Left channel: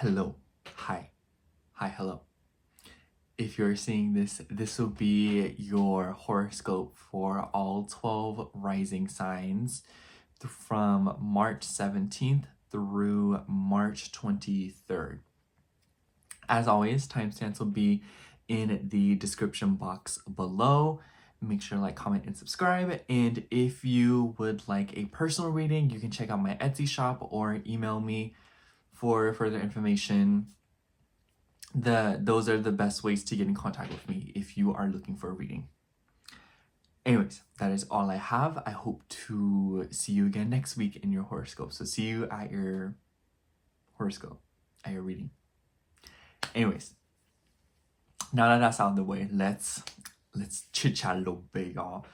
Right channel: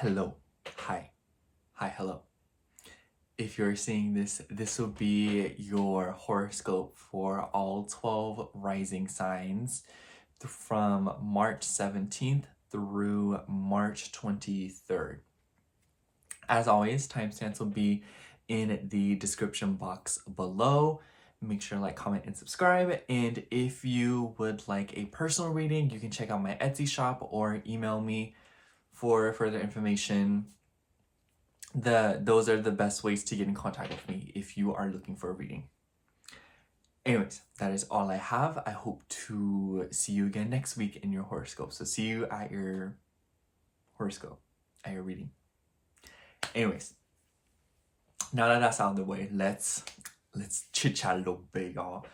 Hello, hi, hello. If you're seeing this, this will be your horoscope for all 12 rising signs from March 17th through March 23rd. As always, timestamps will be in the description box below. Make sure to like, comment, and subscribe. And if you would like a personal reading, you can check out my Etsy shop or email me for further information. Those are the best ways to get in contact with me if you are looking for a reading. Anyways, that is all I have. I hope to see you again next week in your horoscope. So see you at your horoscope, at your reading. Anyways, now that that's out of the way, let's chit chat a little bit, y'all.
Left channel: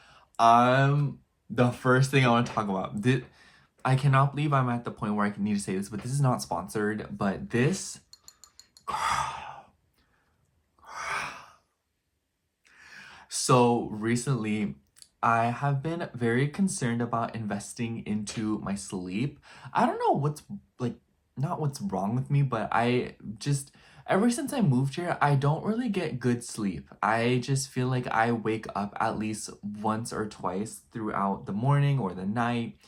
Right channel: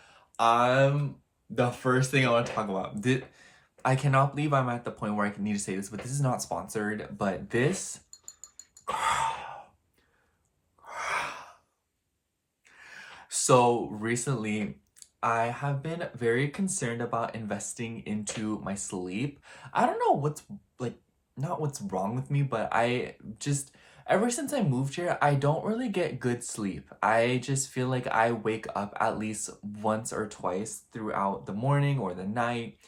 The first thing I want to talk about, I cannot believe I'm at the point where I need to say this, but this is not sponsored, but this, so recently I have been very concerned about investing into my sleep. I don't know what's not what's wrong with me, but I just, ever since I moved here, I don't really get good sleep. I just feel like I wake up at least once or twice throughout the morning or the night,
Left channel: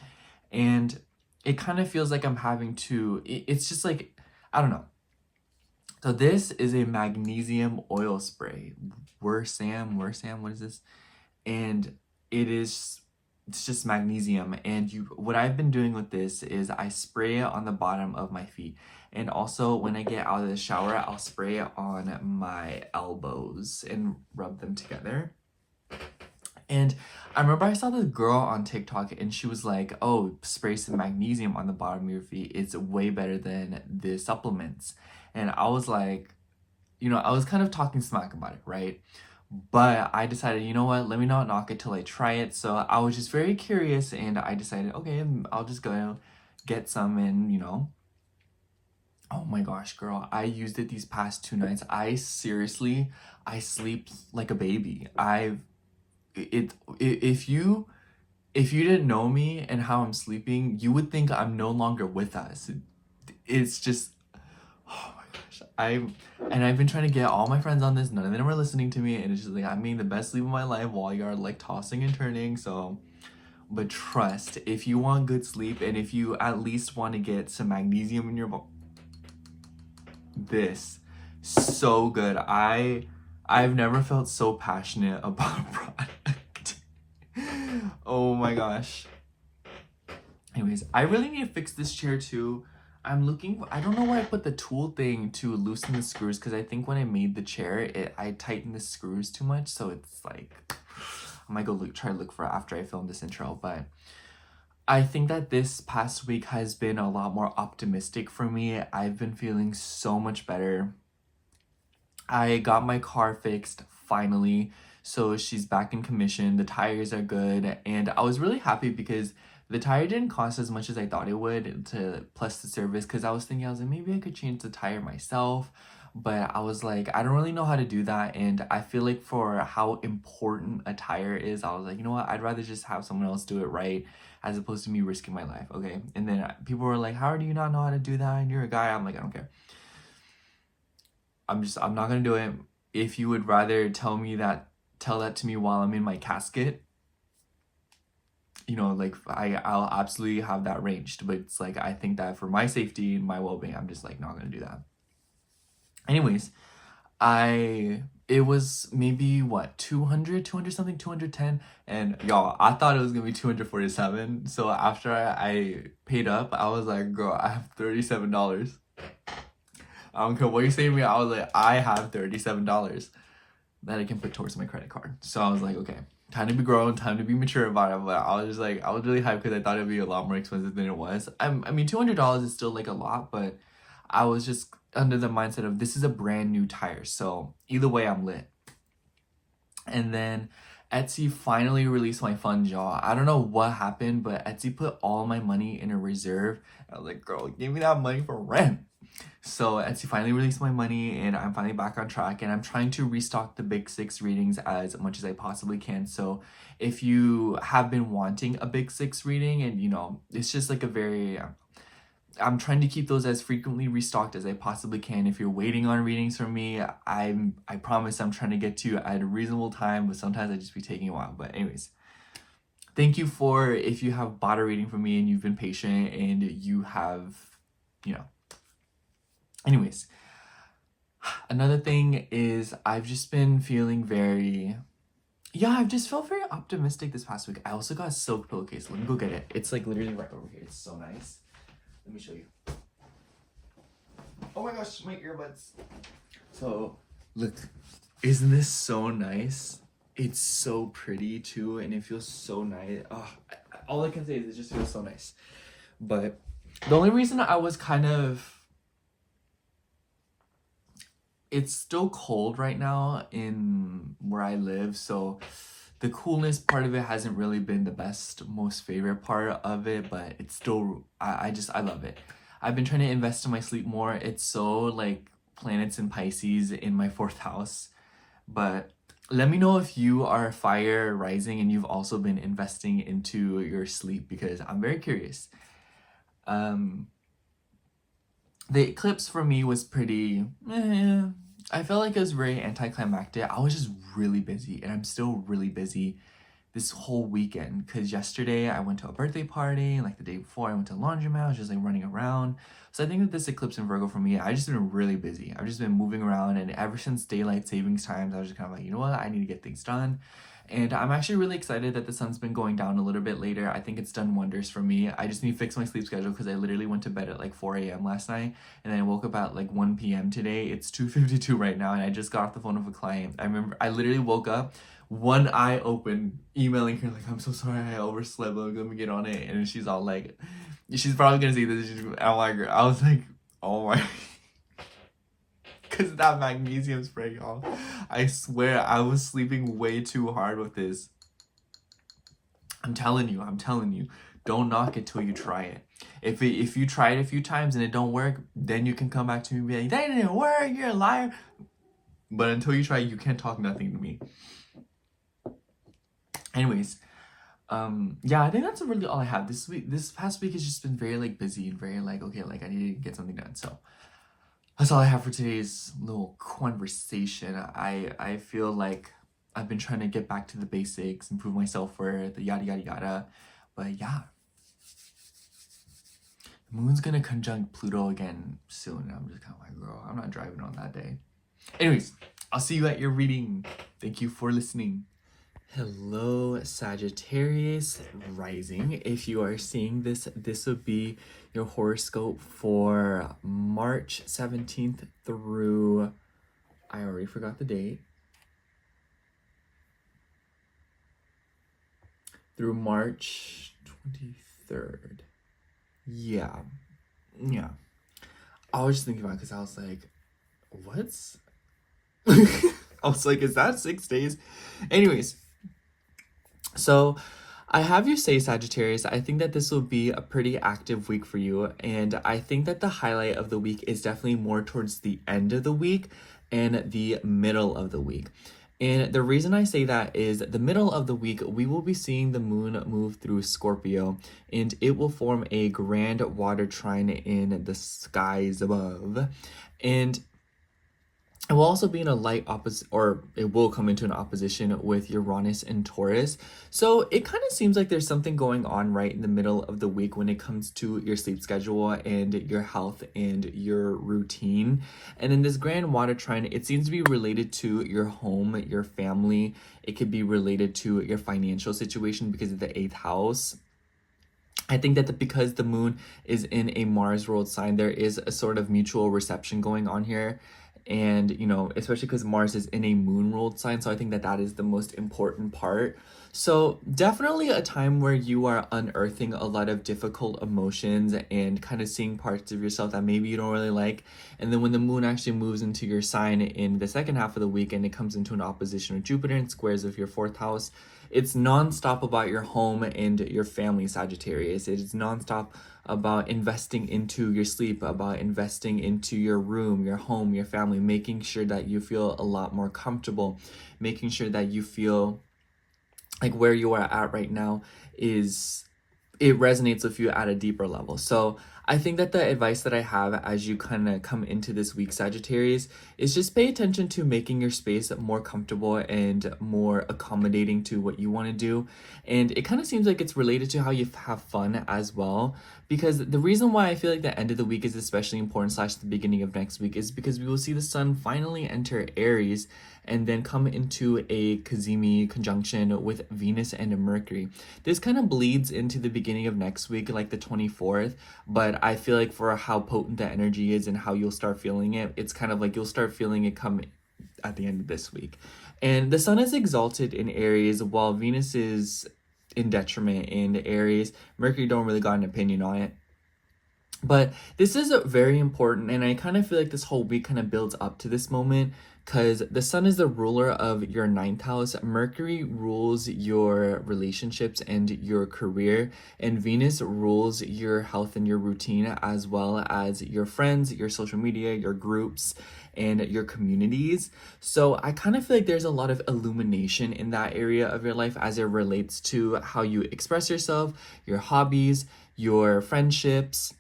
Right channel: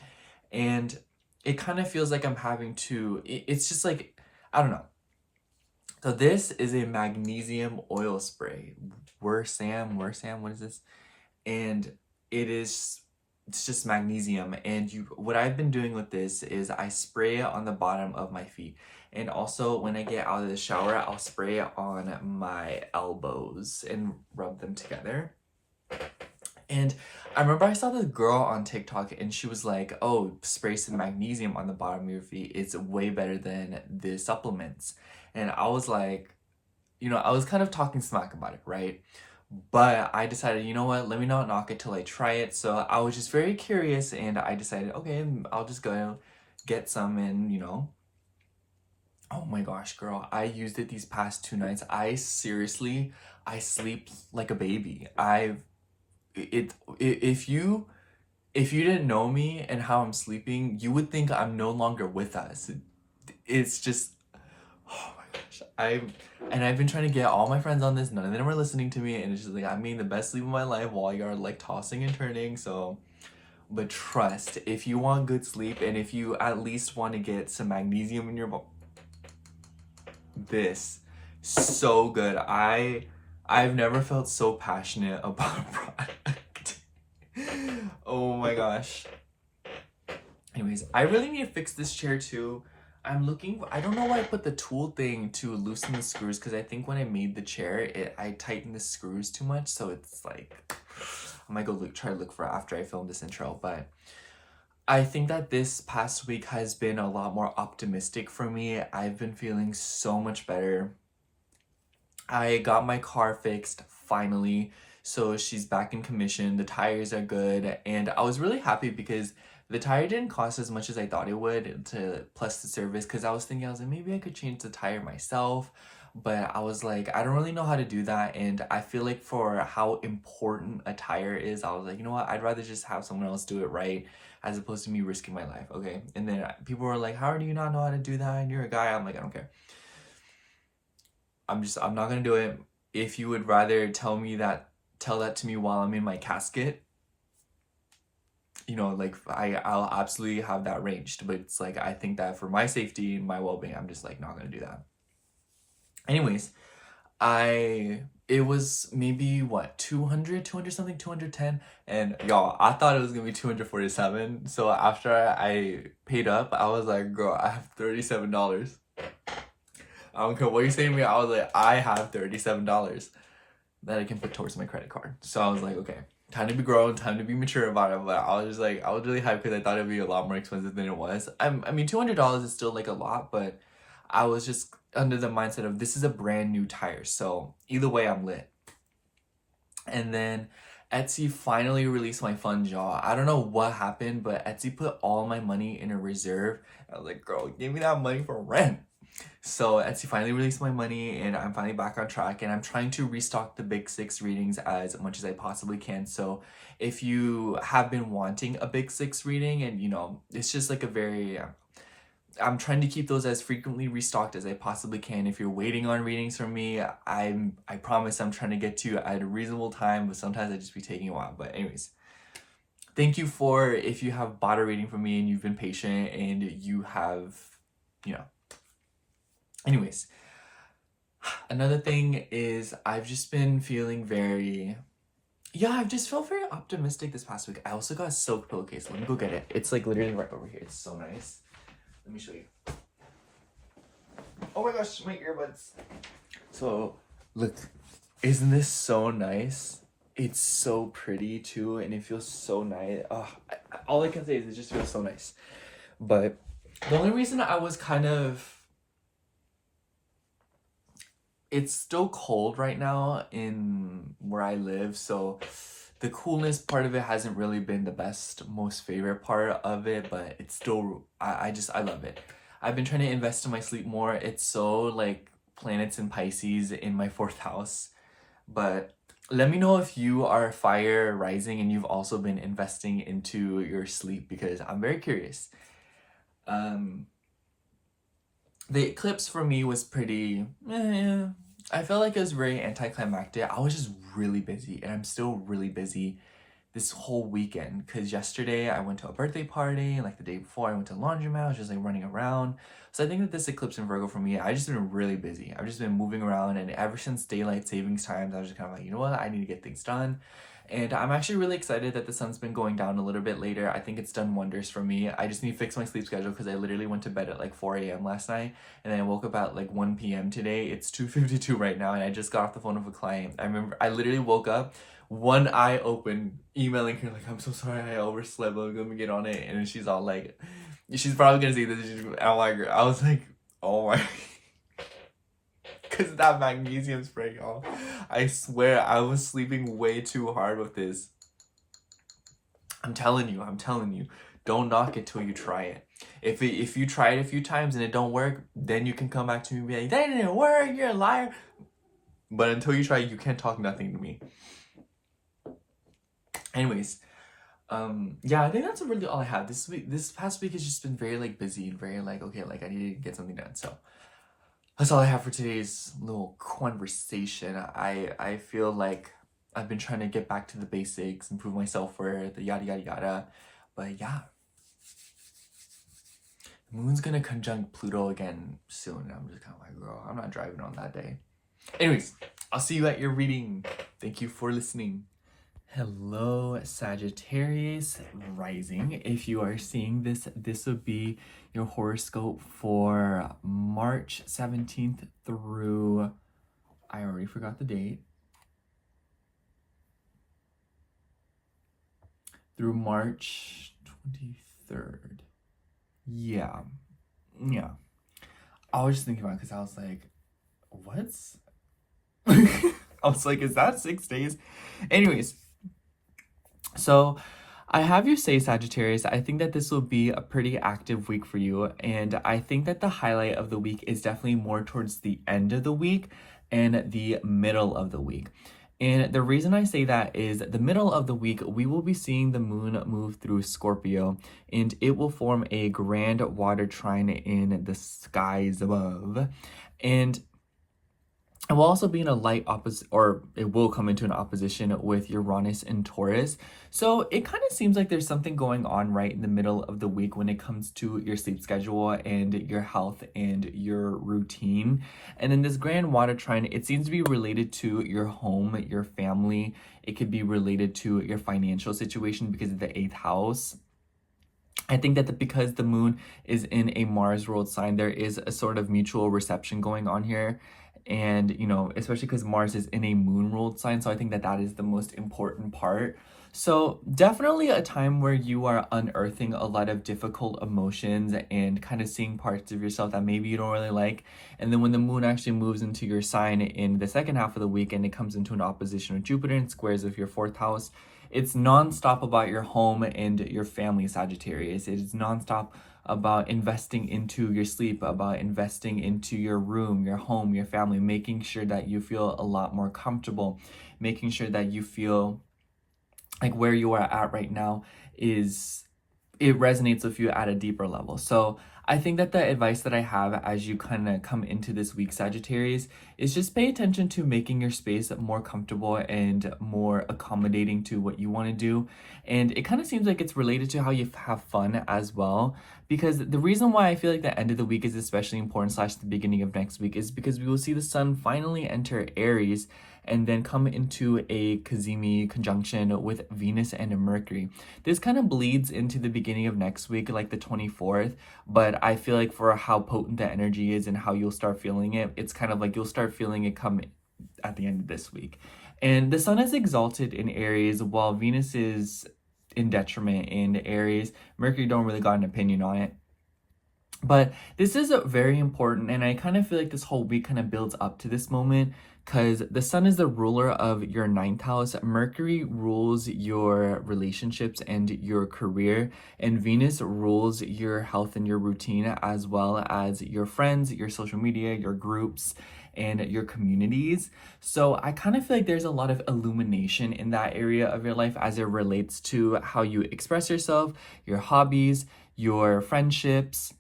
and it kind of feels like I'm having to, it's just like, I don't know. So this is a magnesium oil spray. Wersam, what is this? And it's just magnesium. And what I've been doing with this is I spray it on the bottom of my feet. And also when I get out of the shower, I'll spray it on my elbows and rub them together. And I remember I saw this girl on TikTok and she was like, oh, spray some magnesium on the bottom of your feet. It's way better than the supplements. And I was like, I was kind of talking smack about it, right? But I decided, you know what, let me not knock it till I try it. So I was just very curious and I decided, okay, I'll just go get some and, oh my gosh, girl, I used it these past 2 nights. I sleep like a baby. If you didn't know me and how I'm sleeping, you would think I'm no longer with us. It's just, oh my gosh. I've been trying to get all my friends on this. None of them are listening to me. And it's just like, I'm getting the best sleep of my life while you're like tossing and turning. So, but trust, if you want good sleep and if you at least want to get some magnesium in your body, this, so good. I've never felt so passionate about a product. Oh my gosh. Anyways, I really need to fix this chair too. I don't know why I put the tool thing to loosen the screws, because I think when I made the chair, I tightened the screws too much. So it's like, I might go try to look for it after I film this intro. But I think that this past week has been a lot more optimistic for me. I've been feeling so much better. I got my car fixed finally. So she's back in commission. The tires are good. And I was really happy because the tire didn't cost as much as I thought it would, plus the service, because I was like, maybe I could change the tire myself. But I was like, I don't really know how to do that. And I feel like for how important a tire is, I was like, you know what? I'd rather just have someone else do it right as opposed to me risking my life, okay? And then people were like, how do you not know how to do that? And you're a guy. I'm like, I don't care. I'm not gonna do it. If you would rather tell that to me while I'm in my casket, like I'll absolutely have that arranged. But it's like, I think that for my safety and my well-being, I'm just like not gonna do that. Anyways, it was maybe what, 200 something, 210, and y'all, I thought it was gonna be 247. So after I paid up, I was like, girl, I have $37. I don't care what you're saying to me. I was like, I have $37 that I can put towards my credit card. So I was like, okay, time to be grown, time to be mature about it. But I was really hyped because I thought it'd be a lot more expensive than it was. I mean, $200 is still like a lot, but I was just under the mindset of this is a brand new tire. So either way, I'm lit. And then Etsy finally released my funds, y'all. I don't know what happened, but Etsy put all my money in a reserve. I was like, girl, give me that money for rent. So Etsy finally released my money and I'm finally back on track, and I'm trying to restock the big 6 readings as much as I possibly can. So if you have been wanting a big 6 reading and it's just like a very, I'm trying to keep those as frequently restocked as I possibly can. If you're waiting on readings from me, I promise I'm trying to get to you at a reasonable time, but sometimes I just be taking a while. But anyways, thank you for if you have bought a reading from me and you've been patient and you have, you know. Anyways, another thing is I've just been feeling very, I've just felt very optimistic this past week. I also got a silk pillowcase. Let me go get it. It's like literally right over here. It's so nice. Let me show you. Oh my gosh, my earbuds. So, look, isn't this so nice? It's so pretty too, and it feels so nice. Oh, all I can say is it just feels so nice. But the only reason I was kind of... It's still cold right now in where I live, so the coolness part of it hasn't really been the best, most favorite part of it, but it's still, I love it. I've been trying to invest in my sleep more. It's so like planets in Pisces in my 4th house, but let me know if you are fire rising and you've also been investing into your sleep, because I'm very curious. The eclipse for me was pretty, I felt like it was very anticlimactic. I was just really busy, and I'm still really busy this whole weekend, because yesterday I went to a birthday party, like the day before I went to laundromat. I was just like running around. So I think that this eclipse in Virgo for me, I've just been really busy. I've just been moving around, and ever since daylight savings times, I was just kind of like, you know what, I need to get things done. And I'm actually really excited that the sun's been going down a little bit later. I think it's done wonders for me. I just need to fix my sleep schedule, because I literally went to bed at like 4 a.m. last night, and then I woke up at like 1 p.m. today. It's 2:52 right now, and I just got off the phone with a client. I remember I literally woke up, one eye open, emailing her like, I'm so sorry, I overslept, let me get on it. And she's all like, she's probably gonna see this. I'm like, I was like, oh my... Because that magnesium spray, y'all. I swear I was sleeping way too hard with this. I'm telling you. Don't knock it till you try it. If you try it a few times and it don't work, then you can come back to me and be like, that didn't work, you're a liar. But until you try, you can't talk nothing to me. Anyways, I think that's really all I have. This past week has just been very like busy and very like, okay, like I need to get something done. So that's all I have for today's little conversation. I feel like I've been trying to get back to the basics, improve my self-worth, the yada yada yada. But yeah, the moon's gonna conjunct Pluto again soon. I'm just kind of like, girl, I'm not driving on that day. Anyways, I'll see you at your reading. Thank you for listening. Hello, Sagittarius rising. If you are seeing this, this would be your horoscope for March 17th through, I already forgot the date, through March 23rd. Yeah. I was just thinking about it because I was like, what's... I was like, is that 6 days? Anyways, so I have you say, Sagittarius, I think that this will be a pretty active week for you. And I think that the highlight of the week is definitely more towards the end of the week and the middle of the week. And the reason I say that is the middle of the week, we will be seeing the moon move through Scorpio, and it will form a grand water trine in the skies above. And it will also be in a light opposite, or it will come into an opposition with Uranus and Taurus. So it kind of seems like there's something going on right in the middle of the week when it comes to your sleep schedule and your health and your routine. And then this grand water trine, it seems to be related to your home, your family. It could be related to your financial situation because of the 8th house. I think that because the moon is in a Mars ruled sign, there is a sort of mutual reception going on here. And, you know, especially because Mars is in a moon ruled sign. So I think that that is the most important part. So definitely a time where you are unearthing a lot of difficult emotions and kind of seeing parts of yourself that maybe you don't really like. And then when the moon actually moves into your sign in the second half of the week and it comes into an opposition with Jupiter and squares of your 4th house, it's nonstop about your home and your family, Sagittarius. It is nonstop about investing into your sleep, about investing into your room, your home, your family, making sure that you feel a lot more comfortable, making sure that you feel like where you are at right now it resonates with you at a deeper level. So I think that the advice that I have as you kind of come into this week, Sagittarius, is just pay attention to making your space more comfortable and more accommodating to what you want to do. And it kind of seems like it's related to how you have fun as well. Because the reason why I feel like the end of the week is especially important, slash the beginning of next week, is because we will see the sun finally enter Aries and then come into a Cazimi conjunction with Venus and Mercury. This kind of bleeds into the beginning of next week, like the 24th, but I feel like for how potent the energy is and how you'll start feeling it, it's kind of like you'll start feeling it come at the end of this week. And the sun is exalted in Aries while Venus is in detriment in Aries. Mercury don't really got an opinion on it. But this is very important, and I kind of feel like this whole week kind of builds up to this moment because the sun is the ruler of your ninth house. Mercury rules your relationships and your career, and Venus rules your health and your routine, as well as your friends, your social media, your groups, and your communities. So I kind of feel like there's a lot of illumination in that area of your life as it relates to how you express yourself, your hobbies, your friendships,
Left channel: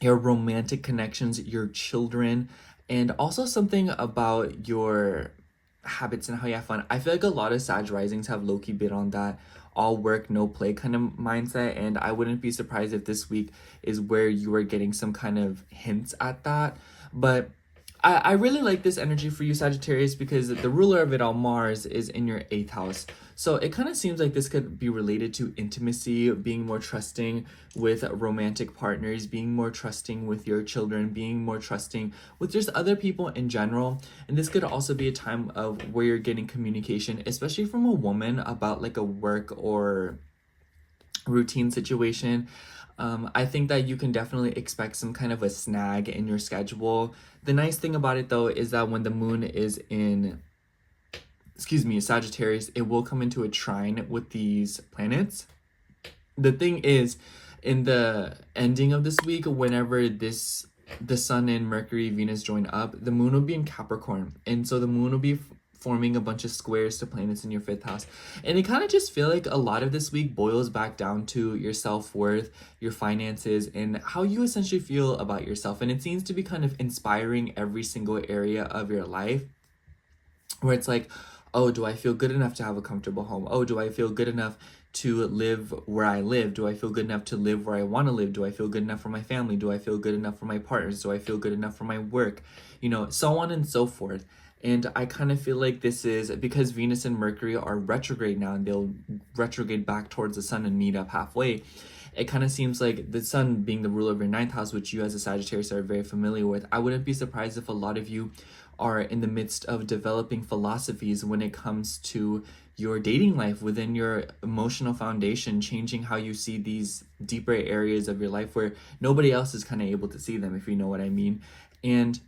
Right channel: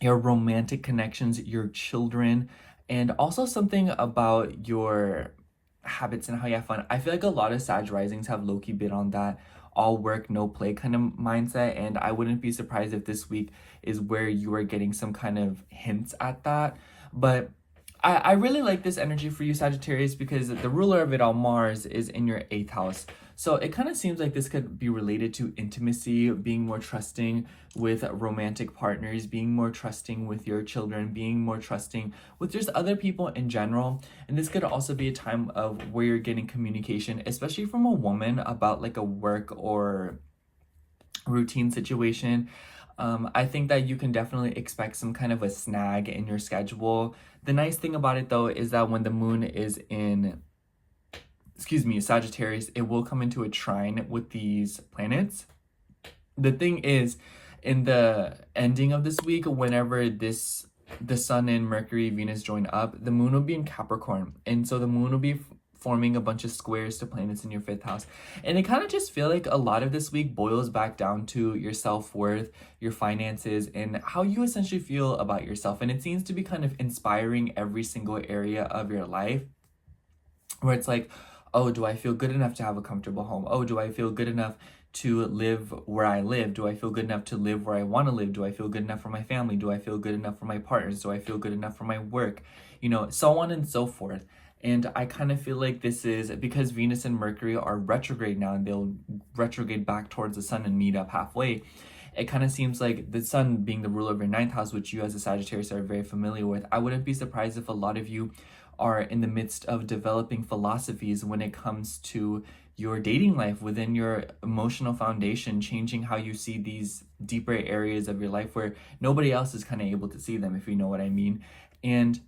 your romantic connections, your children, and also something about your habits and how you have fun. I feel like a lot of Sag risings have low-key been on that all work, no play kind of mindset, and I wouldn't be surprised if this week is where you are getting some kind of hints at that. But I really like this energy for you, Sagittarius, because the ruler of it all, Mars, is in your 8th house. So it kind of seems like this could be related to intimacy, being more trusting with romantic partners, being more trusting with your children, being more trusting with just other people in general. And this could also be a time of where you're getting communication, especially from a woman, about like a work or routine situation. I think that you can definitely expect some kind of a snag in your schedule. The nice thing about it though is that when the moon is in, Sagittarius, it will come into a trine with these planets. The thing is, in the ending of this week, whenever the sun and Mercury, Venus join up, the moon will be in Capricorn. And so the moon will be forming a bunch of squares to planets in your 5th house. And it kind of just feel like a lot of this week boils back down to your self-worth, your finances, and how you essentially feel about yourself. And it seems to be kind of inspiring every single area of your life, where it's like, oh, do I feel good enough to have a comfortable home? Oh, do I feel good enough to live where I live? Do I feel good enough to live where I want to live? Do I feel good enough for my family? Do I feel good enough for my partners? Do I feel good enough for my work? You know, so on and so forth. And I kind of feel like this is because Venus and Mercury are retrograde now, and they'll retrograde back towards the sun and meet up halfway. It kind of seems like the sun being the ruler of your 9th house, which you as a Sagittarius are very familiar with, I wouldn't be surprised if a lot of you are in the midst of developing philosophies when it comes to your dating life, within your emotional foundation, changing how you see these deeper areas of your life where nobody else is kind of able to see them, if you know what I mean. And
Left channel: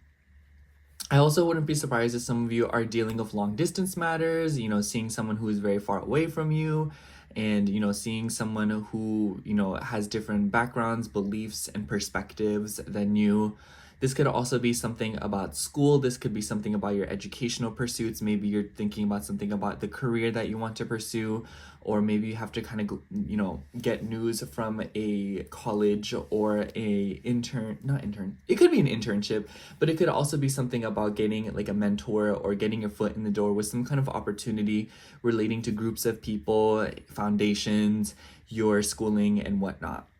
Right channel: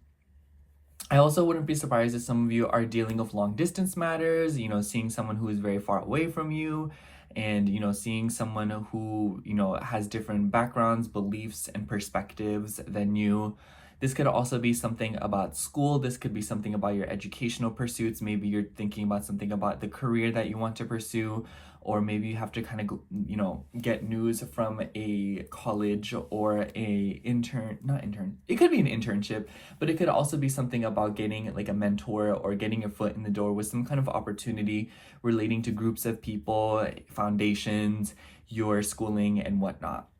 I also wouldn't be surprised if some of you are dealing with long distance matters, you know, seeing someone who is very far away from you, and, you know, seeing someone who, you know, has different backgrounds, beliefs, and perspectives than you. This could also be something about school. This could be something about your educational pursuits. Maybe you're thinking about something about the career that you want to pursue, or maybe you have to kind of, you know, get news from a college or not intern. It could be an internship, but it could also be something about getting like a mentor or getting your foot in the door with some kind of opportunity relating to groups of people, foundations, your schooling, and whatnot.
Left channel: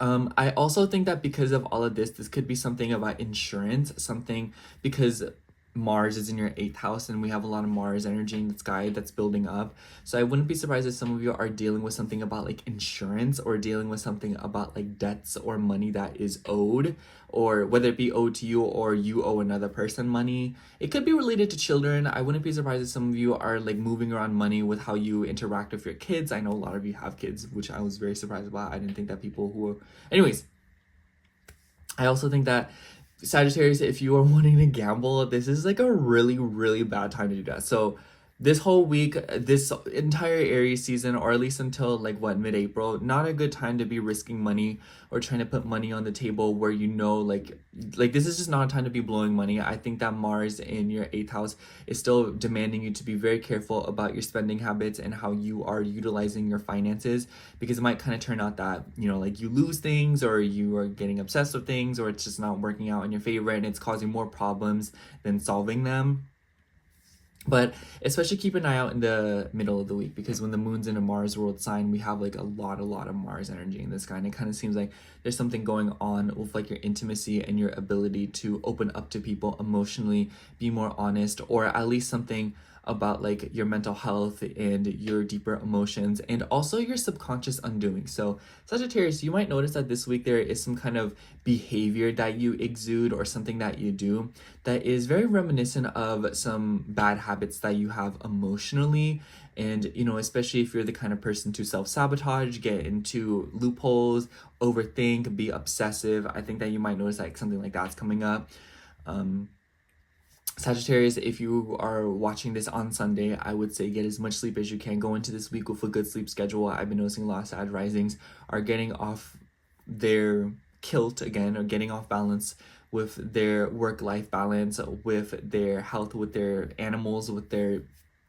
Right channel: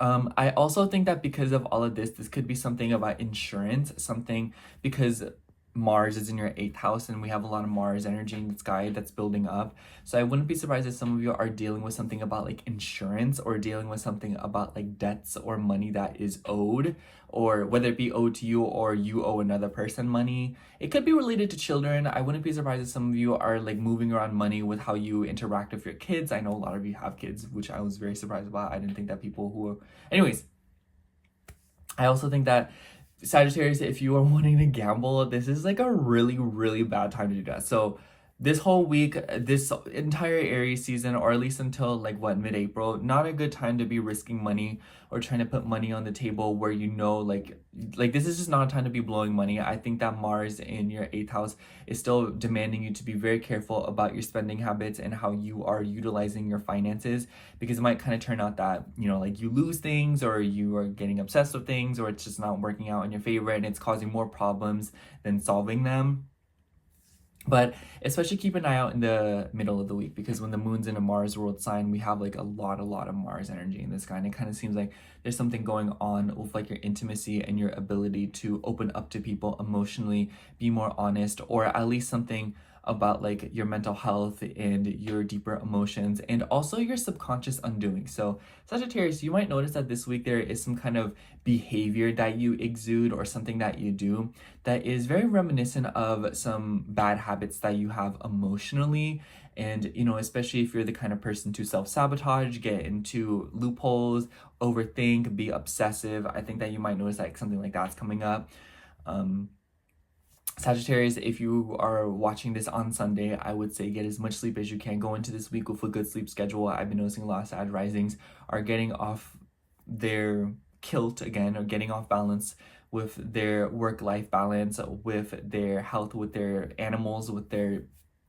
I also think that because of all of this could be something about insurance, something because Mars is in your 8th house and we have a lot of Mars energy in the sky that's building up. So I wouldn't be surprised if some of you are dealing with something about like insurance, or dealing with something about like debts or money that is owed, or whether it be owed to you or you owe another person money. It could be related to children. I wouldn't be surprised if some of you are like moving around money with how you interact with your kids. I know a lot of you have kids, which I was very surprised about. I didn't think that people who are... Anyways, I also think that Sagittarius, if you are wanting to gamble, this is like a really, really bad time to do that. So this whole week, this entire Aries season, or at least until like what, mid-April, not a good time to be risking money or trying to put money on the table where you know like this is just not a time to be blowing money. I think that Mars in your 8th house is still demanding you to be very careful about your spending habits and how you are utilizing your finances, because it might kind of turn out that, you know, like you lose things or you are getting obsessed with things, or it's just not working out in your favor and it's causing more problems than solving them. But especially keep an eye out in the middle of the week, because when the moon's in a Mars ruled sign, we have like a lot of Mars energy in the sky. And it kind of seems like there's something going on with like your intimacy and your ability to open up to people emotionally, be more honest, or at least something about like your mental health and your deeper emotions and also your subconscious undoing. So Sagittarius, you might notice that this week there is some kind of behavior that you exude or something that you do that is very reminiscent of some bad habits that you have emotionally. And, you know, especially if you're the kind of person to self-sabotage, get into loopholes, overthink, be obsessive, I think that you might notice like something like that's coming up. Sagittarius, if you are watching this on Sunday, I would say get as much sleep as you can. Go into this week with a good sleep schedule. I've been noticing a lot of Sag risings are getting off their kilt again, or getting off balance with their work-life balance, with their health, with their animals, with their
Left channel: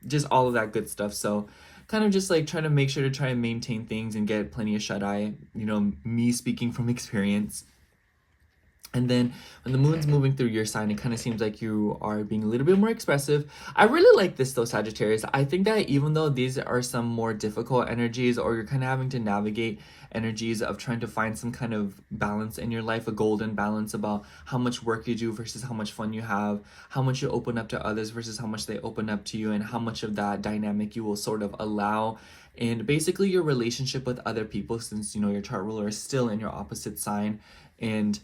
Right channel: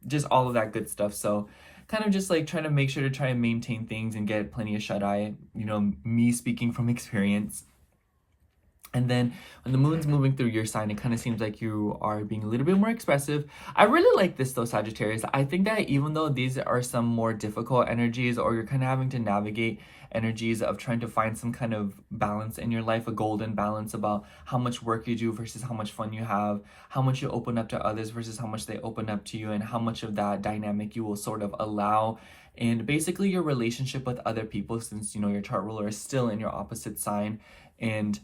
just all of that good stuff. So kind of just like trying to make sure to try and maintain things and get plenty of shut-eye, you know, me speaking from experience. And then when the moon's moving through your sign, it kind of seems like you are being a little bit more expressive. I really like this though, Sagittarius. I think that even though these are some more difficult energies, or you're kind of having to navigate energies of trying to find some kind of balance in your life, a golden balance about how much work you do versus how much fun you have, how much you open up to others versus how much they open up to you, and how much of that dynamic you will sort of allow. And basically your relationship with other people, since, you know, your chart ruler is still in your opposite sign. And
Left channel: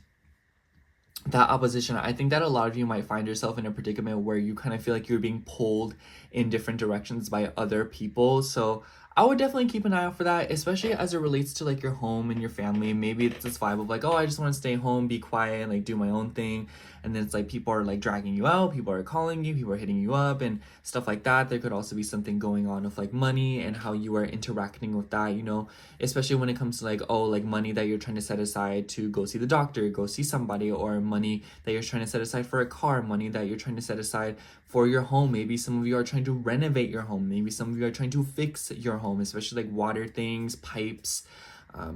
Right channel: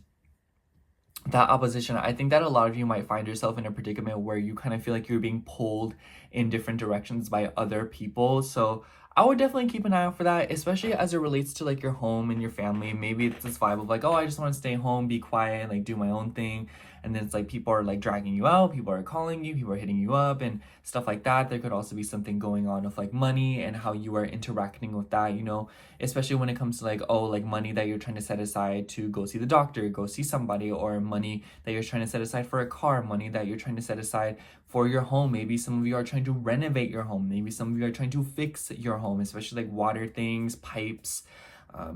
that opposition, I think that a lot of you might find yourself in a predicament where you kind of feel like you're being pulled in different directions by other people. So I would definitely keep an eye out for that, especially as it relates to like your home and your family. Maybe it's this vibe of like, oh, I just want to stay home, be quiet, like do my own thing. And then it's like people are like dragging you out, people are calling you, people are hitting you up and stuff like that. There could also be something going on with like money and how you are interacting with that, you know, especially when it comes to like, oh, like money that you're trying to set aside to go see the doctor, go see somebody, or money that you're trying to set aside for a car, money that you're trying to set aside for your home. Maybe some of you are trying to renovate your home. Maybe some of you are trying to fix your home, especially like water things, pipes,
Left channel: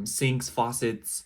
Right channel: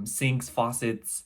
sinks, faucets,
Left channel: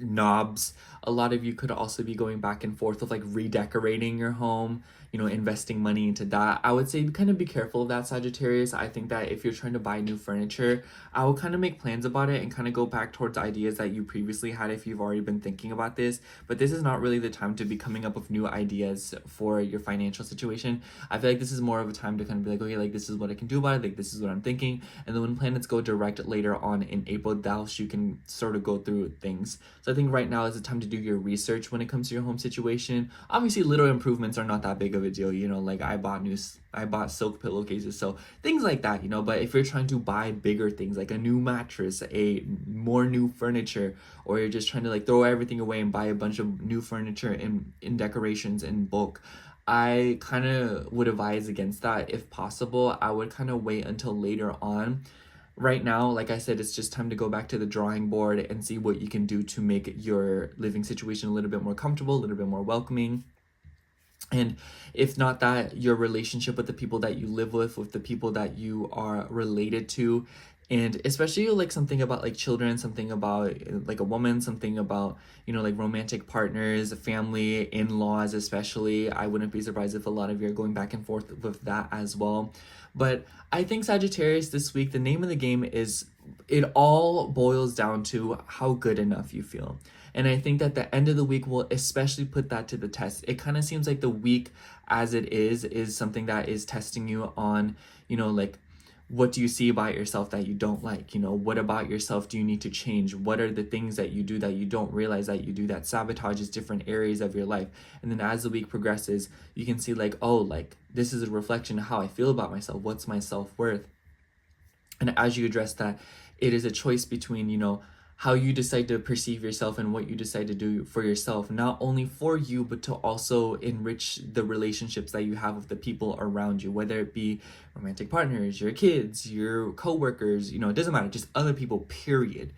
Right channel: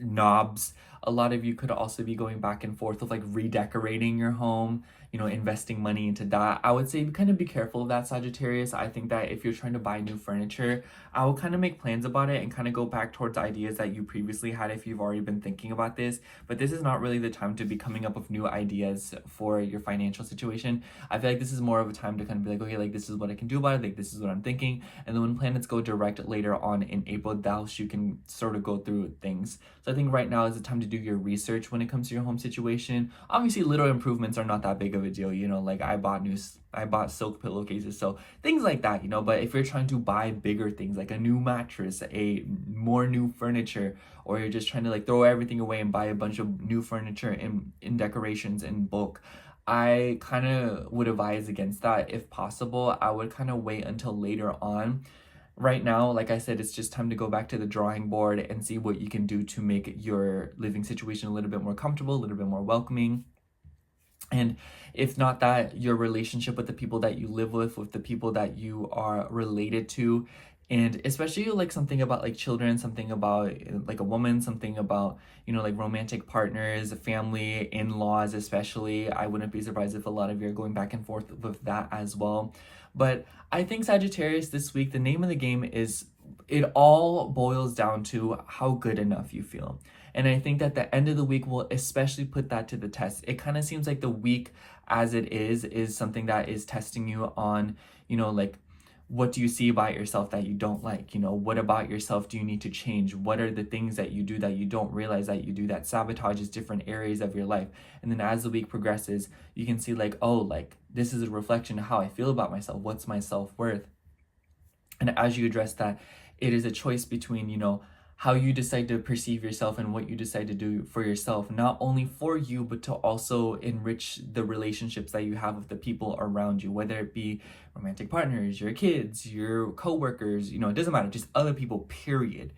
knobs. A lot of you could also be going back and forth of like redecorating your home, you know, investing money into that. I would say kind of be careful of that, Sagittarius. I think that if you're trying to buy new furniture, I will kind of make plans about it and kind of go back towards ideas that you previously had if you've already been thinking about this. But this is not really the time to be coming up with new ideas for your financial situation. I feel like this is more of a time to kind of be like, okay, like this is what I can do about it, like this is what I'm thinking. And then when planets go direct later on in April, thus you can sort of go through things. So I think right now is the time to do your research when it comes to your home situation. Obviously, little improvements are not that big of a deal, you know, like I bought silk pillowcases, so things like that, you know. But if you're trying to buy bigger things like a new mattress, a more new furniture, or you're just trying to like throw everything away and buy a bunch of new furniture in decorations in bulk, I kind of would advise against that. If possible, I would kind of wait until later on. Right now, like I said, it's just time to go back to the drawing board and see what you can do to make your living situation a little bit more comfortable, a little bit more welcoming. And if not that, your relationship with the people that you live with the people that you are related to, and especially like something about like children, something about like a woman, something about, you know, like romantic partners, family, in-laws especially. I wouldn't be surprised if a lot of you are going back and forth with that as well. But I think Sagittarius this week, the name of the game is, it all boils down to how good enough you feel. And I think that the end of the week will especially put that to the test. It kind of seems like the week as it is something that is testing you on, you know, like, what do you see about yourself that you don't like? You know, what about yourself do you need to change? What are the things that you do that you don't realize that you do that sabotages different areas of your life? And then as the week progresses, you can see like, oh, like this is a reflection of how I feel about myself. What's my self-worth? And as you address that, it is a choice between, you know, how you decide to perceive yourself and what you decide to do for yourself, not only for you, but to also enrich the relationships that you have with the people around you, whether it be romantic partners, your kids, your coworkers, you know, it doesn't matter, just other people, period.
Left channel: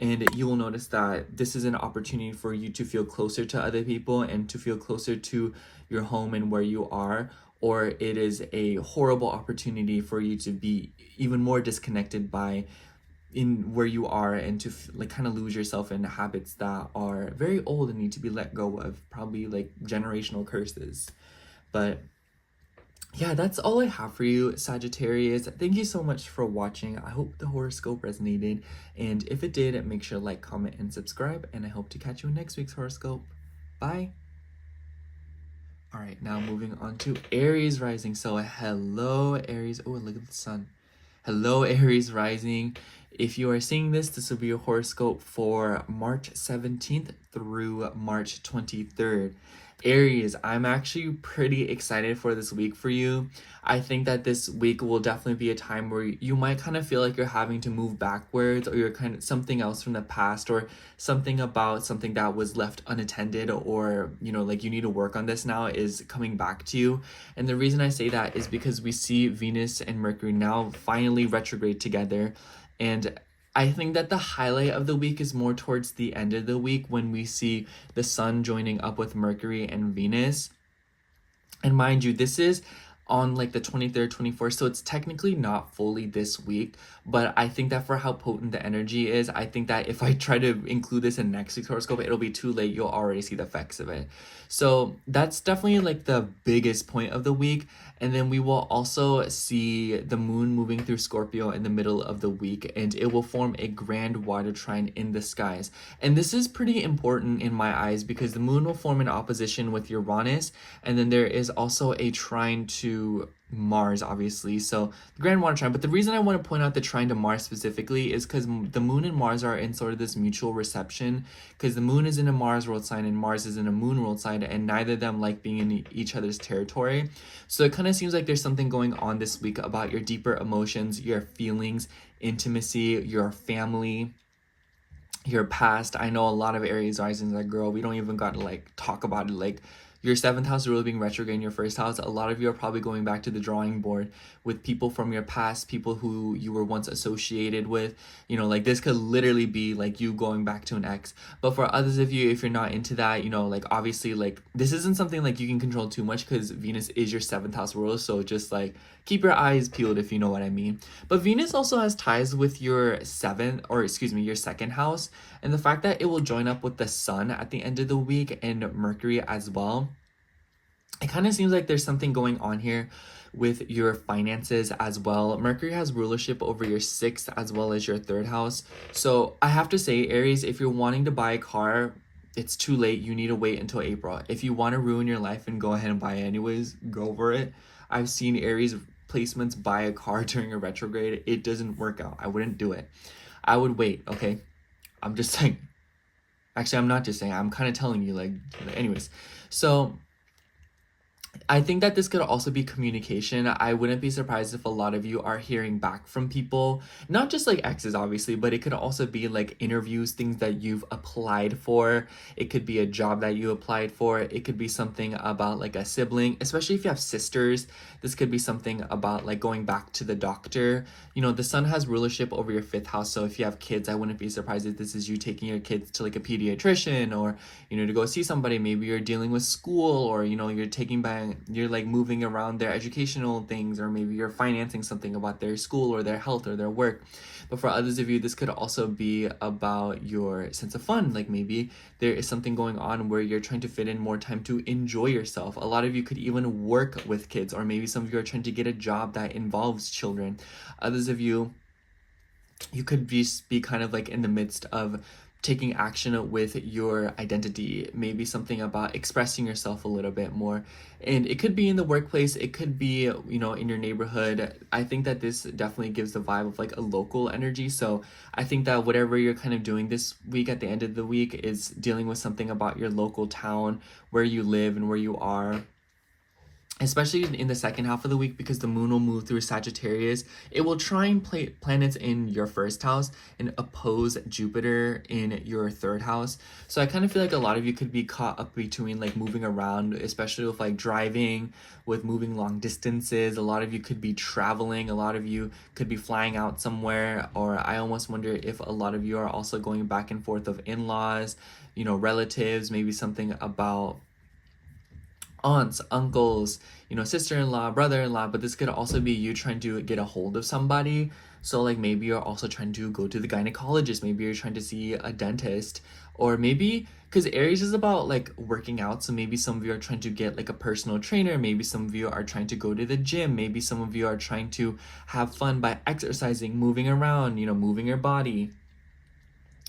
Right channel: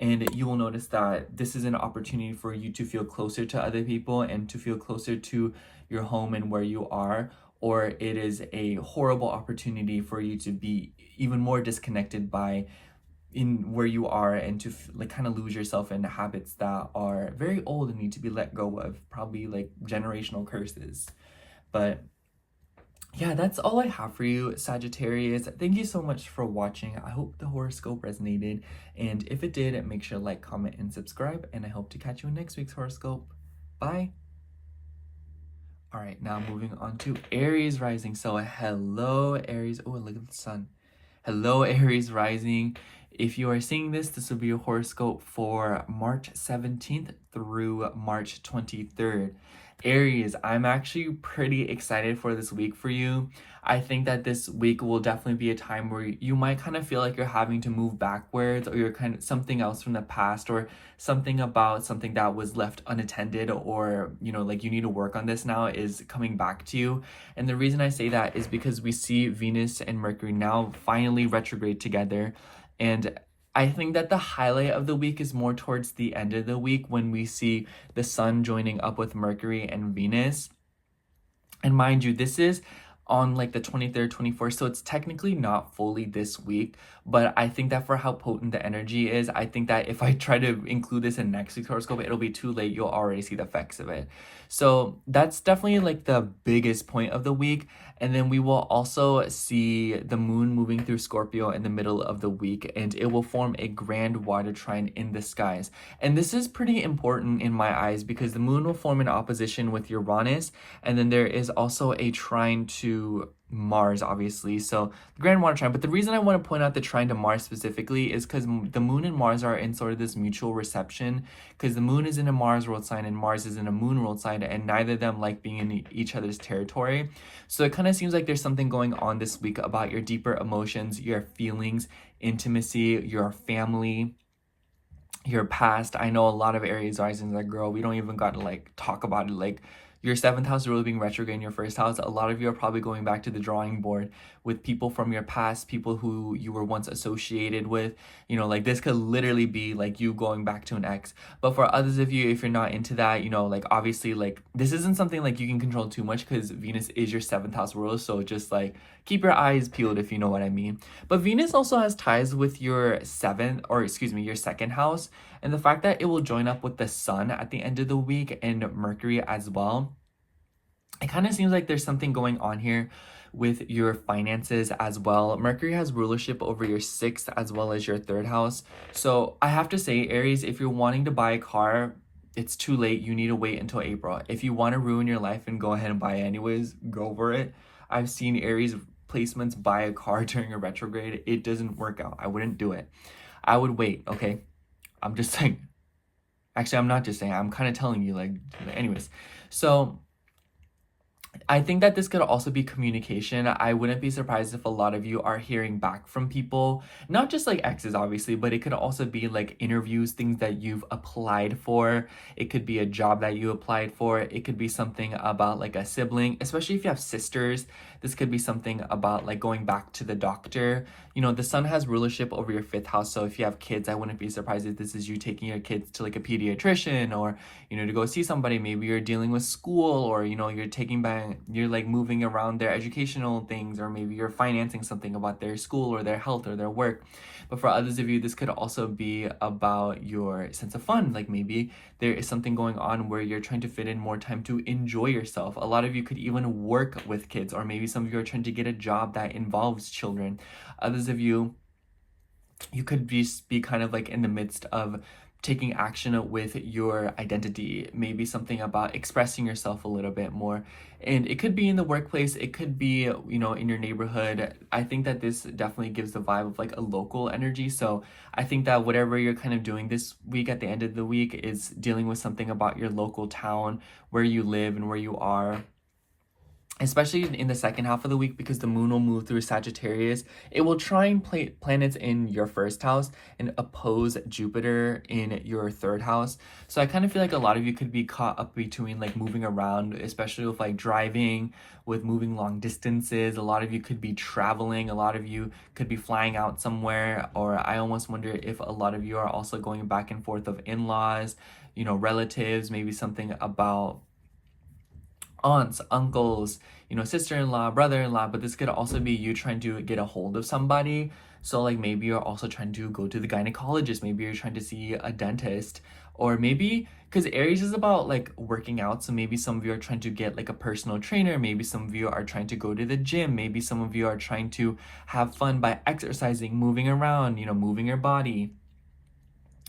And you will notice that this is an opportunity for you to feel closer to other people and to feel closer to your home and where you are, or it is a horrible opportunity for you to be even more disconnected by in where you are, and to like kind of lose yourself in habits that are very old and need to be let go of, probably like generational curses. But yeah, that's all I have for you, Sagittarius. Thank you so much for watching. I hope the horoscope resonated, and if it did, make sure to like, comment, and subscribe, and I hope to catch you in next week's horoscope. Bye. All right, now moving on to Aries rising. So hello, Aries. Oh, look at the sun. Hello, Aries rising. If you are seeing this, this will be your horoscope for March 17th through March 23rd. Aries, I'm actually pretty excited for this week for you. I think that this week will definitely be a time where you might kind of feel like you're having to move backwards, or you're kind of something else from the past, or something about something that was left unattended, or, you know, like you need to work on this now is coming back to you. And the reason I say that is because we see Venus and Mercury now finally retrograde together. And I think that the highlight of the week is more towards the end of the week, when we see the sun joining up with Mercury and Venus. And mind you, this is on like the 23rd, 24th, so it's technically not fully this week, but I think that for how potent the energy is, I think that if I try to include this in next week's horoscope, it'll be too late. You'll already see the effects of it. So that's definitely like the biggest point of the week. And then we will also see the moon moving through Scorpio in the middle of the week, and it will form a grand water trine in the skies. And this is pretty important in my eyes, because the moon will form an opposition with Uranus, and then there is also a trine to Mars, obviously. So the grand water trine. But the reason I want to point out the trine to Mars specifically is because the moon and Mars are in sort of this mutual reception, because the moon is in a Mars world sign and Mars is in a moon world sign, and neither of them like being in each other's territory. So it kind of seems like there's something going on this week about your deeper emotions, your feelings, intimacy, your family, your past. I know a lot of Aries rising, like, girl, we don't even got to like talk about it. Like, your 7th house really being retrograde in your 1st house, a lot of you are probably going back to the drawing board with people from your past, people who you were once associated with. You know, like, this could literally be like you going back to an ex. But for others of you, if you're not into that, you know, like, obviously, like, this isn't something like you can control too much, because Venus is your 7th house ruler. So just like keep your eyes peeled, if you know what I mean. But Venus also has ties with your 7th, or excuse me, your 2nd house. And the fact that it will join up with the sun at the end of the week and Mercury as well, it kind of seems like there's something going on here with your finances as well. Mercury has rulership over your 6th as well as your 3rd house. So I have to say, Aries, if you're wanting to buy a car, it's too late. You need to wait until April. If you want to ruin your life and go ahead and buy it anyways, go for it. I've seen Aries placements buy a car during a retrograde. It doesn't work out. I wouldn't do it. I would wait, okay? I'm just saying. Actually, I'm not just saying. I'm kind of telling you, like, anyways. So I think that this could also be communication. I wouldn't be surprised if a lot of you are hearing back from people, not just like exes, obviously, but it could also be like interviews, things that you've applied for. It could be a job that you applied for. It could be something about like a sibling, especially if you have sisters. This could be something about like going back to the doctor. You know, the sun has rulership over your 5th house. So if you have kids, I wouldn't be surprised if this is you taking your kids to like a pediatrician, or, you know, to go see somebody. Maybe you're dealing with school, or, you know, you're like moving around their educational things, or maybe you're financing something about their school or their health or their work. But for others of you, this could also be about your sense of fun. Like, maybe there is something going on where you're trying to fit in more time to enjoy yourself. A lot of you could even work with kids, or maybe some of you are trying to get a job that involves children. Others of you, you could be kind of like in the midst of taking action with your identity, maybe something about expressing yourself a little bit more. And it could be in the workplace, it could be, you know, in your neighborhood. I think that this definitely gives the vibe of like a local energy. So I think that whatever you're kind of doing this week at the end of the week is dealing with something about your local town, where you live and where you are. especially in the second half of the week, because the moon will move through Sagittarius. It will try and play planets in your first house and oppose Jupiter in your third house. So I kind of feel like a lot of you could be caught up between like moving around, especially with like driving, with moving long distances. A lot of you could be traveling. A lot of you could be flying out somewhere. Or I almost wonder if a lot of you are also going back and forth of in-laws, you know, relatives, maybe something about aunts, uncles, you know, sister-in-law, brother-in-law, but this could also be you trying to get a hold of somebody. So like maybe you're also trying to go to the gynecologist, maybe you're trying to see a dentist, or maybe because Aries is about like working out, so maybe some of you are trying to get like a personal trainer, maybe some of you are trying to go to the gym, maybe some of you are trying to have fun by exercising, moving around, you know, moving your body.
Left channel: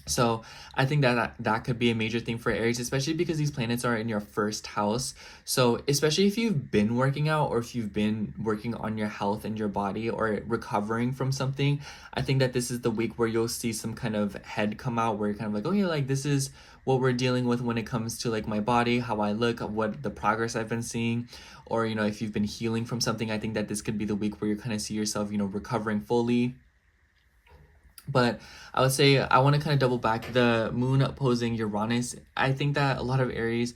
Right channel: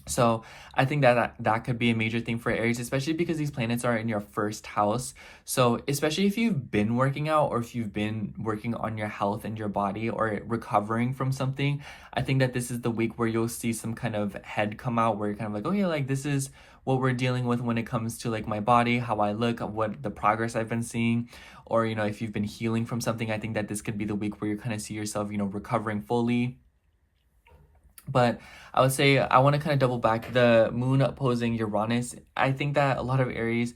So I think that could be a major thing for Aries, especially because these planets are in your first house. So especially if you've been working out, or if you've been working on your health and your body, or recovering from something, I think that this is the week where you'll see some kind of head come out, where you're kind of like, oh yeah, like this is what we're dealing with when it comes to like my body, how I look, what the progress I've been seeing. Or, you know, if you've been healing from something, I think that this could be the week where you kind of see yourself, you know, recovering fully. But I would say I want to kind of double back the moon opposing Uranus. I think that a lot of Aries,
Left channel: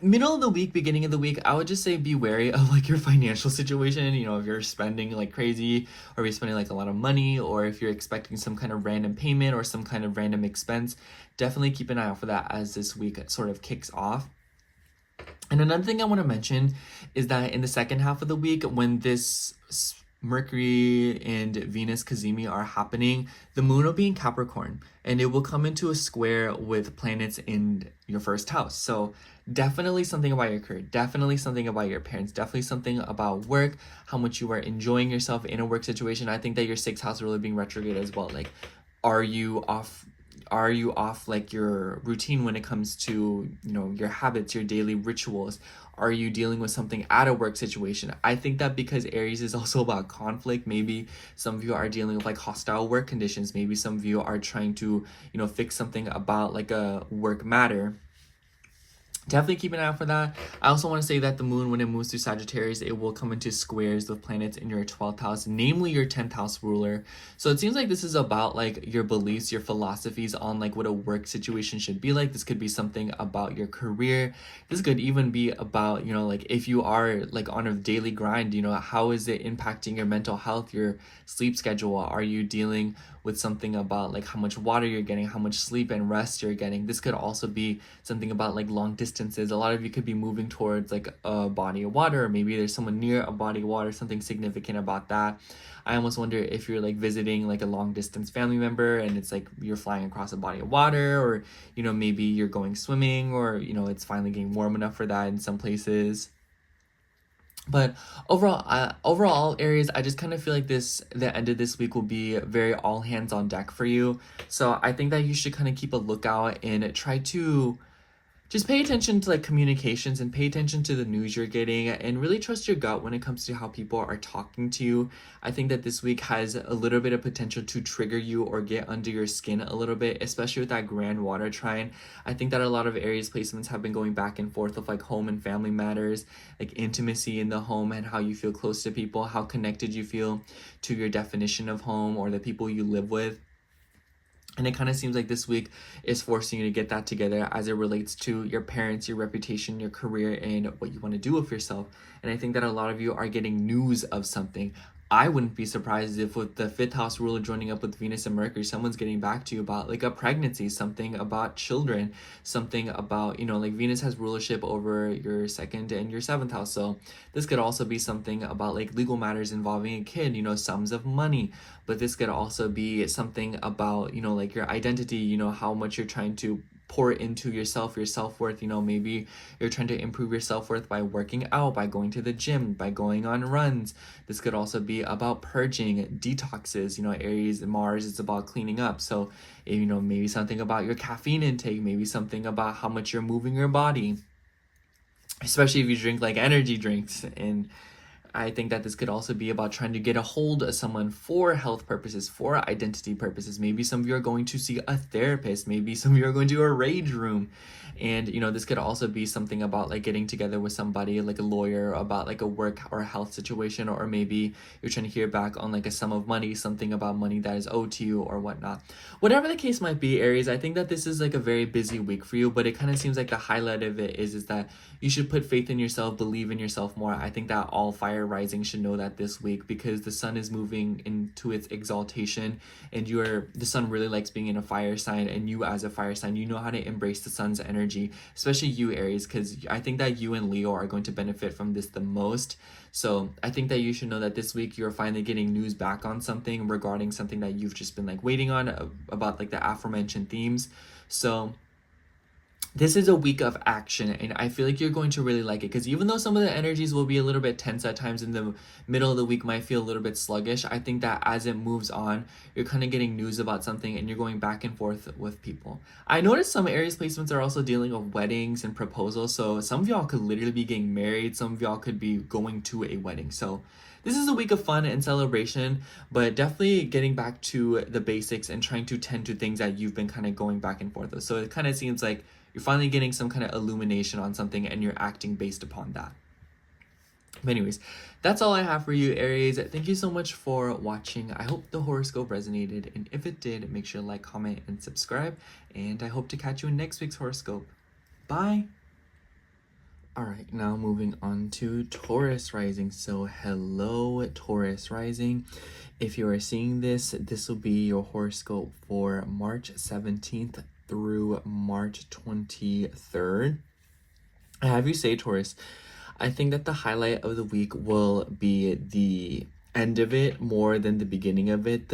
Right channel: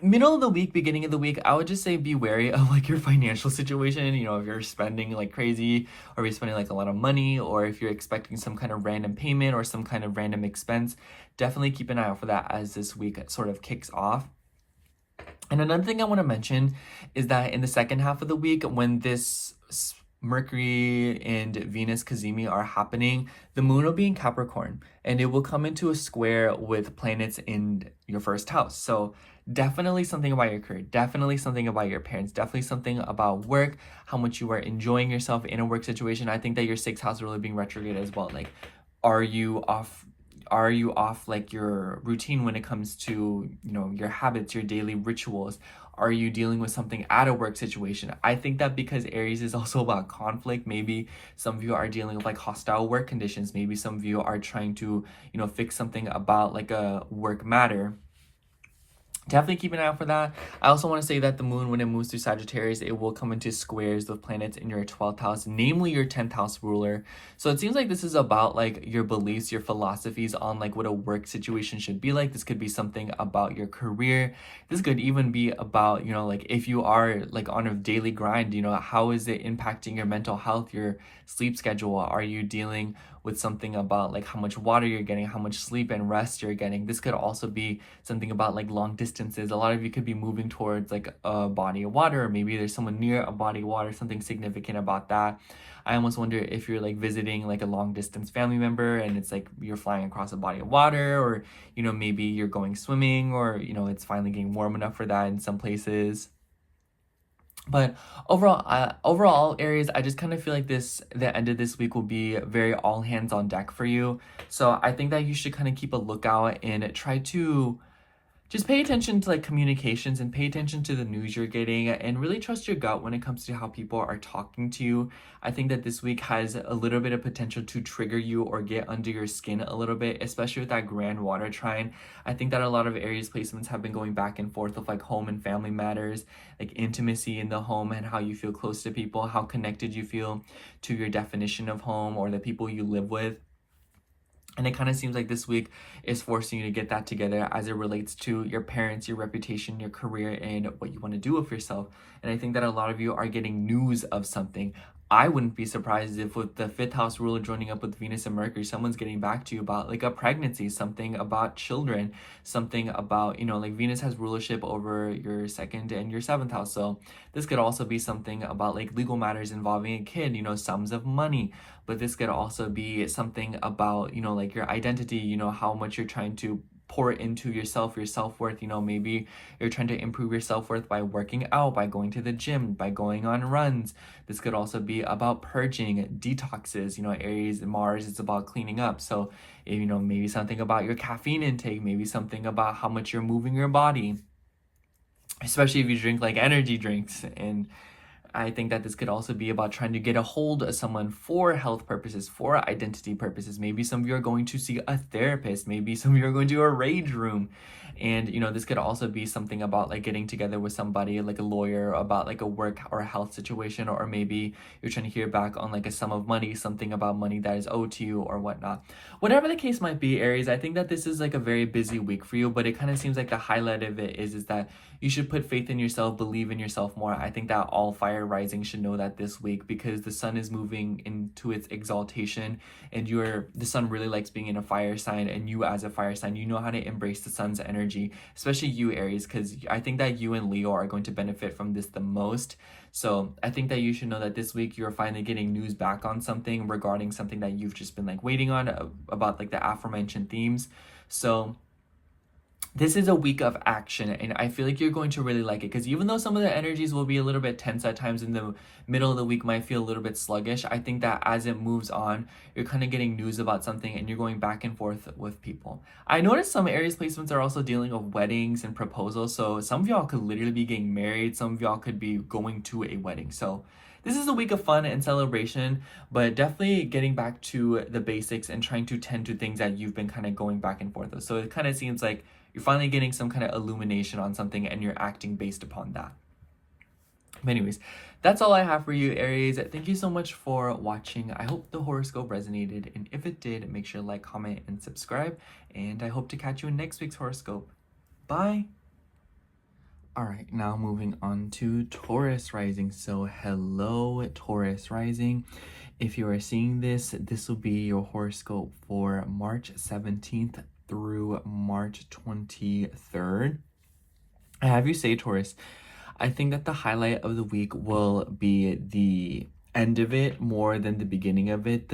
middle of the week, beginning of the week, I would just say be wary of like your financial situation. You know, if you're spending like crazy, or if you're spending like a lot of money, or if you're expecting some kind of random payment or some kind of random expense, definitely keep an eye out for that as this week sort of kicks off. And another thing I want to mention is that in the second half of the week, when this Mercury and Venus cazimi are happening, the moon will be in Capricorn, and it will come into a square with planets in your first house. So definitely something about your career, definitely something about your parents, definitely something about work, how much you are enjoying yourself in a work situation. I think that your sixth house is really being retrograde as well. Like, are you off like your routine when it comes to, you know, your habits, your daily rituals? Are you dealing with something at a work situation? I think that because Aries is also about conflict, maybe some of you are dealing with like hostile work conditions. Maybe some of you are trying to, you know, fix something about like a work matter. Definitely keep an eye out for that. I also want to say that the moon, when it moves through Sagittarius, it will come into squares with planets in your 12th house, namely your 10th house ruler. So it seems like this is about like your beliefs, your philosophies on like what a work situation should be like. This could be something about your career. This could even be about, you know, like if you are like on a daily grind, you know, how is it impacting your mental health, your sleep schedule? Are you dealing with something about like how much water you're getting, how much sleep and rest you're getting? This could also be something about like long distances. A lot of you could be moving towards like a body of water, or maybe there's someone near a body of water, something significant about that. I almost wonder if you're like visiting like a long distance family member, and it's like you're flying across a body of water, or, you know, maybe you're going swimming, or, you know, it's finally getting warm enough for that in some places. But overall, Aries, I just kind of feel like the end of this week will be very all hands on deck for you. So I think that you should kind of keep a lookout and try to just pay attention to like communications, and pay attention to the news you're getting, and really trust your gut when it comes to how people are talking to you. I think that this week has a little bit of potential to trigger you or get under your skin a little bit, especially with that grand water trine. I think that a lot of Aries placements have been going back and forth with like home and family matters, like intimacy in the home, and how you feel close to people, how connected you feel to your definition of home or the people you live with. And it kind of seems like this week is forcing you to get that together as it relates to your parents, your reputation, your career, and what you want to do with yourself. And I think that a lot of you are getting news of something. I wouldn't be surprised if with the fifth house ruler joining up with Venus and Mercury, someone's getting back to you about like a pregnancy, something about children, something about, you know, like Venus has rulership over your second and your seventh house. So this could also be something about like legal matters involving a kid, you know, sums of money. But this could also be something about, you know, like your identity, you know, how much you're trying to pour into yourself, your self-worth. You know, maybe you're trying to improve your self-worth by working out, by going to the gym, by going on runs. This could also be about purging, detoxes. You know, Aries and Mars, it's about cleaning up. So, you know, maybe something about your caffeine intake, maybe something about how much you're moving your body, especially if you drink like energy drinks and I think that this could also be about trying to get a hold of someone for health purposes, for identity purposes. Maybe some of you are going to see a therapist. Maybe some of you are going to a rage room. And, this could also be something about like getting together with somebody, like a lawyer, about like a work or a health situation, or maybe you're trying to hear back on like a sum of money, something about money that is owed to you or whatnot. Whatever the case might be, Aries, I think that this is like a very busy week for you, but it kind of seems like the highlight of it is that you should put faith in yourself, believe in yourself more. I think that all fire rising should know that this week, because the sun is moving into its exaltation, and the sun really likes being in a fire sign, and you as a fire sign, you know how to embrace the sun's energy, especially you, Aries, because I think that you and Leo are going to benefit from this the most. So I think that you should know that this week you're finally getting news back on something regarding something that you've just been like waiting on, about like the aforementioned themes. So this is a week of action, and I feel like you're going to really like it, because even though some of the energies will be a little bit tense at times, in the middle of the week might feel a little bit sluggish, I think that as it moves on, you're kind of getting news about something and you're going back and forth with people. I noticed some Aries placements are also dealing with weddings and proposals, so some of y'all could literally be getting married, some of y'all could be going to a wedding. So this is a week of fun and celebration, but definitely getting back to the basics and trying to tend to things that you've been kind of going back and forth with. So it kind of seems like you're finally getting some kind of illumination on something and you're acting based upon that. But anyways, that's all I have for you, Aries. Thank you so much for watching. I hope the horoscope resonated, and if it did, make sure to like, comment, and subscribe. And I hope to catch you in next week's horoscope. Bye! Alright, now moving on to Taurus rising. So hello, Taurus rising. If you are seeing this, this will be your horoscope for March 17th through March 23rd. I have you say, Taurus, I think that the highlight of the week will be the end of it more than the beginning of it.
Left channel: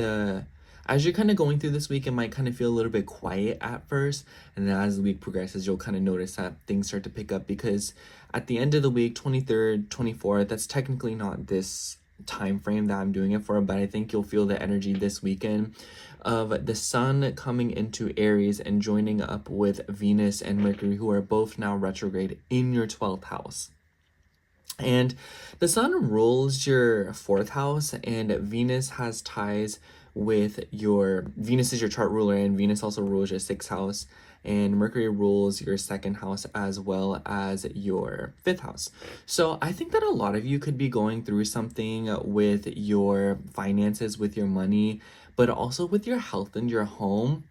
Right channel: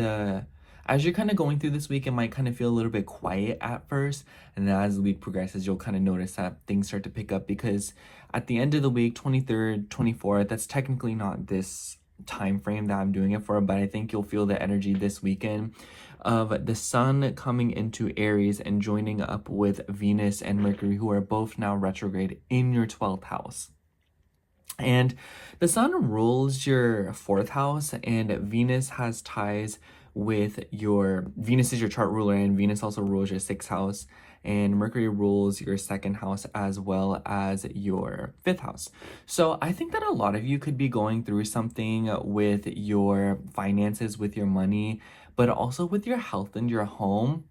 As you're kind of going through this week, it might kind of feel a little bit quiet at first, and then as the week progresses, you'll kind of notice that things start to pick up, because at the end of the week, 23rd, 24th, that's technically not this time frame that I'm doing it for, but I think you'll feel the energy this weekend of the sun coming into Aries and joining up with Venus and Mercury, who are both now retrograde in your 12th house. And the sun rules your 4th house, and Venus has ties with Venus is your chart ruler, and Venus also rules your 6th house, and Mercury rules your 2nd house as well as your 5th house. So I think that a lot of you could be going through something with your finances, with your money, but also with your health and your home.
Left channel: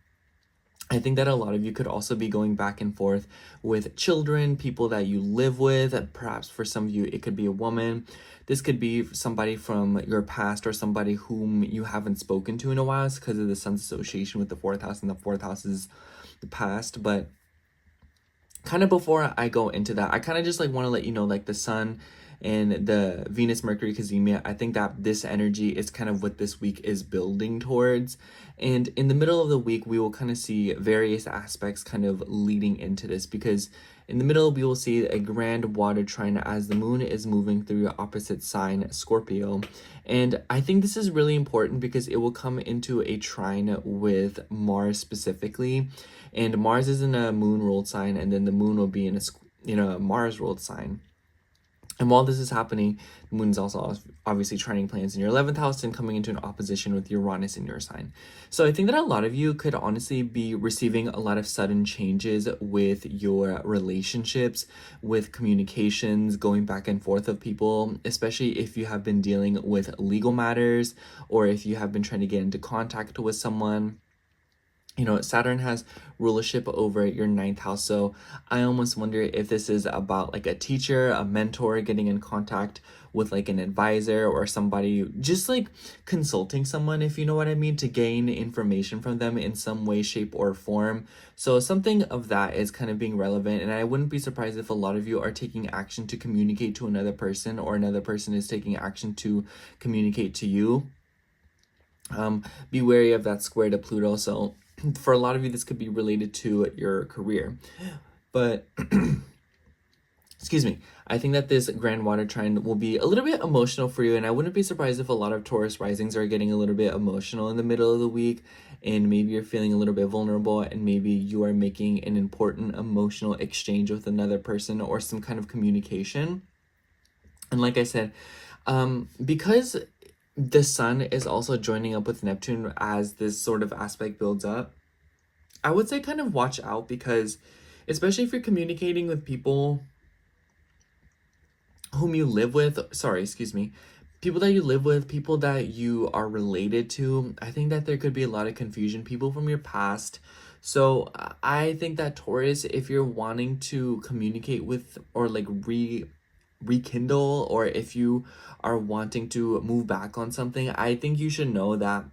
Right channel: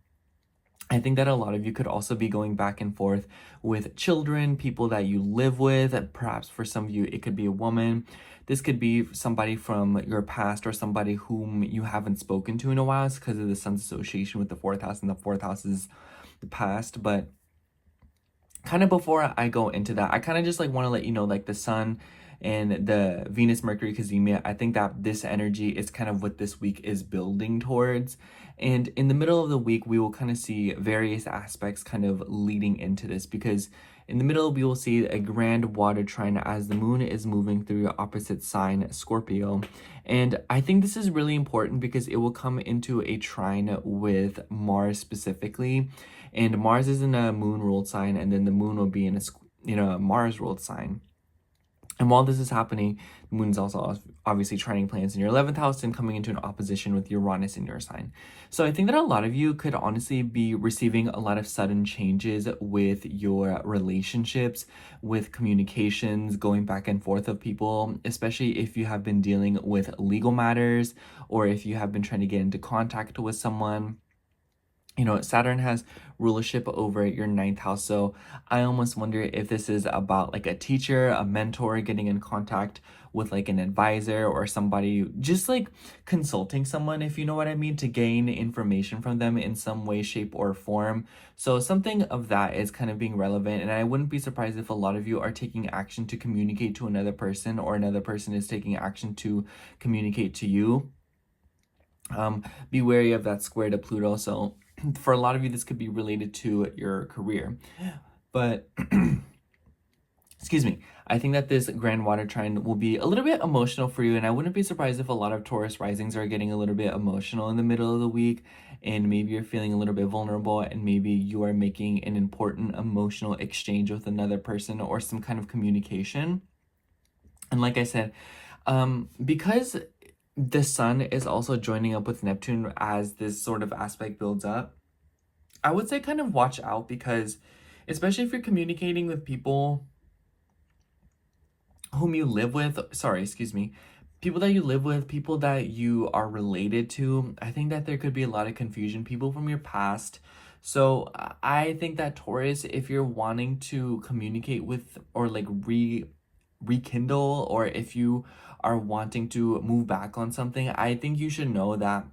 I think that a lot of you could also be going back and forth with children, people that you live with. Perhaps for some of you, it could be a woman. This could be somebody from your past, or somebody whom you haven't spoken to in a while. It's because of the sun's association with the 4th house, and the 4th house is the past. But kind of before I go into that, I kind of just like want to let you know, like the sun and the Venus Mercury Cazimia, I think that this energy is kind of what this week is building towards. And in the middle of the week, we will kind of see various aspects kind of leading into this, because in the middle, we will see a grand water trine as the moon is moving through your opposite sign, Scorpio. And I think this is really important because it will come into a trine with Mars specifically. And Mars is in a moon-ruled sign, and then the moon will be in a Mars-ruled sign. And while this is happening, the moon is also obviously trining planets in your 11th house and coming into an opposition with Uranus in your sign. So I think that a lot of you could honestly be receiving a lot of sudden changes with your relationships, with communications, going back and forth of people, especially if you have been dealing with legal matters, or if you have been trying to get into contact with someone. Saturn has rulership over your 9th house. So I almost wonder if this is about like a teacher, a mentor, getting in contact with like an advisor or somebody, just like consulting someone, if you know what I mean, to gain information from them in some way, shape, or form. So something of that is kind of being relevant. And I wouldn't be surprised if a lot of you are taking action to communicate to another person, or another person is taking action to communicate to you. Be wary of that square to Pluto. So for a lot of you, this could be related to your career. But excuse me, I think that this grand water trine will be a little bit emotional for you, and I wouldn't be surprised if a lot of Taurus risings are getting a little bit emotional in the middle of the week, and maybe you're feeling a little bit vulnerable, and maybe you are making an important emotional exchange with another person or some kind of communication. And like I said, Because the sun is also joining up with Neptune as this sort of aspect builds up, I would say kind of watch out, because especially if you're communicating with people whom you live with, sorry, excuse me, people that you live with, people that you are related to, I think that there could be a lot of confusion, people from your past. So I think that Taurus, if you're wanting to communicate with or like rekindle, or if you are wanting to move back on something, I think you should know that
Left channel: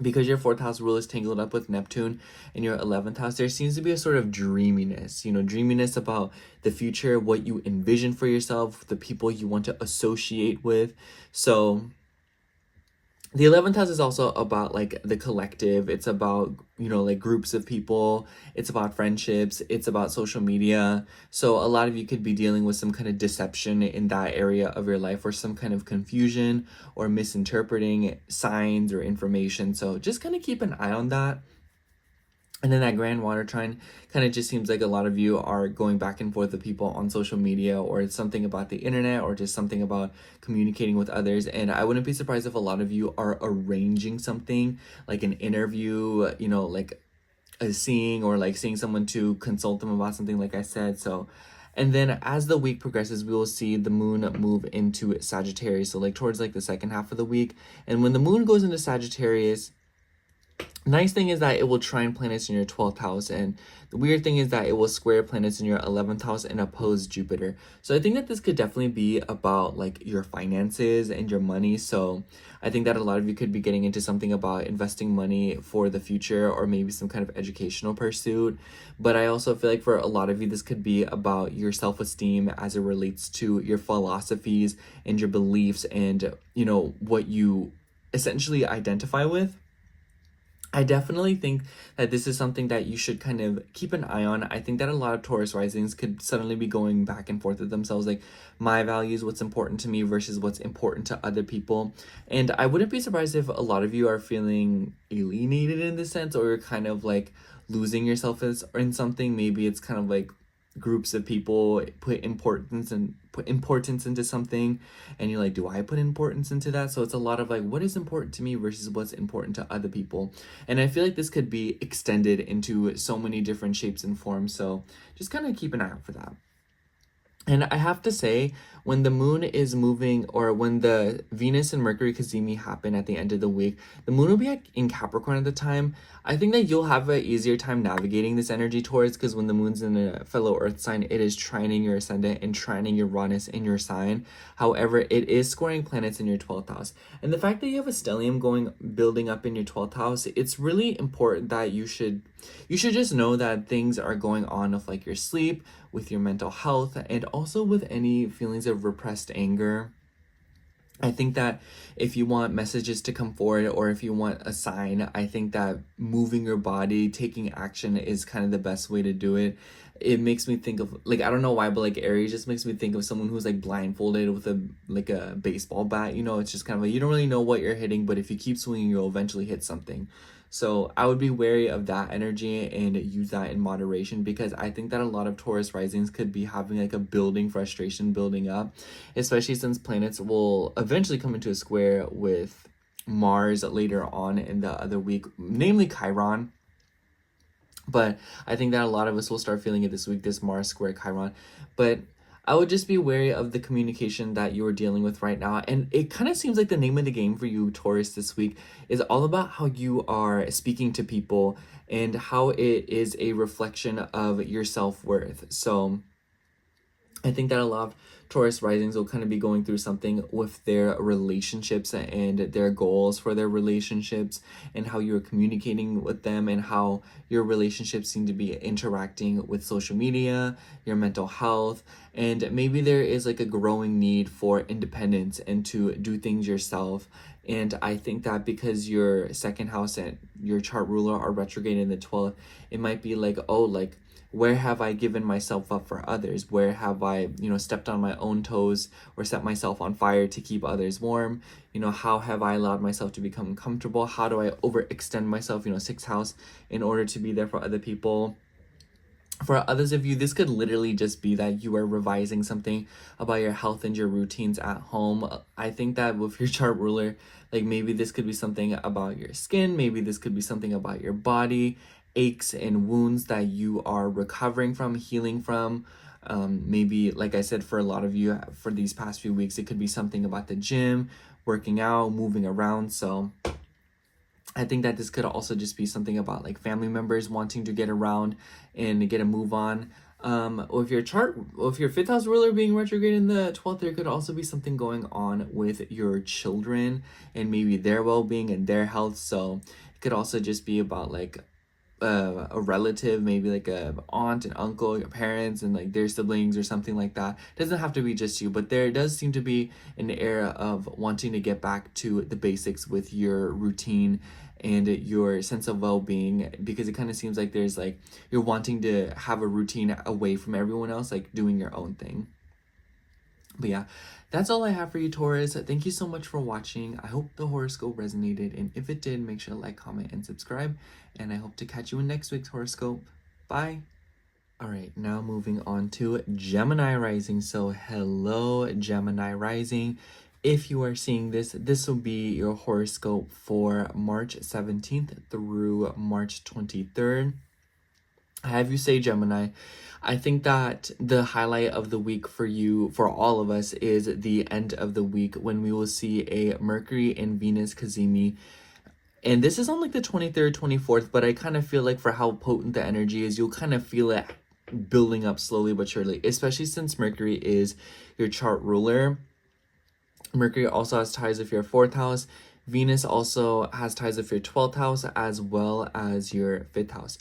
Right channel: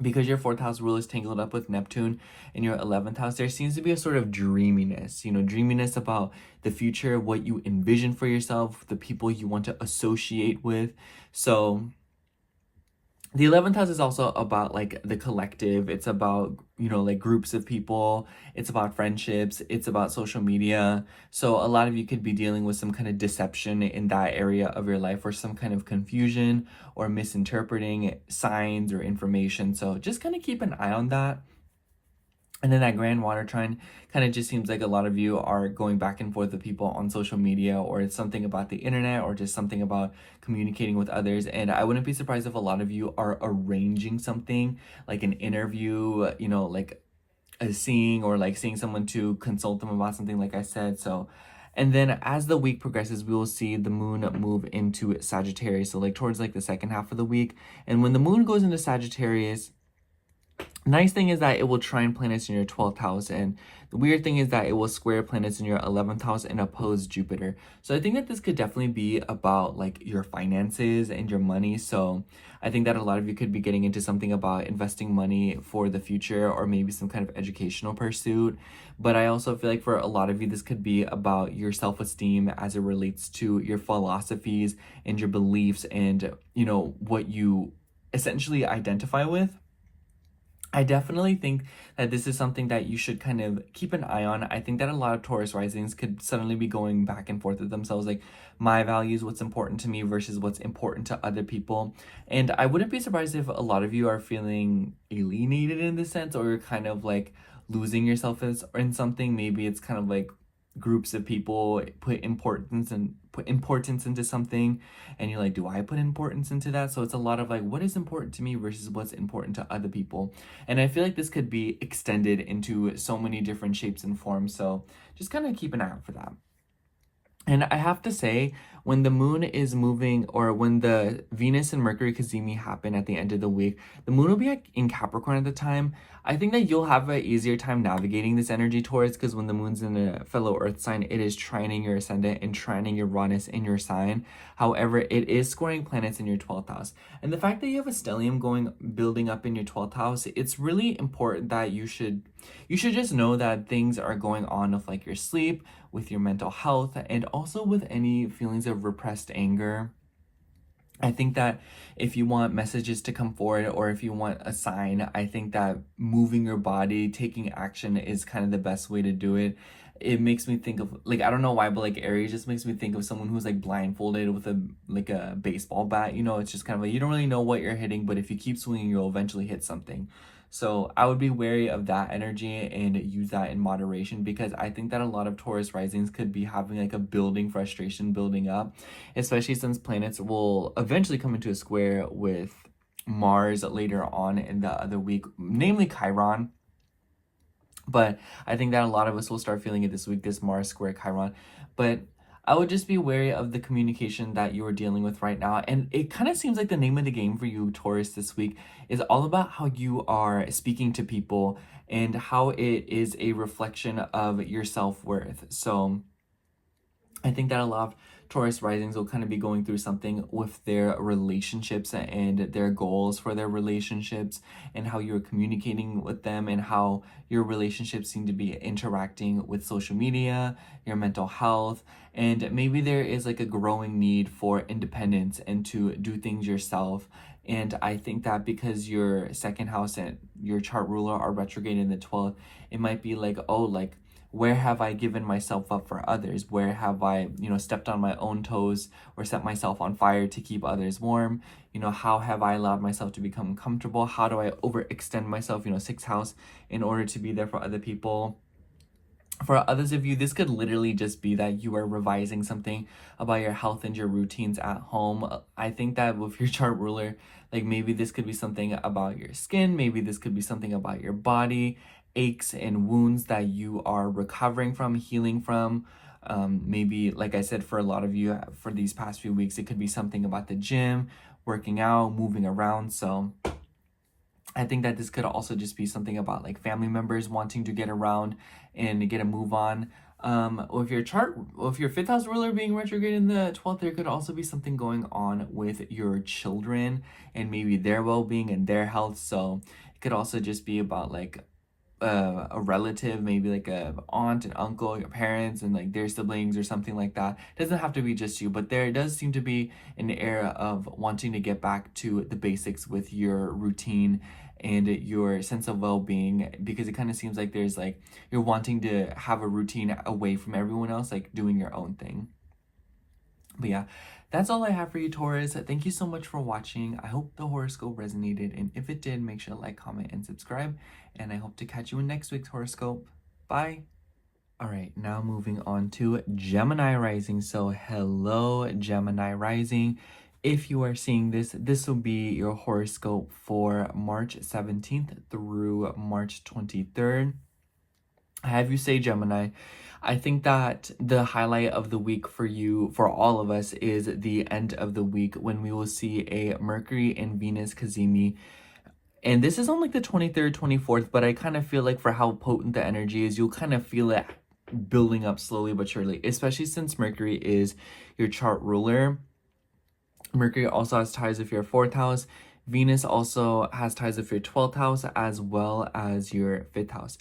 because your fourth house rule is tangled up with Neptune in your 11th house, there seems to be a sort of dreaminess, dreaminess about the future, what you envision for yourself, the people you want to associate with. So the 11th house is also about like the collective. It's about, like groups of people. It's about friendships. It's about social media. So a lot of you could be dealing with some kind of deception in that area of your life, or some kind of confusion or misinterpreting signs or information. So just kind of keep an eye on that. And then that grand water trine kind of just seems like a lot of you are going back and forth with people on social media, or it's something about the internet, or just something about communicating with others. And I wouldn't be surprised if a lot of you are arranging something like an interview, like a seeing, or like seeing someone to consult them about something, like I said. So, and then as the week progresses, we will see the moon move into Sagittarius. So like towards like the second half of the week. And when the moon goes into Sagittarius, nice thing is that it will trine planets in your 12th house, and the weird thing is that it will square planets in your 11th house and oppose Jupiter. So I think that this could definitely be about like your finances and your money. So I think that a lot of you could be getting into something about investing money for the future, or maybe some kind of educational pursuit. But I also feel like for a lot of you, this could be about your self-esteem as it relates to your philosophies and your beliefs, and what you essentially identify with. I definitely think that this is something that you should kind of keep an eye on. I think that a lot of Taurus risings could suddenly be going back and forth with themselves, like my values, what's important to me versus what's important to other people. And I wouldn't be surprised if a lot of you are feeling alienated in this sense, or you're kind of like losing yourself in something. Maybe it's kind of like groups of people put importance into something, and you're like, do I put importance into that? So it's a lot of like, what is important to me versus what's important to other people. And I feel like this could be extended into so many different shapes and forms. So just kind of keep an eye out for that. And I have to say, when the moon is moving, or when the Venus and Mercury cazimi happen at the end of the week, the moon will be in Capricorn at the time. I think that you'll have an easier time navigating this energy towards, because when the moon's in a fellow earth sign, it is trining your ascendant and trining Uranus in your sign. However, it is scoring planets in your 12th house. And the fact that you have a stellium building up in your 12th house, it's really important that you should just know that things are going on with like your sleep, with your mental health, and also with any feelings of repressed anger. I think that if you want messages to come forward, or if you want a sign, I think that moving your body, taking action is kind of the best way to do it. It makes me think of, like, I don't know why, but like Aries just makes me think of someone who's like blindfolded with a baseball bat. It's just kind of like, you don't really know what you're hitting, but if you keep swinging, you'll eventually hit something. So I would be wary of that energy and use that in moderation, because I think that a lot of Taurus risings could be having like a building frustration building up, especially since planets will eventually come into a square with Mars later on in the other week, namely Chiron. But I think that a lot of us will start feeling it this week, this Mars square Chiron. But I would just be wary of the communication that you're dealing with right now. And it kind of seems like the name of the game for you, Taurus, this week is all about how you are speaking to people, and how it is a reflection of your self-worth. So I think that a lot of Taurus risings will kind of be going through something with their relationships and their goals for their relationships, and how you're communicating with them, and how your relationships seem to be interacting with social media, your mental health. And maybe there is like a growing need for independence and to do things yourself. And I think that because your second house and your chart ruler are retrograde in the 12th, it might be like, oh, like, where have I given myself up for others? Where have I, stepped on my own toes or set myself on fire to keep others warm? How have I allowed myself to become comfortable? How do I overextend myself, sixth house, in order to be there for other people? For others of you, this could literally just be that you are revising something about your health and your routines at home. I think that with your chart ruler, like maybe this could be something about your skin, maybe this could be something about your body, aches and wounds that you are recovering from, healing from. Maybe, like I said, for a lot of you, for these past few weeks, it could be something about the gym, working out, moving around. So I think that this could also just be something about like family members wanting to get around and get a move on. With your chart, with your fifth house ruler being retrograde in the 12th, there could also be something going on with your children and maybe their well-being and their health. So it could also just be about like a relative, maybe like a aunt and uncle, your parents and like their siblings or something like that. It doesn't have to be just you, but there does seem to be an era of wanting to get back to the basics with your routine and your sense of well-being, because it kind of seems like there's like you're wanting to have a routine away from everyone else, like doing your own thing. But yeah, that's all I have for you, Taurus. Thank you so much for watching. I hope the horoscope resonated, and if it did, make sure to like, comment, and subscribe. And I hope to catch you in next week's horoscope. Bye. All right, now moving on to Gemini rising. So hello, Gemini rising. If you are seeing this, this will be your horoscope for March 17th through March 23rd. I have you say, Gemini, I think that the highlight of the week for you, for all of us, is the end of the week when we will see a Mercury and Venus cazimi. And this is on like the 23rd, 24th, but I kind of feel like for how potent the energy is, you'll kind of feel it building up slowly but surely, especially since Mercury is your chart ruler. Mercury also has ties with your 4th house. Venus also has ties with your 12th house as well as your 5th house.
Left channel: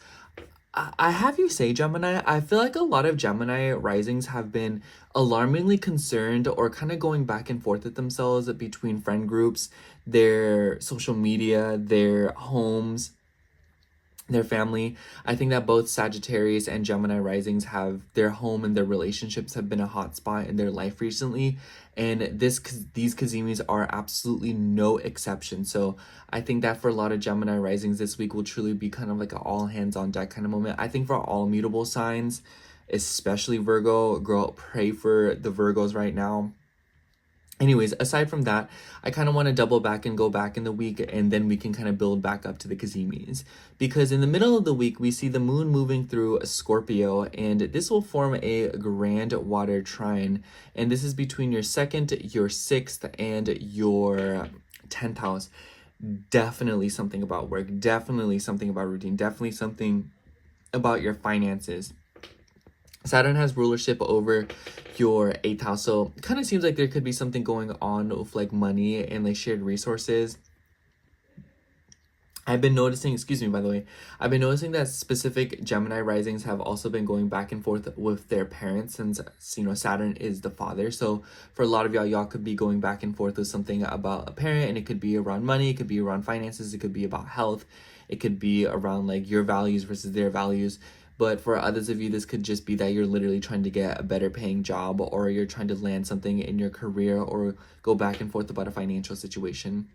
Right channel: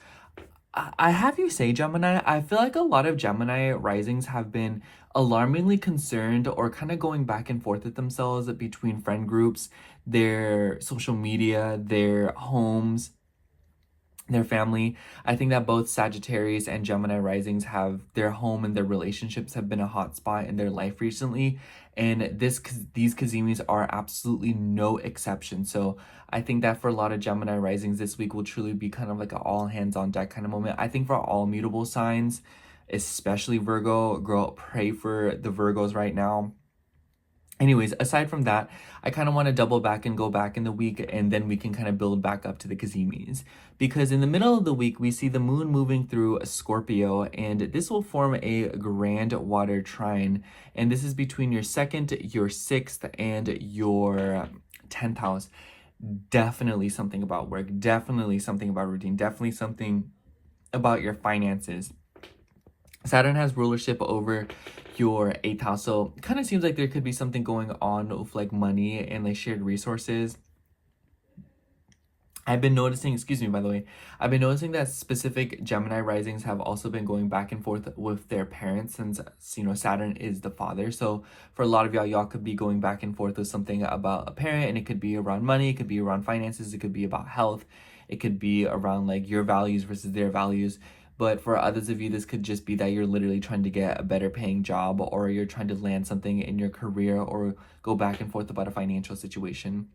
I have you say, Gemini, I feel like a lot of Gemini risings have been alarmingly concerned or kind of going back and forth with themselves between friend groups, their social media, their homes, their family. I think that both Sagittarius and Gemini risings have their home and their relationships have been a hot spot in their life recently, and these kazimis are absolutely no exception. So I think that for a lot of Gemini risings this week will truly be kind of like an all hands on deck kind of moment. I think for all mutable signs, especially Virgo, girl, pray for the Virgos right now. Anyways, aside from that, I kind of want to double back and go back in the week, and then we can kind of build back up to the kazimis. Because in the middle of the week, we see the moon moving through a Scorpio, and this will form a grand water trine. And this is between your 2nd, your 6th, and your 10th house. Definitely something about work, definitely something about routine, definitely something about your finances. Saturn has rulership over your 8th house, so it kind of seems like there could be something going on with like money and like shared resources. I've been noticing, excuse me, by the way, I've been noticing that specific Gemini risings have also been going back and forth with their parents, since, you know, Saturn is the father. So for a lot of y'all could be going back and forth with something about a parent, and it could be around money, it could be around finances, it could be about health, it could be around like your values versus their values. But for others of you, this could just be that you're literally trying to get a better paying job, or you're trying to land something in your career, or go back and forth about a financial situation.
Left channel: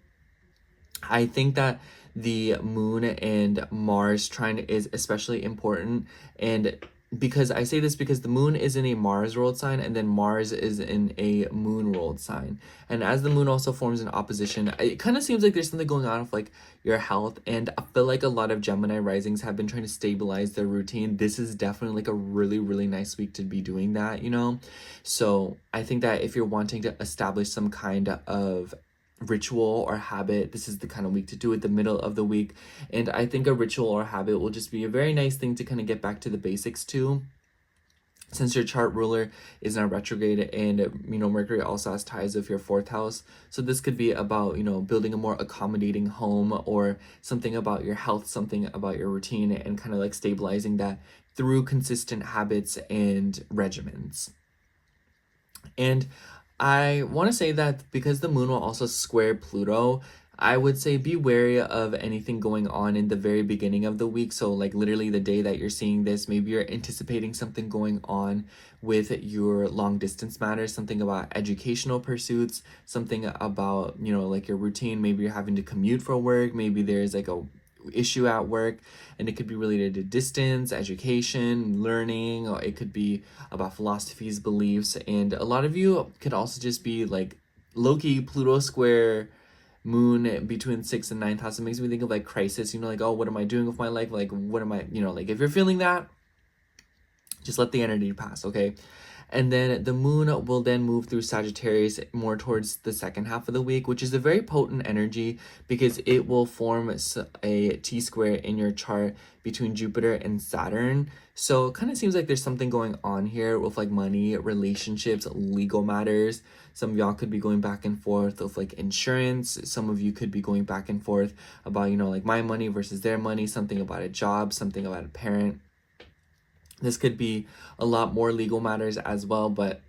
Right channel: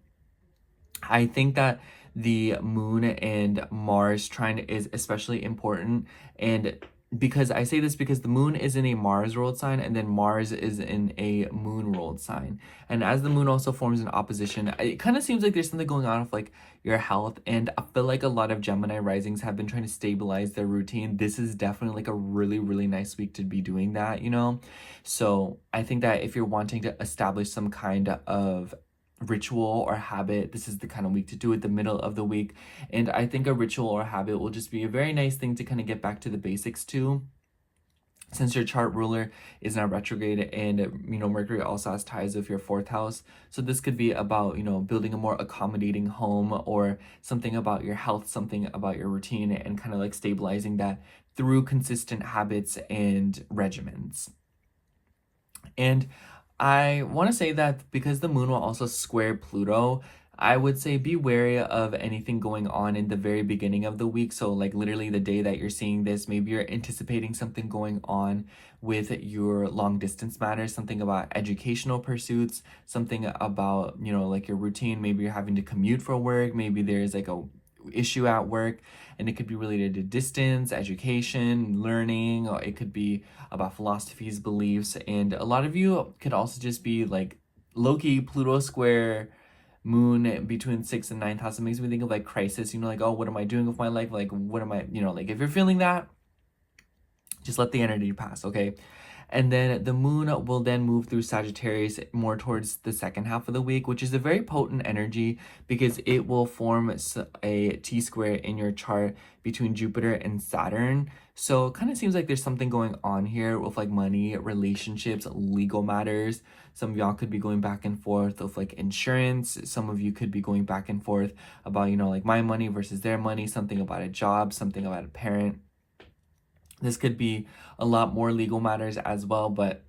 I think that the moon and Mars trine is especially important, and because I say this because the moon is in a Mars ruled sign, and then Mars is in a moon ruled sign. And as the moon also forms an opposition, it kind of seems like there's something going on with like your health. And I feel like a lot of Gemini risings have been trying to stabilize their routine. This is definitely like a really, really nice week to be doing that, you know? So I think that if you're wanting to establish some kind of ritual or habit, this is the kind of week to do it, the middle of the week. And I think a ritual or habit will just be a very nice thing to kind of get back to the basics too, since your chart ruler is now retrograde, and you know Mercury also has ties with your 4th house. So this could be about, you know, building a more accommodating home, or something about your health, something about your routine, and kind of like stabilizing that through consistent habits and regimens. And I want to say that because the moon will also square Pluto, I would say be wary of anything going on in the very beginning of the week. So like literally the day that you're seeing this, maybe you're anticipating something going on with your long distance matters, something about educational pursuits, something about, you know, like your routine. Maybe you're having to commute for work. Maybe there's like a issue at work, and it could be related to distance, education, learning, or it could be about philosophies, beliefs, and a lot of you could also just be like low-key Pluto square moon between 6th and 9th house. It makes me think of like crisis, like, oh, what am I doing with my life? Like, what am I, like if you're feeling that, just let the energy pass, okay? And then the moon will then move through Sagittarius more towards the second half of the week, which is a very potent energy because it will form a T-square in your chart between Jupiter and Saturn. So it kind of seems like there's something going on here with like money, relationships, legal matters. Some of y'all could be going back and forth with like insurance. Some of you could be going back and forth about, like my money versus their money, something about a job, something about a parent. This could be a lot more legal matters as well, but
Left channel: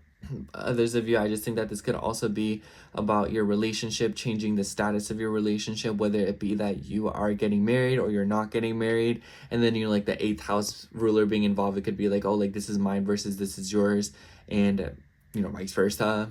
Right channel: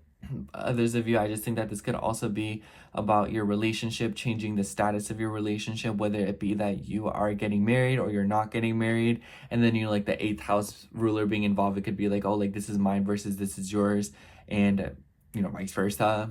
others of you, I just think that this could also be about your relationship, changing the status of your relationship, whether it be that you are getting married or you're not getting married. And then, like the 8th house ruler being involved, it could be like, oh, like this is mine versus this is yours, and, vice versa.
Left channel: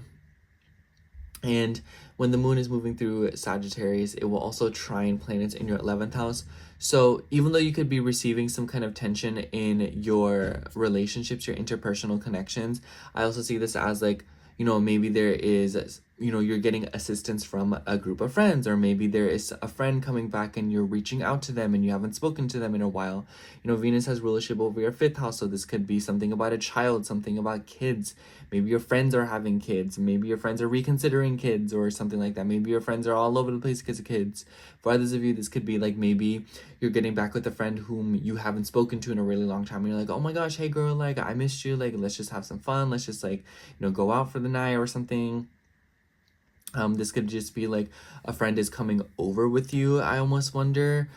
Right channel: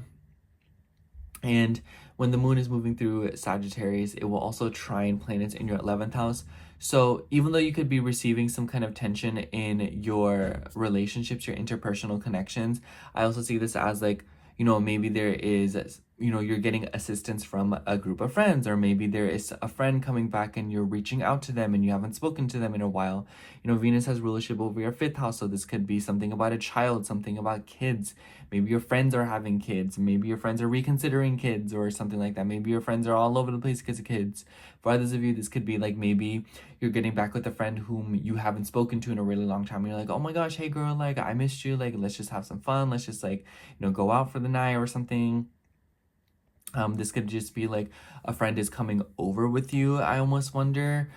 And when the moon is moving through Sagittarius, it will also trine planets in your 11th house. So even though you could be receiving some kind of tension in your relationships, your interpersonal connections, I also see this as like, maybe there is, you're getting assistance from a group of friends, or maybe there is a friend coming back and you're reaching out to them and you haven't spoken to them in a while. Venus has rulership over your 5th house, so this could be something about a child, something about kids. Maybe your friends are having kids. Maybe your friends are reconsidering kids or something like that. Maybe your friends are all over the place because of kids. For others of you, this could be like maybe you're getting back with a friend whom you haven't spoken to in a really long time. And you're like, oh my gosh, hey girl, like I missed you. Like, let's just have some fun. Let's just like, go out for the night or something. This could just be like a friend is coming over with you, I almost wonder.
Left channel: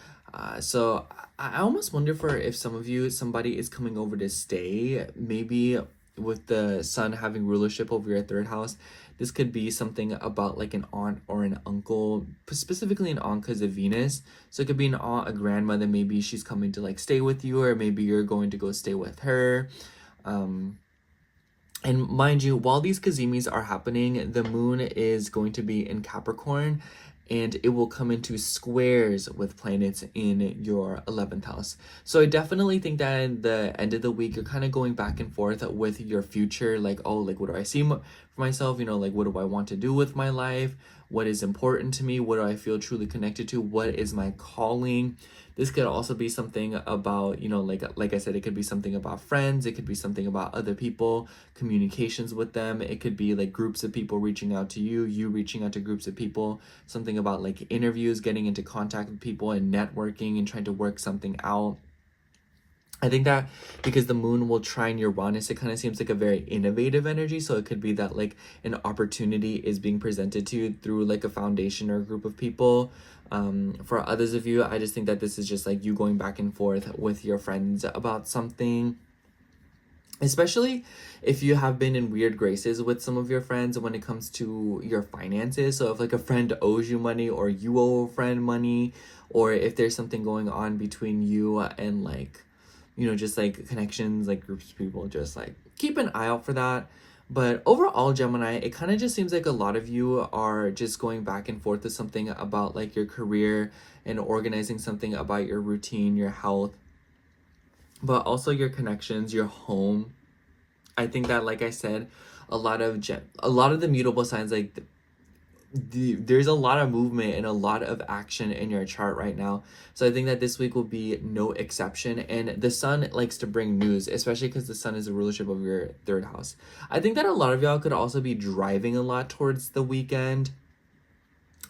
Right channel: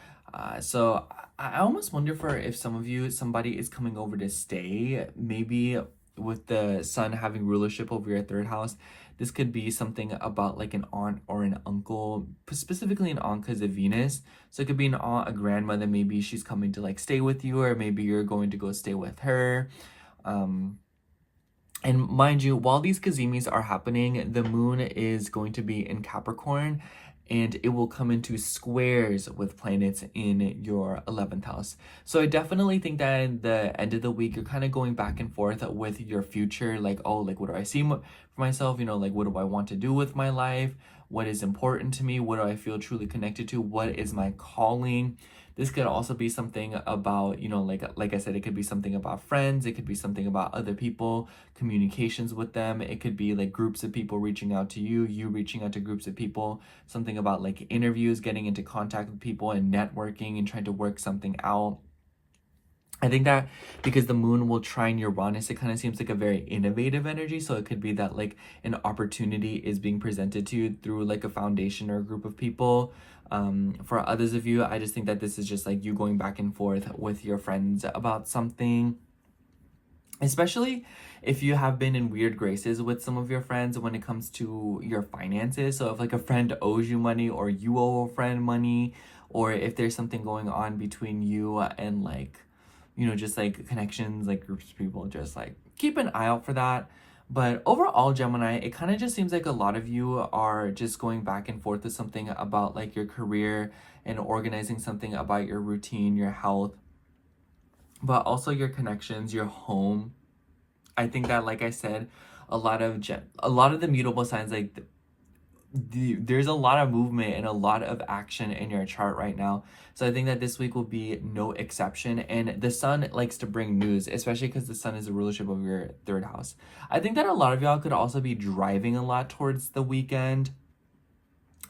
So I almost wonder for if some of you, somebody is coming over to stay, maybe with the sun having rulership over your 3rd house. This could be something about like an aunt or an uncle, specifically an aunt because of Venus. So it could be an aunt, a grandmother, maybe she's coming to like stay with you, or maybe you're going to go stay with her. And mind you, while these kazimis are happening, the moon is going to be in Capricorn, and it will come into squares with planets in your 11th house. So I definitely think that in the end of the week, you're kind of going back and forth with your future. Like, oh, like, what do I see for myself? Like, what do I want to do with my life? What is important to me? What do I feel truly connected to? What is my calling? This could also be something about, like I said, it could be something about friends. It could be something about other people, communications with them. It could be like groups of people reaching out to you, you reaching out to groups of people, something about like interviews, getting into contact with people and networking and trying to work something out. I think that because the moon will trine Uranus, it kind of seems like a very innovative energy. So it could be that like an opportunity is being presented to you through like a foundation or a group of people. For others of you, I just think that this is just like you going back and forth with your friends about something. Especially if you have been in weird graces with some of your friends when it comes to your finances. So if like a friend owes you money, or you owe a friend money, or if there's something going on between you and like, just like connections, like groups of people, just like keep an eye out for that. But overall, Gemini, it kind of just seems like a lot of you are just going back and forth with something about like your career and organizing something about your routine, your health, but also your connections, your home. I think that, like I said, a lot of the mutable signs, like there's a lot of movement and a lot of action in your chart right now. So I think that this week will be no exception. And the sun likes to bring news, especially because the sun is a rulership of your 3rd house. I think that a lot of y'all could also be driving a lot towards the weekend.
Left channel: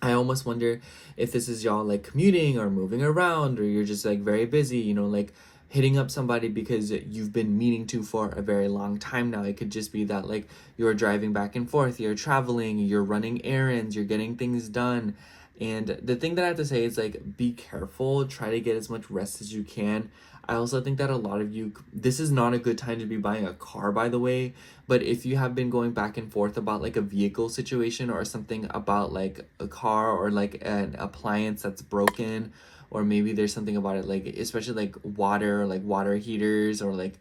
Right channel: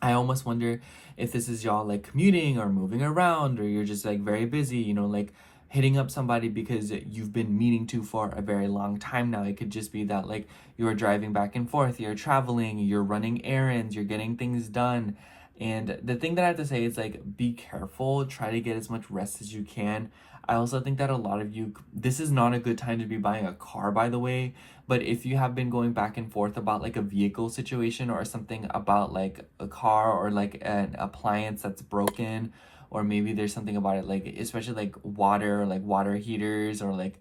I almost wonder if this is y'all like commuting or moving around, or you're just like very busy, like hitting up somebody because you've been meaning to for a very long time now. It could just be that like you're driving back and forth, you're traveling, you're running errands, you're getting things done. And the thing that I have to say is like, be careful, try to get as much rest as you can. I also think that a lot of you, this is not a good time to be buying a car, by the way, but if you have been going back and forth about like a vehicle situation or something about like a car or like an appliance that's broken, or maybe there's something about it, like especially like water heaters, or like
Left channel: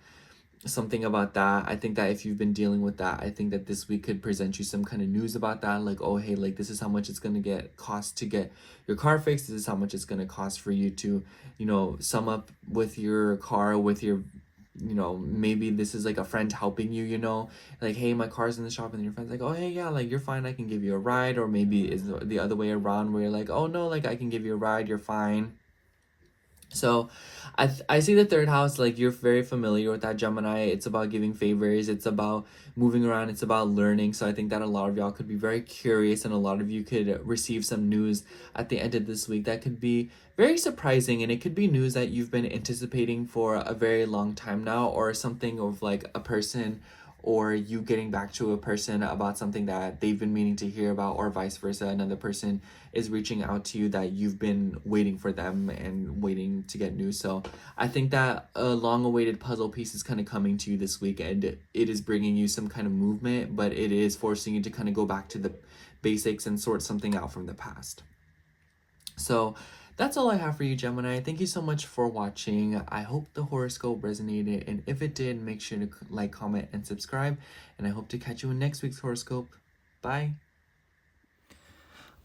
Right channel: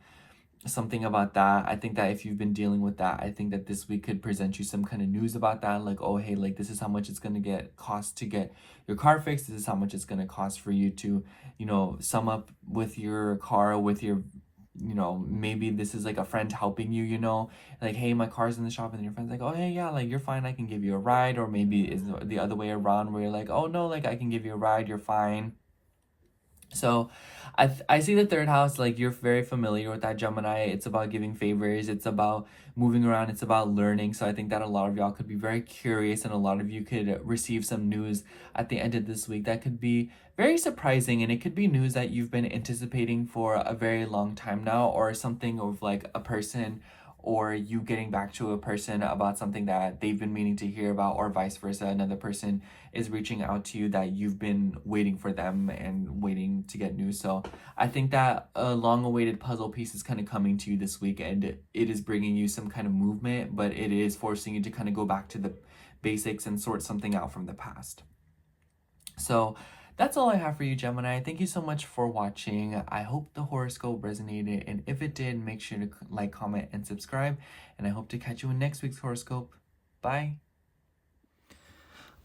something about that. I think that if you've been dealing with that, I think that this week could present you some kind of news about that. Like, oh, hey, like this is how much it's going to cost to get your car fixed. This is how much it's going to cost for you to, sum up with your car, with your, maybe this is like a friend helping you, like, hey, my car's in the shop, and your friend's like, oh, hey, yeah, like you're fine. I can give you a ride. Or maybe it's the other way around where you're like, oh, no, like I can give you a ride. You're fine. So I see the third house, like you're very familiar with that, Gemini. It's about giving favors, it's about moving around, it's about learning. So I think that a lot of y'all could be very curious, and a lot of you could receive some news at the end of this week that could be very surprising, and it could be news that you've been anticipating for a very long time now, or something of like a person, or you getting back to a person about something that they've been meaning to hear about, or vice versa. Another person is reaching out to you that you've been waiting for them and waiting to get news. So I think that a long-awaited puzzle piece is kind of coming to you this week, and it is bringing you some kind of movement, but it is forcing you to kind of go back to the basics and sort something out from the past. So that's all I have for you, Gemini. Thank you so much for watching. I hope the horoscope resonated, and if it did, make sure to like, comment, and subscribe, and I hope to catch you in next week's horoscope. Bye.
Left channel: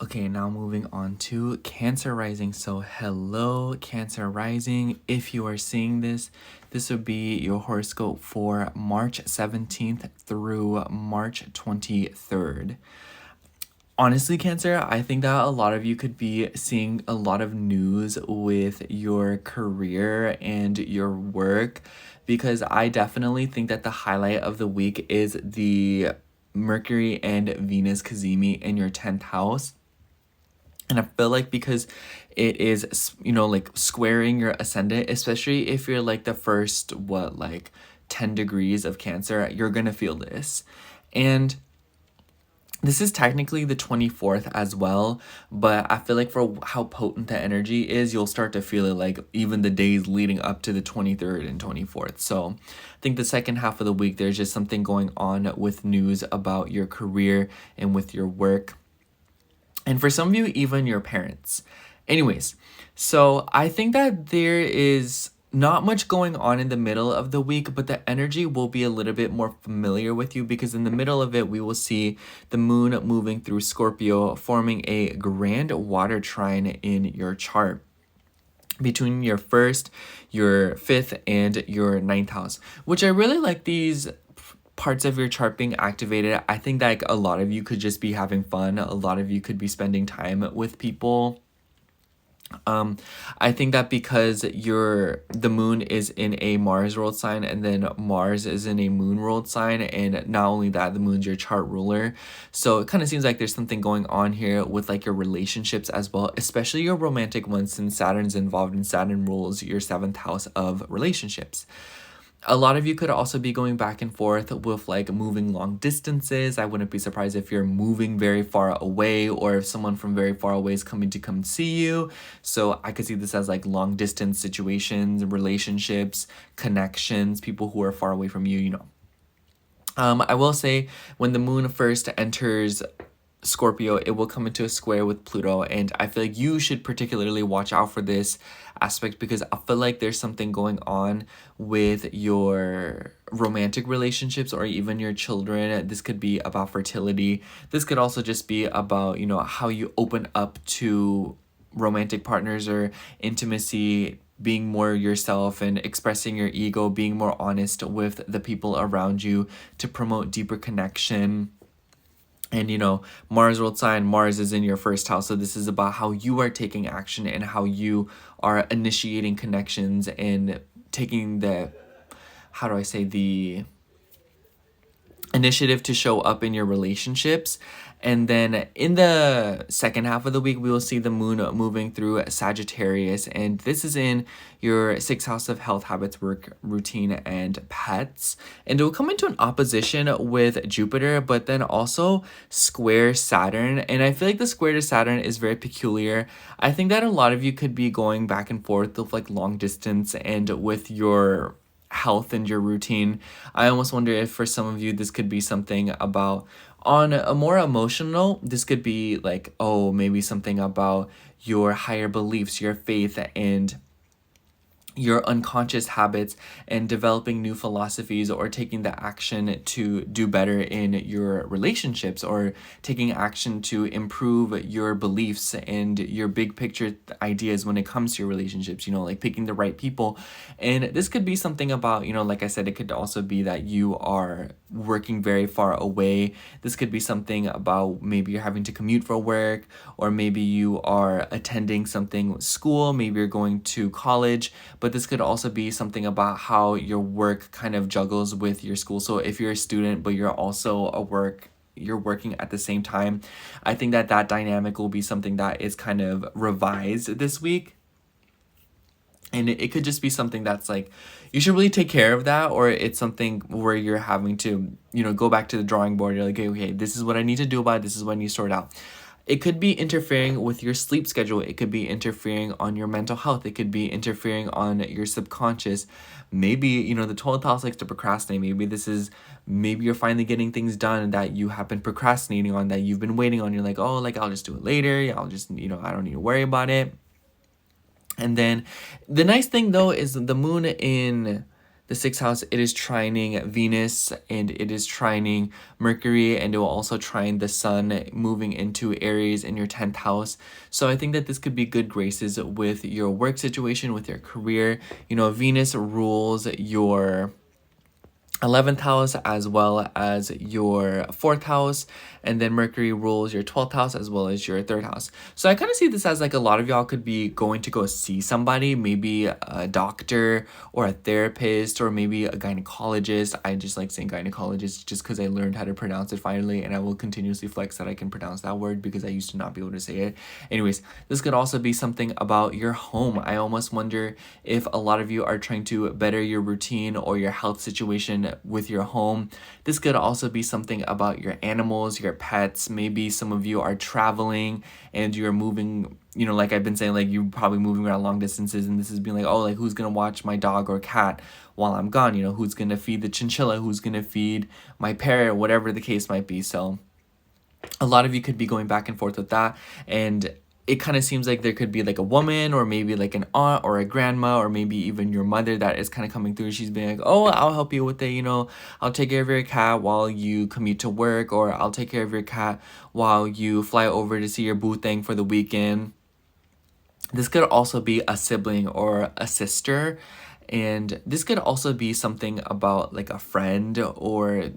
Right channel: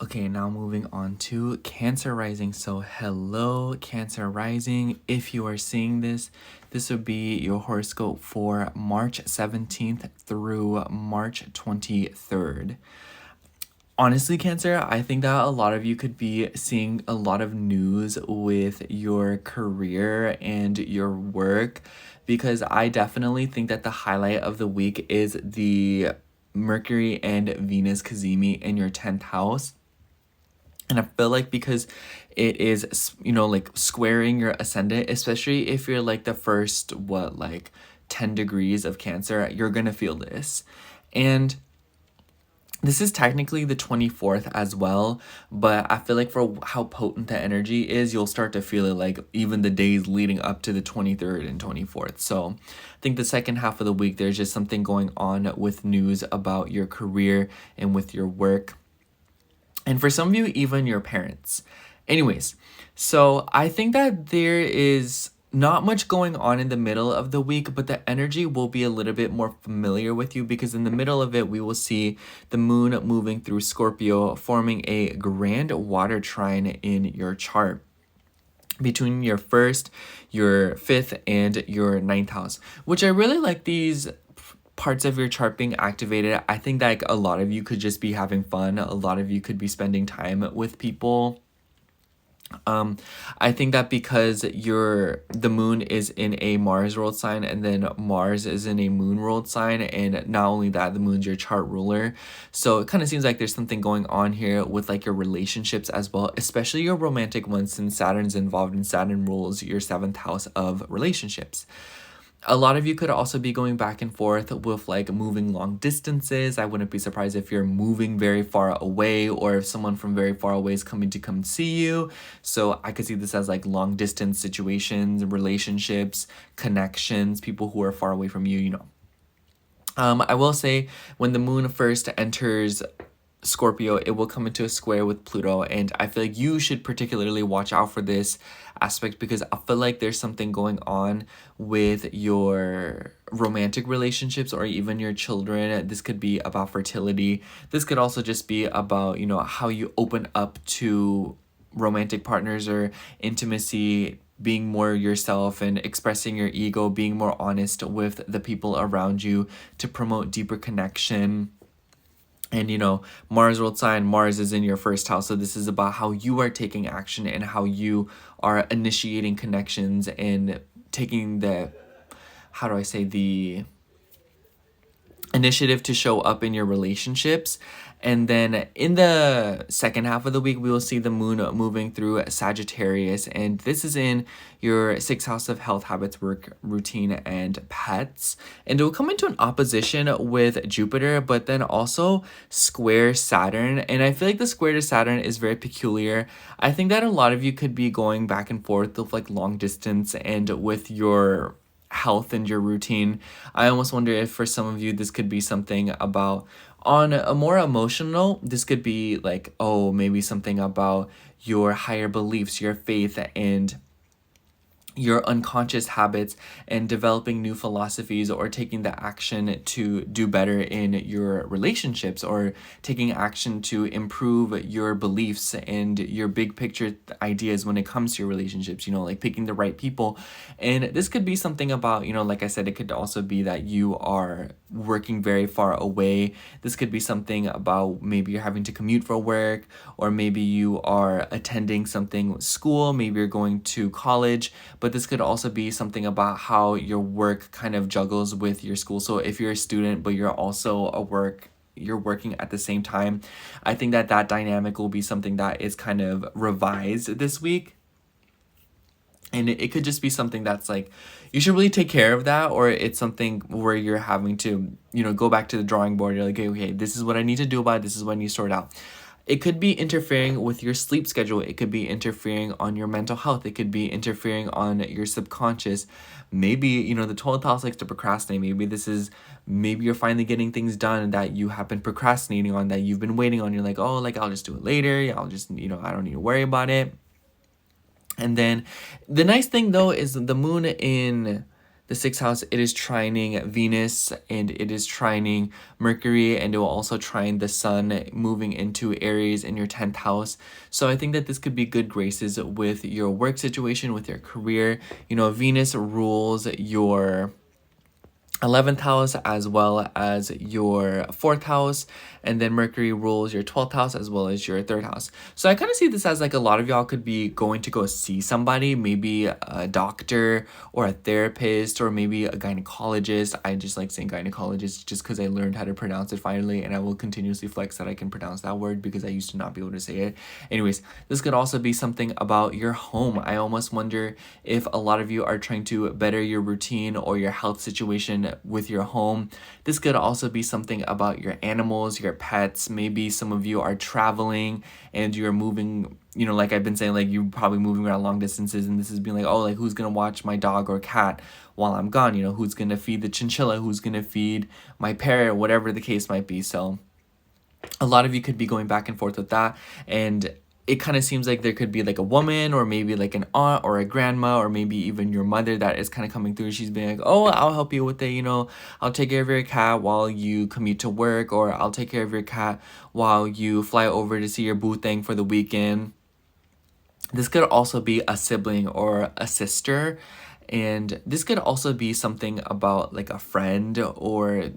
Okay, now moving on to Cancer rising. So hello, Cancer rising. If you are seeing this, this would be your horoscope for March 17th through March 23rd. Honestly, Cancer, I think that a lot of you could be seeing a lot of news with your career and your work, because I definitely think that the highlight of the week is the Mercury and Venus cazimi in your 10th house. And I feel like because it is, like squaring your ascendant, especially if you're like the first, 10 degrees of Cancer, you're going to feel this. And this is technically the 24th as well, but I feel like for how potent the energy is, you'll start to feel it like even the days leading up to the 23rd and 24th. So I think the second half of the week, there's just something going on with news about your career and with your work. And for some of you, even your parents. Anyways, so I think that there is not much going on in the middle of the week, but the energy will be a little bit more familiar with you, because in the middle of it, we will see the moon moving through Scorpio, forming a grand water trine in your chart between your first, your 5th, and your 9th house, which I really like these parts of your chart being activated. I think that like, a lot of you could just be having fun. A lot of you could be spending time with people. I think that because the moon is in a Mars ruled sign, and then Mars is in a moon ruled sign, and not only that, the moon's your chart ruler. So it kind of seems like there's something going on here with like your relationships as well, especially your romantic ones, since Saturn's involved, and Saturn rules your 7th house of relationships. A lot of you could also be going back and forth with like moving long distances. I wouldn't be surprised if you're moving very far away, or if someone from very far away is coming to come see you. So I could see this as like long distance situations, relationships, connections, people who are far away from you, I will say when the moon first enters Scorpio, it will come into a square with Pluto, and I feel like you should particularly watch out for this aspect, because I feel like there's something going on with your romantic relationships or even your children. This could be about fertility. This could also just be about, how you open up to romantic partners or intimacy, being more yourself and expressing your ego, being more honest with the people around you to promote deeper connection. And, Mars ruled sign, Mars is in your 1st house. So this is about how you are taking action and how you are initiating connections and taking the initiative to show up in your relationships. And then in the second half of the week, we will see the moon moving through Sagittarius. And this is in your 6th house of health, habits, work, routine, and pets. And it will come into an opposition with Jupiter, but then also square Saturn. And I feel like the square to Saturn is very peculiar. I think that a lot of you could be going back and forth with like long distance and with your health and your routine. I almost wonder if for some of you this could be something about, on a more emotional, this could be like, maybe something about your higher beliefs, your faith, and your unconscious habits and developing new philosophies, or taking the action to do better in your relationships, or taking action to improve your beliefs and your big picture ideas when it comes to your relationships, like picking the right people. And this could be something about, like I said, it could also be that you are working very far away. This could be something about maybe you're having to commute for work, or maybe you are attending something school, maybe you're going to college, but this could also be something about how your work kind of juggles with your school. So if you're a student but you're also you're working at the same time, I think that dynamic will be something that is kind of revised this week. And it could just be something that's like, you should really take care of that, or it's something where you're having to, go back to the drawing board. You're like, okay, this is what I need to do about it. This is what I need to sort out. It could be interfering with your sleep schedule. It could be interfering on your mental health. It could be interfering on your subconscious. Maybe, the 12th house likes to procrastinate. Maybe you're finally getting things done that you have been procrastinating on, that you've been waiting on. You're like, oh, like I'll just do it later. I'll just, I don't need to worry about it. And then the nice thing though is the moon in the 6th house, it is trining Venus and it is trining Mercury, and it will also trine the sun moving into Aries in your 10th house. So I think that this could be good graces with your work situation, with your career. Venus rules your 11th house as well as your 4th house, and then Mercury rules your 12th house as well as your 3rd house. So I kind of see this as like a lot of y'all could be going to go see somebody, maybe a doctor or a therapist or maybe a gynecologist. I just like saying gynecologist just because I learned how to pronounce it finally, and I will continuously flex that I can pronounce that word because I used to not be able to say it. Anyways, this could also be something about your home. I almost wonder if a lot of you are trying to better your routine or your health situation with your home. This could also be something about your animals, your pets. Maybe some of you are traveling and you're moving, like I've been saying, like you're probably moving around long distances, and this is being like, oh, like who's gonna watch my dog or cat while I'm gone? Who's gonna feed the chinchilla? Who's gonna feed my parrot? Whatever the case might be. So a lot of you could be going back and forth with that, and it kind of seems like there could be like a woman or maybe like an aunt or a grandma or maybe even your mother that is kind of coming through. She's being like, oh, I'll help you with it, I'll take care of your cat while you commute to work, or I'll take care of your cat while you fly over to see your boo thing for the weekend. This could also be a sibling or a sister, and this could also be something about like a friend or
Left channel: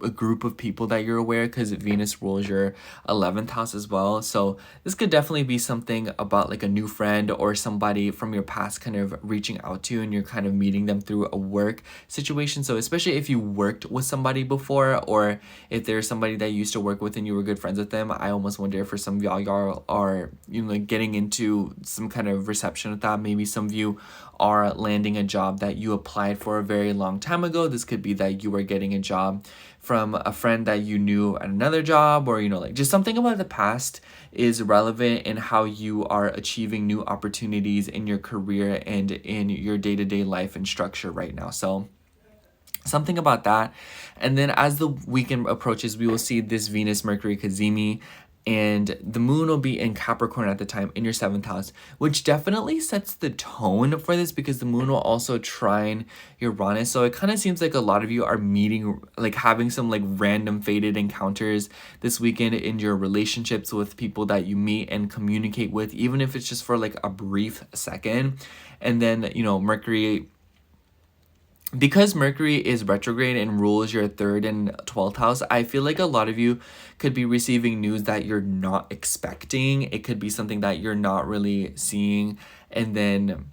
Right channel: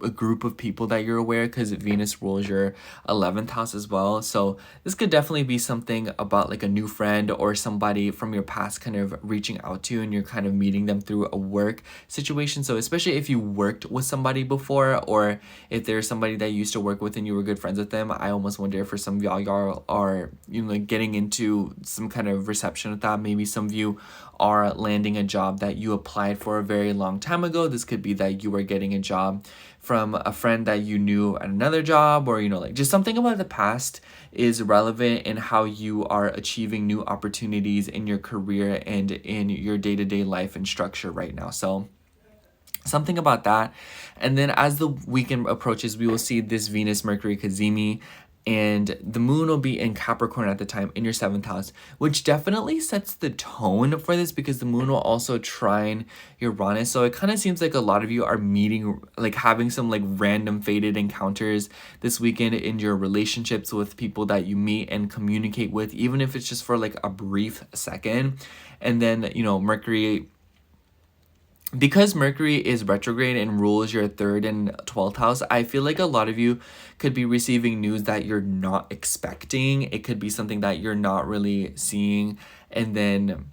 a group of people that you're aware, because Venus rules your 11th house as well. So this could definitely be something about like a new friend or somebody from your past kind of reaching out to you, and you're kind of meeting them through a work situation. So especially if you worked with somebody before, or if there's somebody that you used to work with and you were good friends with them, I almost wonder if for some of y'all are like getting into some kind of reception with that. Maybe some of you are landing a job that you applied for a very long time ago. This could be that you are getting a job from a friend that you knew at another job, or like just something about the past is relevant in how you are achieving new opportunities in your career and in your day-to-day life and structure right now. So something about that. And then as the weekend approaches, we will see this Venus Mercury cazimi, and the moon will be in Capricorn at the time in your 7th house, which definitely sets the tone for this because the moon will also trine Uranus. So it kind of seems like a lot of you are meeting, like having some like random fated encounters this weekend in your relationships with people that you meet and communicate with, even if it's just for like a brief second. And then, Mercury, because Mercury is retrograde and rules your 3rd and 12th house, I feel like a lot of you could be receiving news that you're not expecting. It could be something that you're not really seeing. And then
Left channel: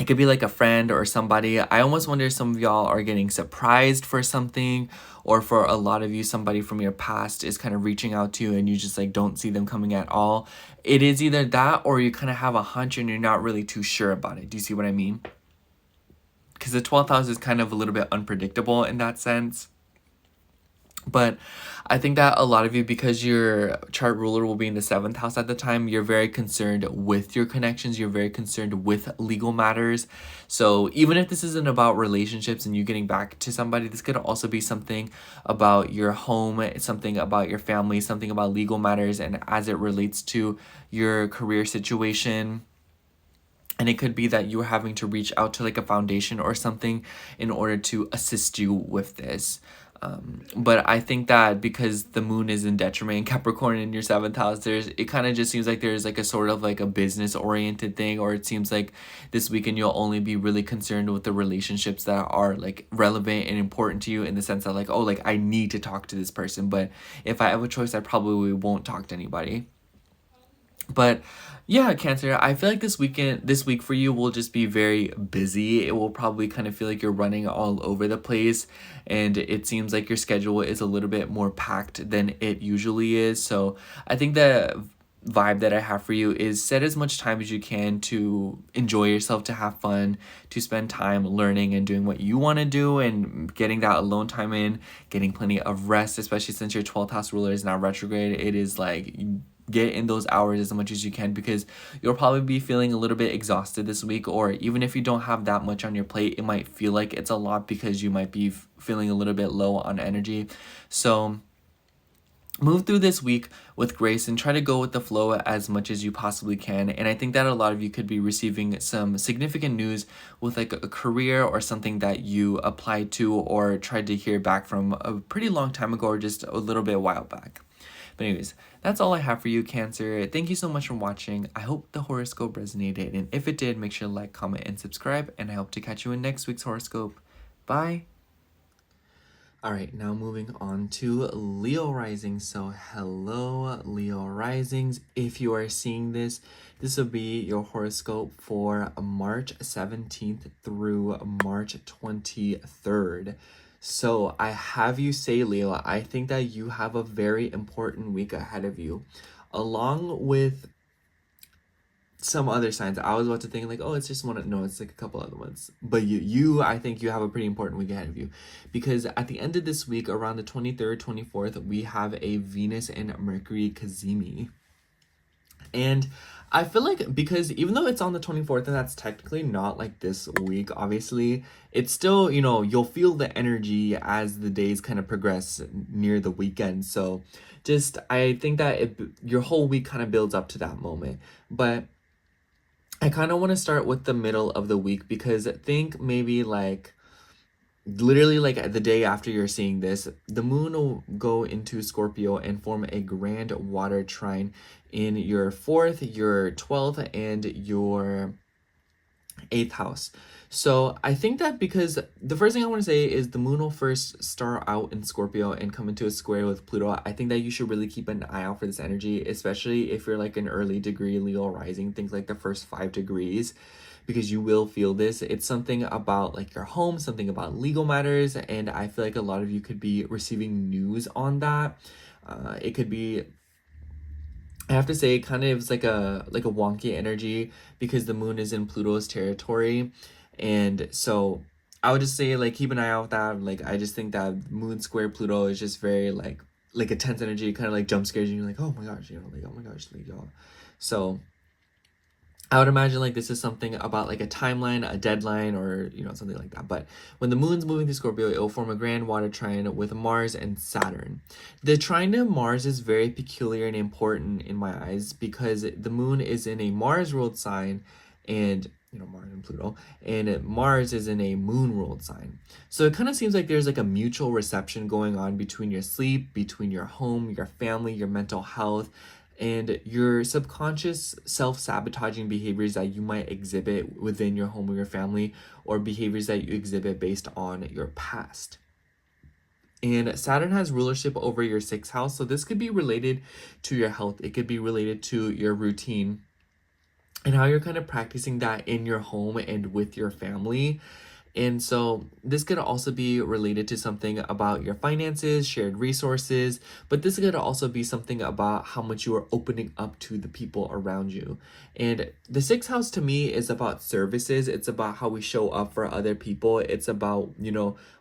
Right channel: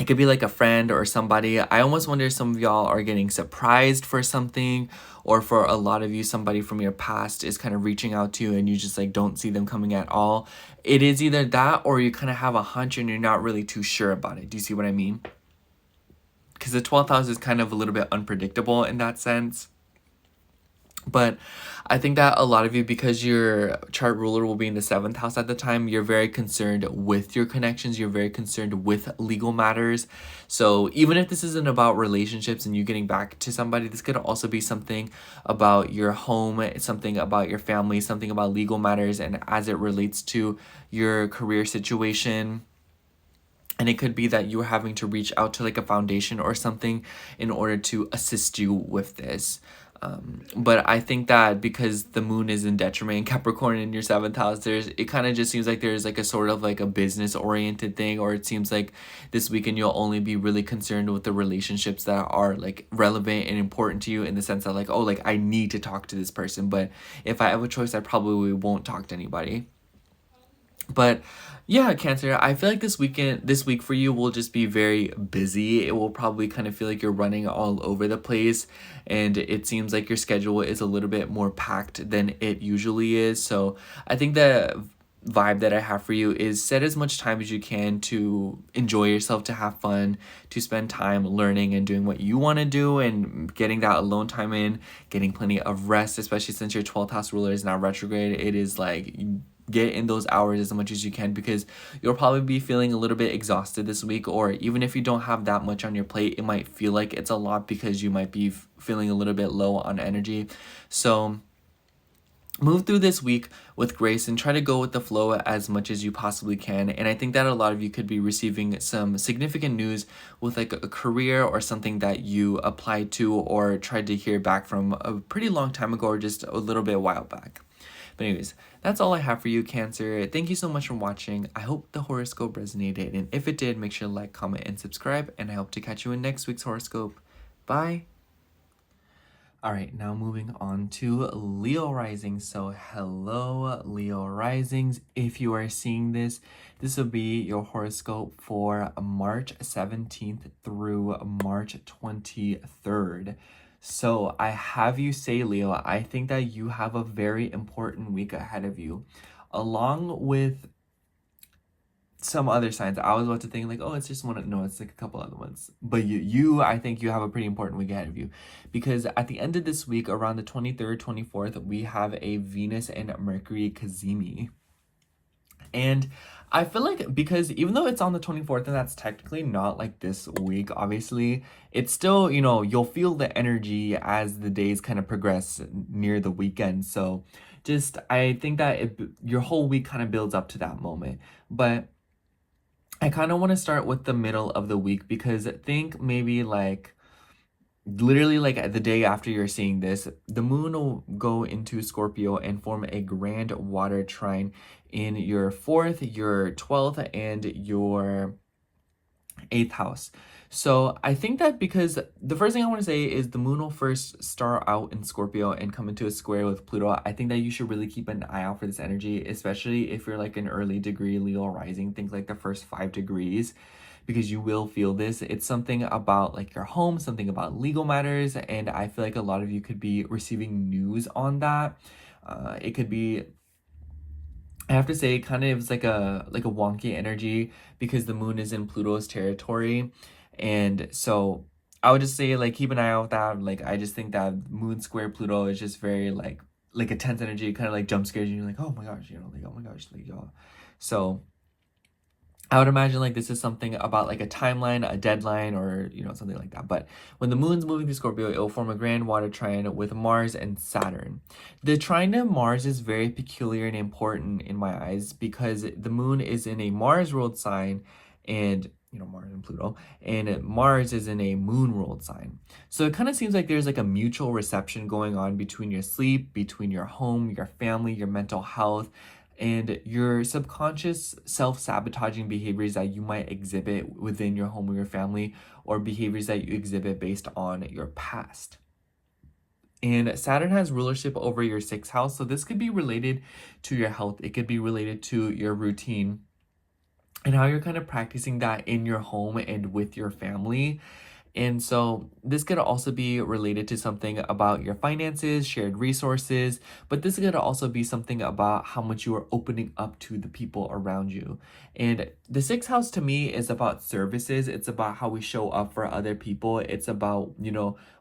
it could be like a friend or somebody. I almost wonder if some of y'all are getting surprised for something, or for a lot of you, somebody from your past is kind of reaching out to you and you just like don't see them coming at all. It is either that or you kind of have a hunch and you're not really too sure about it. Do you see what I mean? Because the 12th house is kind of a little bit unpredictable in that sense. But I think that a lot of you, because your chart ruler will be in the 7th house at the time, you're very concerned with your connections. You're very concerned with legal matters. So even if this isn't about relationships and you getting back to somebody, this could also be something about your home, something about your family, something about legal matters, and as it relates to your career situation. And it could be that you are having to reach out to like a foundation or something in order to assist you with this. But I think that because the moon is in detriment in Capricorn in your 7th house, it kind of just seems like there's like a sort of like a business oriented thing, or it seems like this weekend you'll only be really concerned with the relationships that are like relevant and important to you, in the sense that like, oh, like I need to talk to this person, but if I have a choice, I probably won't talk to anybody. But yeah, Cancer, I feel like this week for you will just be very busy. It will probably kind of feel like you're running all over the place, and it seems like your schedule is a little bit more packed than it usually is. So I think the vibe that I have for you is set as much time as you can to enjoy yourself, to have fun, to spend time learning and doing what you want to do, and getting that alone time in, getting plenty of rest, especially since your 12th house ruler is now retrograde. It is like, get in those hours as much as you can, because you'll probably be feeling a little bit exhausted this week, or even if you don't have that much on your plate, it might feel like it's a lot because you might be feeling a little bit low on energy. So move through this week with grace and try to go with the flow as much as you possibly can. And I think that a lot of you could be receiving some significant news with like a career or something that you applied to or tried to hear back from a pretty long time ago, or just a little bit while back. But anyways, that's all I have for you, Cancer. Thank you so much for watching. I hope the horoscope resonated, and if it did, make sure to like, comment, and subscribe, and I hope to catch you in next week's horoscope. Bye! Alright, now moving on to Leo rising. So hello, Leo risings. If you are seeing this, this will be your horoscope for March 17th through March 23rd. So I have you say, Leo, I think that you have a very important week ahead of you, along with some other signs. I was about to think like, oh, it's just one. No, it's like a couple other ones. But I think you have a pretty important week ahead of you, because at the end of this week, around the 23rd, 24th, we have a Venus and Mercury Cazimi. And I feel like, because even though it's on the 24th, and that's technically not like this week, obviously, it's still, you'll feel the energy as the days kind of progress near the weekend. So just, I think that your whole week kind of builds up to that moment. But I kind of want to start with the middle of the week, because think maybe like literally like the day after you're seeing this, the moon will go into Scorpio and form a grand water trine in your 4th, your 12th, and your 8th house. So I think that, because the first thing I want to say is the moon will first start out in Scorpio and come into a square with Pluto. I think that you should really keep an eye out for this energy, especially if you're like an early degree Leo rising, think like the first 5 degrees, because you will feel this. It's something about like your home, something about legal matters, and I feel like a lot of you could be receiving news on that. It could be, I have to say, kind of is like a wonky energy, because the moon is in Pluto's territory. And so I would just say like keep an eye out with that. Like I just think that moon square Pluto is just very like a tense energy, kind of like jump scares you. You're like, oh my gosh, like, oh my gosh, like, so I would imagine like this is something about like a timeline, a deadline, or something like that. But when the moon's moving through Scorpio, it will form a grand water trine with Mars and Saturn. The trine to Mars is very peculiar and important in my eyes, because the moon is in a Mars ruled sign, and Mars and Pluto, and Mars is in a moon ruled sign. So it kind of seems like there's like a mutual reception going on between your sleep, between your home, your family, your mental health, and your subconscious self-sabotaging behaviors that you might exhibit within your home or your family, or behaviors that you exhibit based on your past. And Saturn has rulership over your 6th house, so this could be related to your health. It could be related to your routine and how you're kind of practicing that in your home and with your family. And so this could also be related to something about your finances, shared resources, but this could also be something about how much you are opening up to the people around you. And the 6th house to me is about services. It's about how we show up for other people. It's about,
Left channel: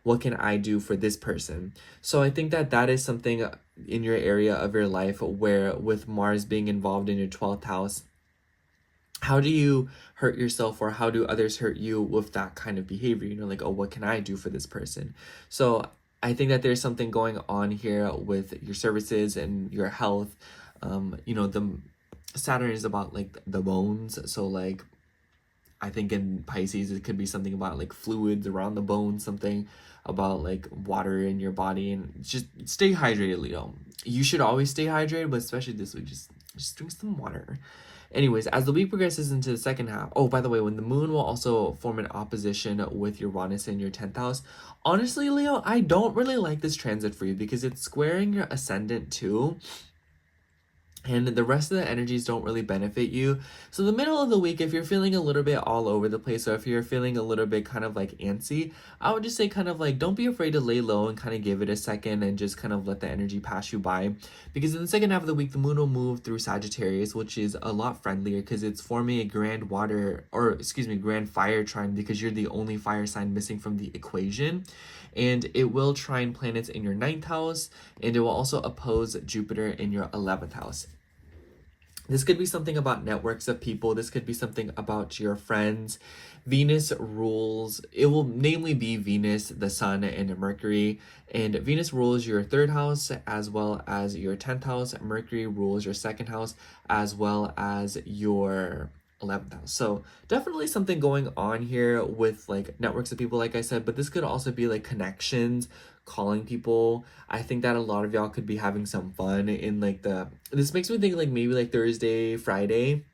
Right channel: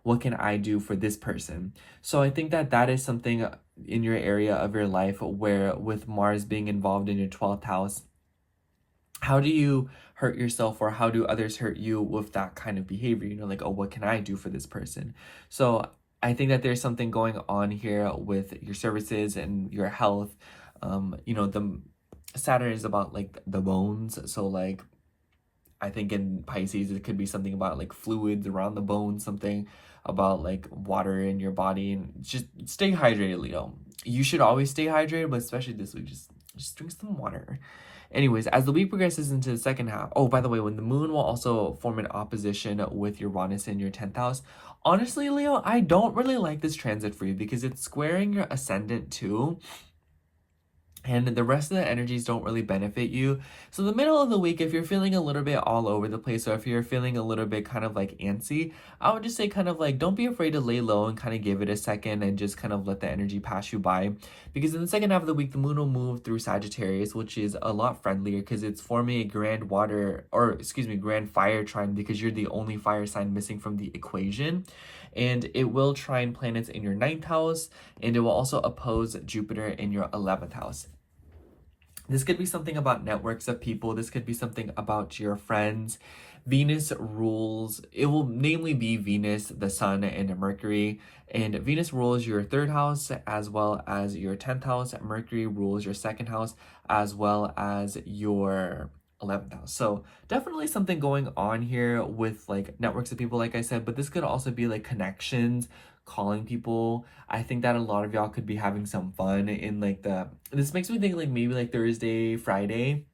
what can I do for this person? So I think that that is something in your area of your life where, with Mars being involved in your 12th house, how do you hurt yourself, or how do others hurt you with that kind of behavior? Like, oh, what can I do for this person? So I think that there's something going on here with your services and your health. The Saturn is about like the bones. So like I think in Pisces, it could be something about like fluids around the bones, something about like water in your body, and just stay hydrated, Leo. You should always stay hydrated, but especially this week, just drink some water. Anyways, as the week progresses into the second half, oh, by the way, when the moon will also form an opposition with Uranus in your 10th house, honestly, Leo, I don't really like this transit for you because it's squaring your ascendant too. And the rest of the energies don't really benefit you. So the middle of the week, if you're feeling a little bit all over the place, or if you're feeling a little bit kind of like antsy, I would just say kind of like, don't be afraid to lay low and kind of give it a second and just kind of let the energy pass you by. Because in the second half of the week, the moon will move through Sagittarius, which is a lot friendlier because it's forming a grand fire trine, because you're the only fire sign missing from the equation. And it will trine planets in your 9th house, and it will also oppose Jupiter in your 11th house. This could be something about networks of people. This could be something about your friends. Venus rules, it will namely be Venus, the Sun, and Mercury. And Venus rules your 3rd house as well as your 10th house. Mercury rules your 2nd house as well as your 11th house. So definitely something going on here with like networks of people, like I said, but this could also be like connections, calling people. I think that a lot of y'all could be having some fun in like this makes me think like maybe like Thursday, Friday.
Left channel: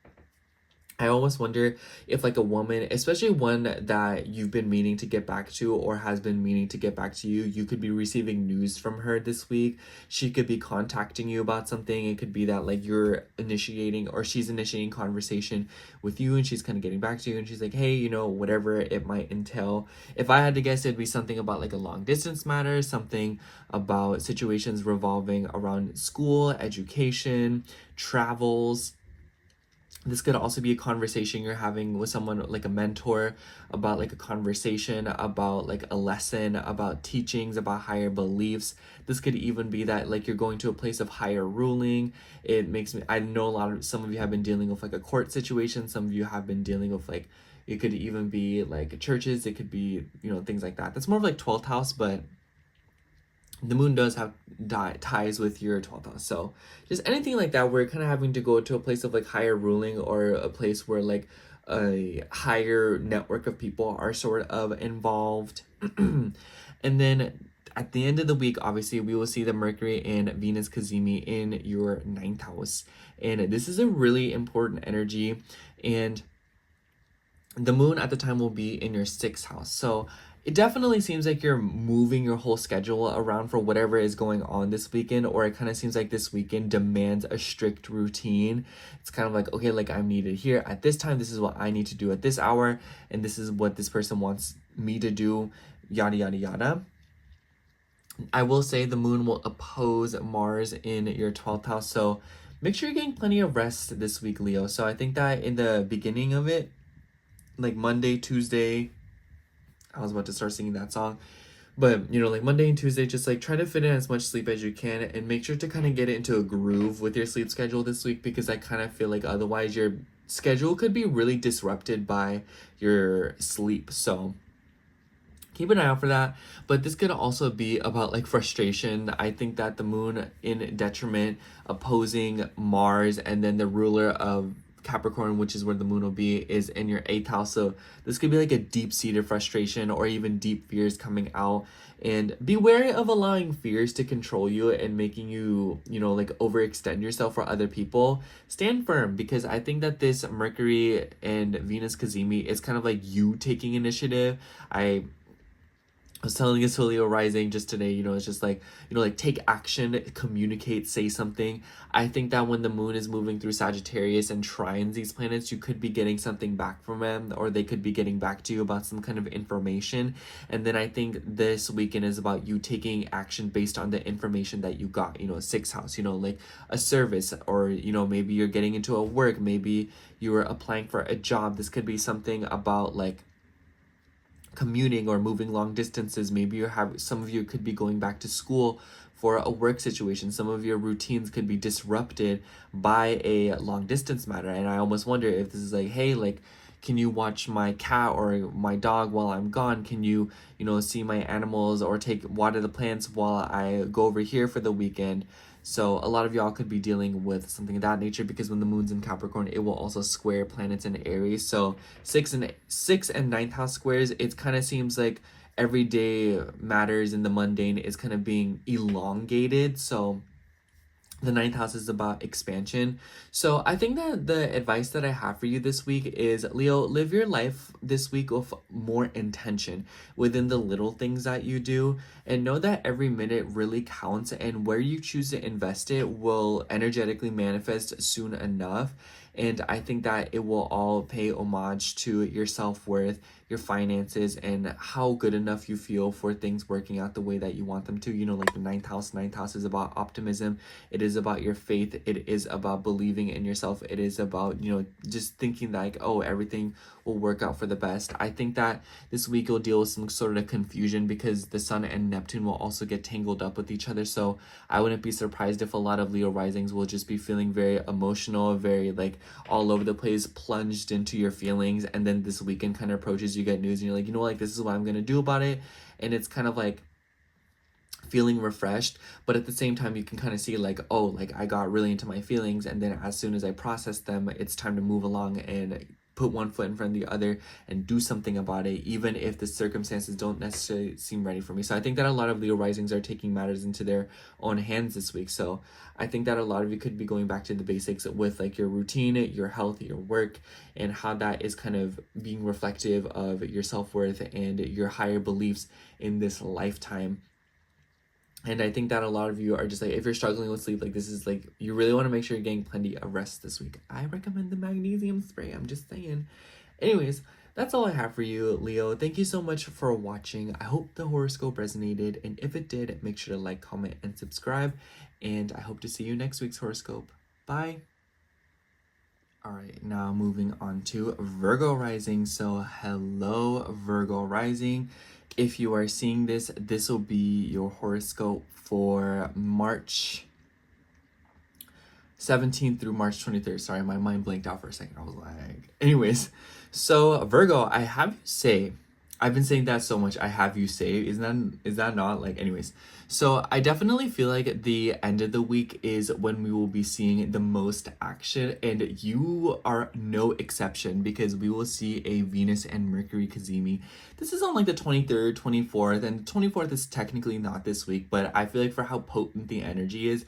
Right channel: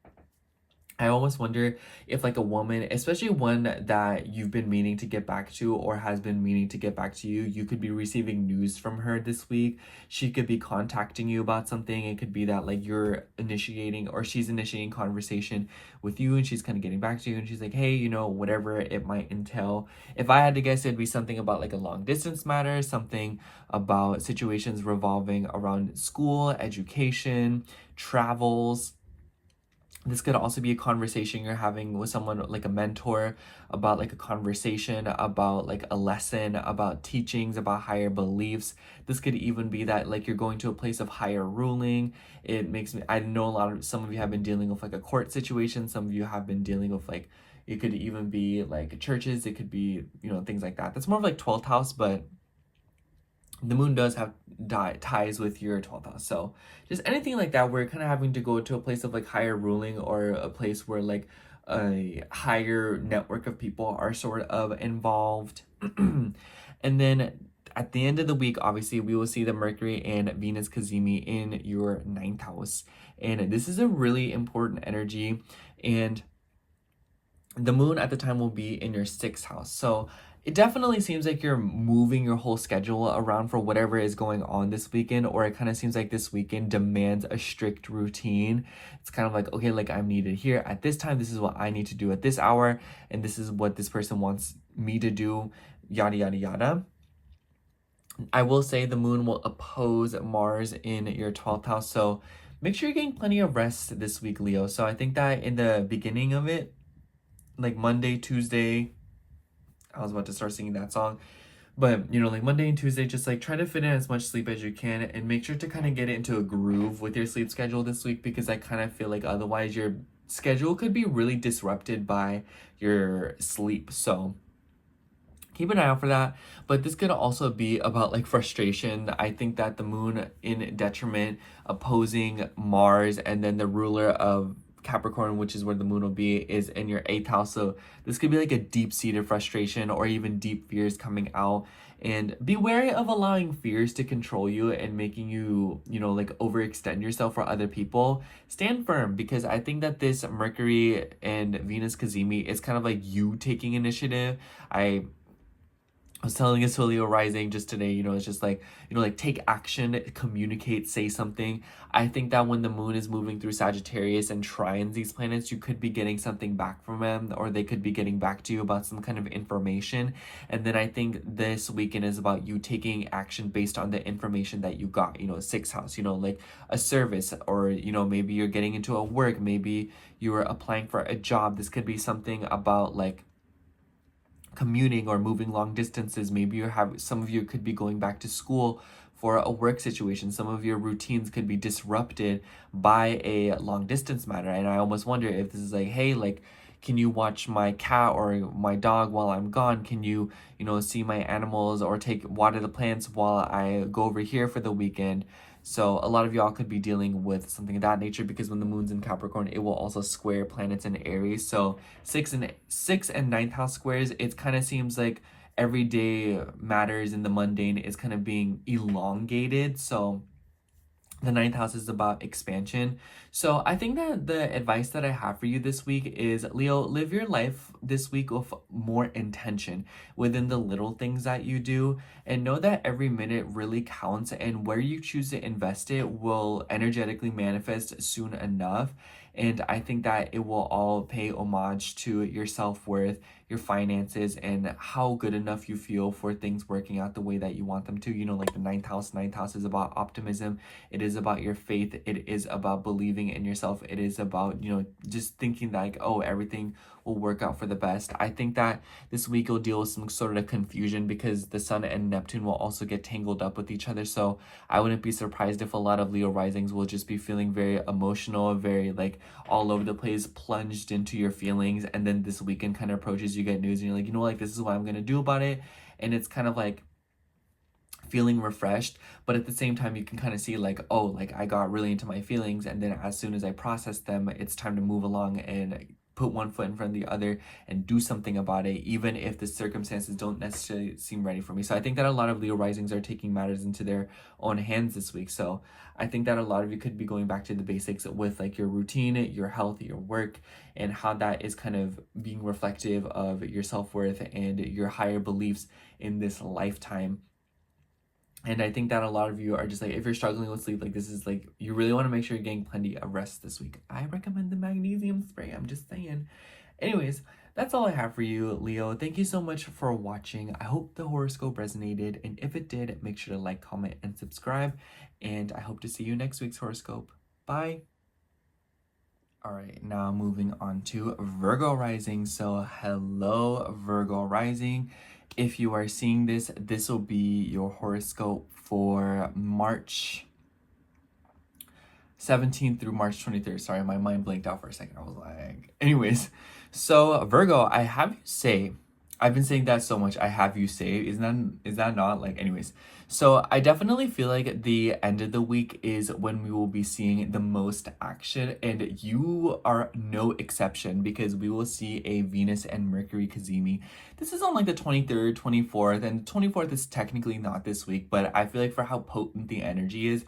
I almost wonder if like a woman, especially one that you've been meaning to get back to or has been meaning to get back to you, you could be receiving news from her this week. She could be contacting you about something. It could be that like you're initiating or she's initiating conversation with you and she's kind of getting back to you and she's like, hey, you know, whatever it might entail. If I had to guess, it'd be something about like a long distance matter, something about situations revolving around school, education, travels. This could also be a conversation you're having with someone like a mentor about like a conversation about like a lesson, about teachings, about higher beliefs. This could even be that like you're going to a place of higher ruling. It makes me, I know some of you have been dealing with like a court situation. Some of you have been dealing with like, it could even be like churches. It could be, you know, things like that. That's more of like 12th house, but the moon does have ties with your 12th house. So just anything like that where you're kind of having to go to a place of like higher ruling or a place where like a higher network of people are sort of involved. And then at the end of the week, obviously, we will see the Mercury and Venus Cazimi in your 9th house. And this is a really important energy. And the moon at the time will be in your 6th house. So it definitely seems like you're moving your whole schedule around for whatever is going on this weekend, or it kind of seems like this weekend demands a strict routine. It's kind of like, okay, like I'm needed here at this time. This is what I need to do at this hour, and this is what this person wants me to do, yada, yada, yada. I will say the moon will oppose Mars in your 12th house, so make sure you're getting plenty of rest this week, Leo. So I think that in the beginning of it, like Monday, Tuesday, I was about to start singing that song, but you know, like Monday and Tuesday, just like try to fit in as much sleep as you can and make sure to kind of get it into a groove with your sleep schedule this week, because I kind of feel like otherwise your schedule could be really disrupted by your sleep. So keep an eye out for that. But this could also be about like frustration. I think that the moon in detriment opposing Mars, and then the ruler of Capricorn, which is where the moon will be, is in your 8th house. So this could be like a deep-seated frustration or even deep fears coming out. And be wary of allowing fears to control you and making you, you know, like overextend yourself for other people. Stand firm, because I think that this Mercury and Venus Cazimi is kind of like you taking initiative. I was telling this to Leo rising just today, you know, it's just like, you know, like take action, communicate, say something. I think that when the moon is moving through Sagittarius and trines these planets, you could be getting something back from them, or they could be getting back to you about some kind of information. And then I think this weekend is about you taking action based on the information that you got, you know, 6th house, you know, like a service, or, you know, maybe you're getting into a work, maybe you're applying for a job. This could be something about like commuting or moving long distances. Maybe you have, some of you could be going back to school for a work situation. Some of your routines could be disrupted by a long distance matter. And I almost wonder if this is like, hey, like, can you watch my cat or my dog while I'm gone? Can you, you know, see my animals or water the plants while I go over here for the weekend? So a lot of y'all could be dealing with something of that nature, because when the moon's in Capricorn, it will also square planets in Aries. So sixth and ninth house squares, it kind of seems like everyday matters in the mundane is kind of being elongated. So the ninth house is about expansion. So I think that the advice that I have for you this week is, Leo, live your life this week with more intention within the little things that you do, and know that every minute really counts, and where you choose to invest it will energetically manifest soon enough. And I think that it will all pay homage to your self-worth, your finances, and how good enough you feel for things working out the way that you want them to. You know, like the ninth house. Ninth house is about optimism. It is about your faith. It is about believing in yourself. It is about, you know, just thinking like, oh, everything will work out for the best. I think that this week you'll deal with some sort of confusion, because the Sun and Neptune will also get tangled up with each other. So I wouldn't be surprised if a lot of Leo risings will just be feeling very emotional, very like all over the place, plunged into your feelings. And then this weekend kind of approaches, you get news and you're like, you know, like, this is what I'm gonna do about it. And it's kind of like feeling refreshed, but at the same time you can kind of see like, oh, like I got really into my feelings, and then as soon as I process them, it's time to move along and put one foot in front of the other and do something about it, even if the circumstances don't necessarily seem ready for me. So I think that a lot of Leo risings are taking matters into their own hands this week. So I think that a lot of you could be going back to the basics with like your routine, your health, your work, and how that is kind of being reflective of your self-worth and your higher beliefs in this lifetime. And I think that a lot of you are just like, if you're struggling with sleep, like this is like, you really want to make sure you're getting plenty of rest this week. I recommend the magnesium spray. I'm just saying. Anyways, that's all I have for you, Leo. Thank you so much for watching. I hope the horoscope resonated. And if it did, make sure to like, comment, and subscribe. And I hope to see you next week's horoscope. Bye. All right, now moving on to Virgo rising. So hello, Virgo rising. If you are seeing this, this will be your horoscope for March 17th through March 23rd. Sorry, my mind blanked out for a second. I was like, anyways. So Virgo, I have you say, I've been saying that so much. I have you say, is that not like, anyways. So I definitely feel like the end of the week is when we will be seeing the most action, and you are no exception, because we will see a Venus and Mercury cazimi. This is on like the 23rd, 24th, and 24th is technically not this week, but I feel like for how potent the energy is,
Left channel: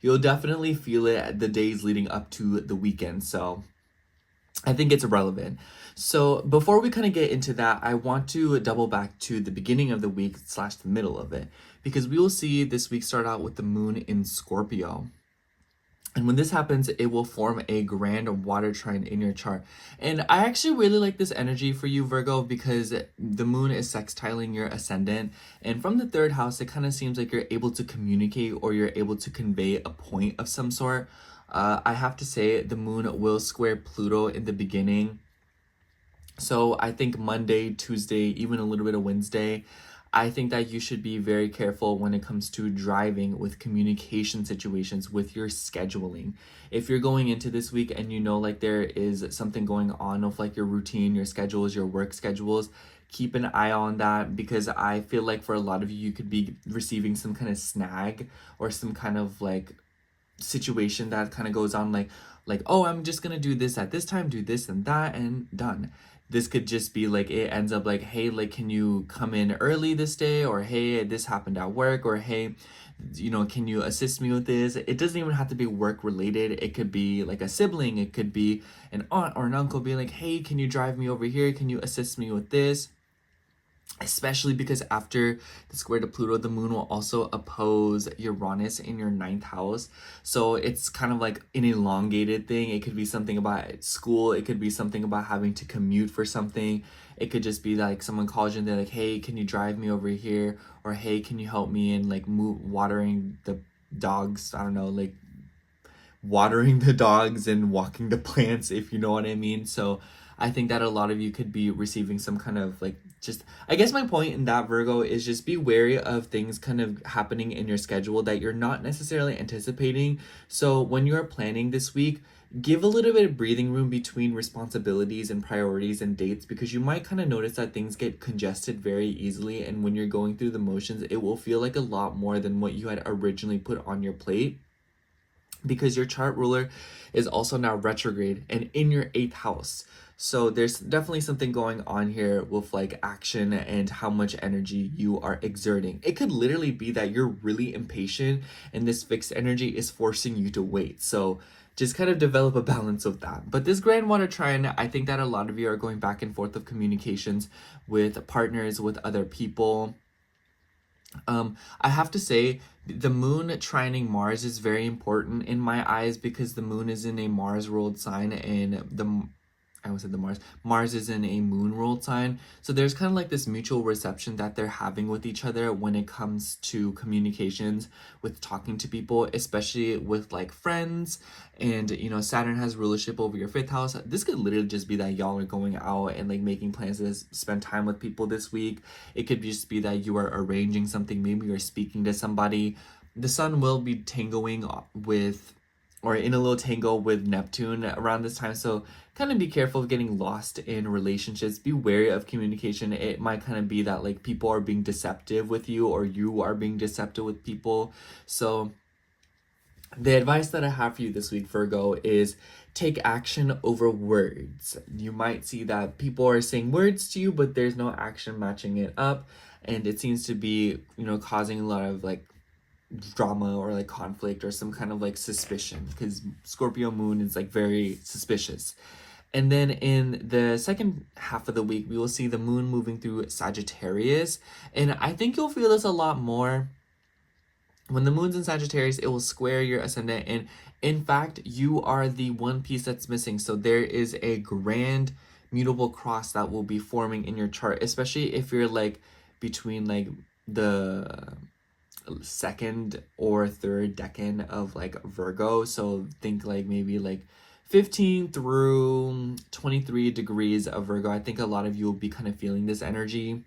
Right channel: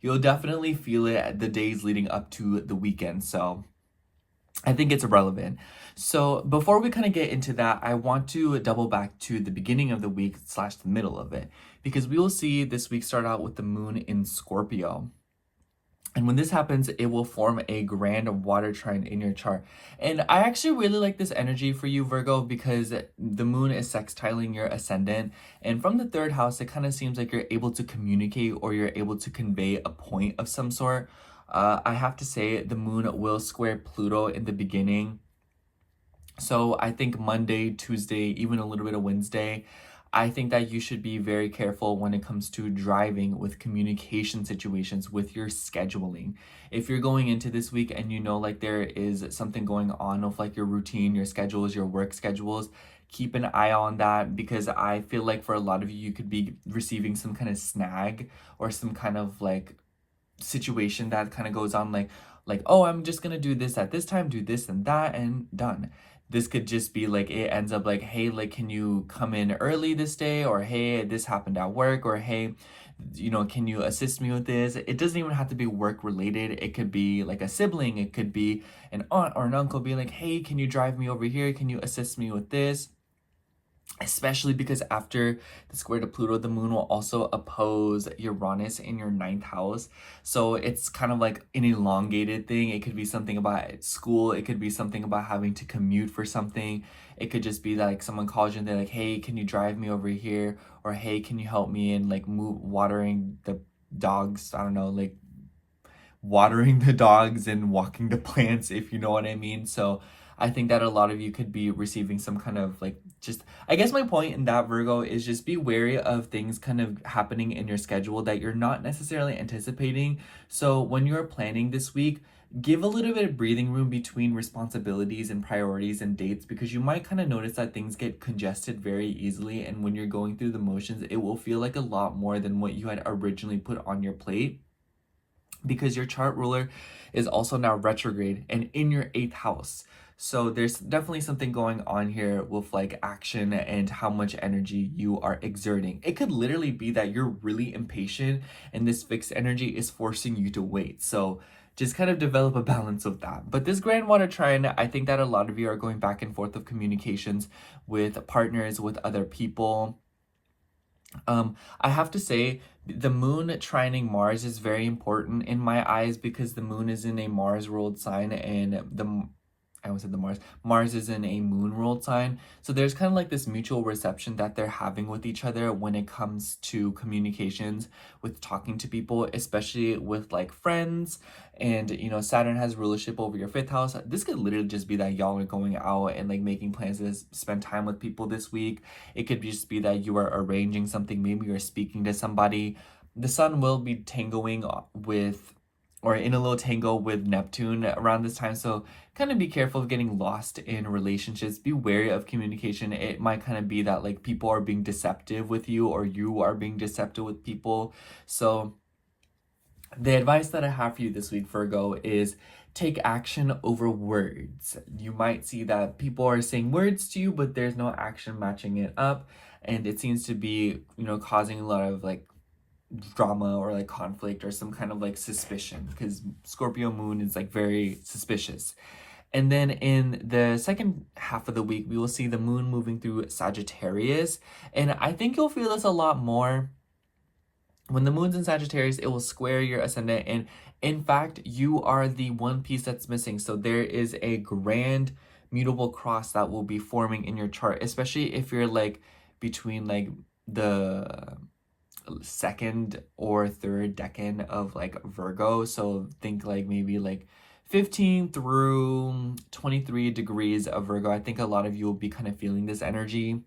you'll definitely feel it the days leading up to the weekend. So I think it's relevant. So before we kind of get into that, I want to double back to the beginning of the week / the middle of it, because we will see this week start out with the moon in Scorpio. And when this happens, it will form a grand water trine in your chart. And I actually really like this energy for you, Virgo, because the moon is sextiling your ascendant. And from the third house, it kind of seems like you're able to communicate, or you're able to convey a point of some sort. I have to say, the moon will square Pluto in the beginning. So I think Monday, Tuesday, even a little bit of Wednesday, I think that you should be very careful when it comes to driving, with communication situations, with your scheduling. If you're going into this week and you know like there is something going on with like your routine, your schedules, your work schedules, keep an eye on that, because I feel like for a lot of you, you could be receiving some kind of snag or some kind of like situation that kind of goes on like, oh, I'm just gonna do this at this time, do this and that, and done. This could just be like, it ends up like, hey, like, can you come in early this day? Or hey, this happened at work. Or hey, you know, can you assist me with this? It doesn't even have to be work related. It could be like a sibling. It could be an aunt or an uncle being like, hey, can you drive me over here? Can you assist me with this? Especially because after the square to Pluto, the moon will also oppose Uranus in your ninth house. So it's kind of like an elongated thing. It could be something about school. It could be something about having to commute for something. It could just be like someone calls you and they're like, hey, can you drive me over here? Or hey, can you help me in like watering the dogs? I don't know, like watering the dogs and walking the plants, if you know what I mean. So I think that a lot of you could be receiving some kind of like, just, I guess my point in that, Virgo, is just be wary of things kind of happening in your schedule that you're not necessarily anticipating. So when you're planning this week, give a little bit of breathing room between responsibilities and priorities and dates, because you might kind of notice that things get congested very easily. And when you're going through the motions, it will feel like a lot more than what you had originally put on your plate. because your chart ruler is also now retrograde and in your 8th house. So there's definitely something going on here with like action and how much energy you are exerting. It could literally be that you're really impatient and this fixed energy is forcing you to wait. So just kind of develop a balance of that. But this grand water trine, I think that a lot of you are going back and forth of communications with partners, with other people. I have to say, the moon trining Mars is very important in my eyes because the moon is in a Mars ruled sign and I almost said the Mars is in a moon ruled sign. So there's kind of like this mutual reception that they're having with each other when it comes to communications, with talking to people, especially with like friends. And you know, Saturn has rulership over your 5th house. This could literally just be that y'all are going out and like making plans to spend time with people this week. It could just be that you are arranging something. Maybe you're speaking to somebody. The sun will be tangling with, or in a little tangle with Neptune around this time. So kind of be careful of getting lost in relationships. Be wary of communication. It might kind of be that like people are being deceptive with you or you are being deceptive with people. So the advice that I have for you this week, Virgo, is take action over words. You might see that people are saying words to you, but there's no action matching it up. And it seems to be, you know, causing a lot of like drama or like conflict or some kind of like suspicion, because Scorpio moon is like very suspicious. And then in the second half of the week, we will see the moon moving through Sagittarius. And I think you'll feel this a lot more. When the moon's in Sagittarius, it will square your ascendant. And in fact, you are the one piece that's missing. So there is a grand mutable cross that will be forming in your chart, especially if you're like between like the 2nd or 3rd decan of like Virgo. So think like maybe like 15 through 23 degrees of Virgo. I think a lot of you will be kind of feeling this energy.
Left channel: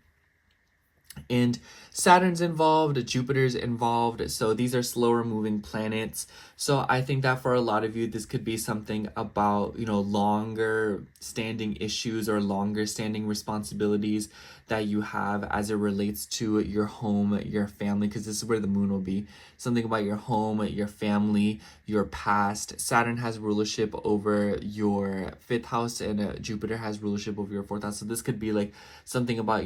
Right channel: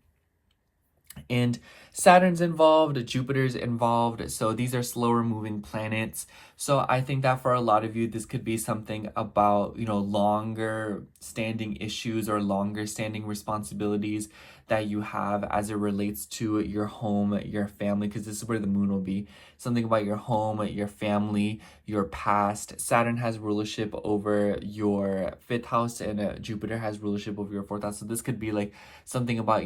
And Saturn's involved, Jupiter's involved, so these are slower moving planets. So I think that for a lot of you, this could be something about, you know, longer standing issues or longer standing responsibilities that you have as it relates to your home, your family, because this is where the moon will be. Something about your home, your family, your past. Saturn has rulership over your 5th house and Jupiter has rulership over your 4th house. So this could be like something about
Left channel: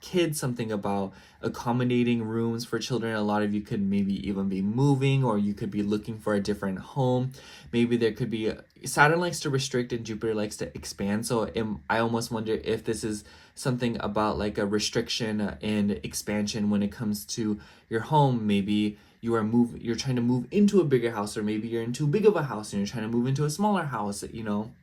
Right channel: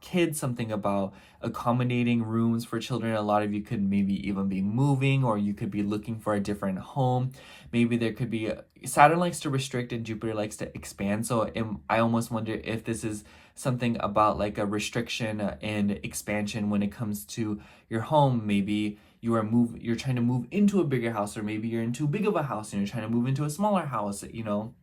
kids, something about accommodating rooms for children. A lot of you could maybe even be moving, or you could be looking for a different home. Maybe there could be Saturn likes to restrict and Jupiter likes to expand. So I almost wonder if this is something about like a restriction and expansion when it comes to your home. Maybe you're trying to move into a bigger house, or maybe you're in too big of a house and you're trying to move into a smaller house, you know.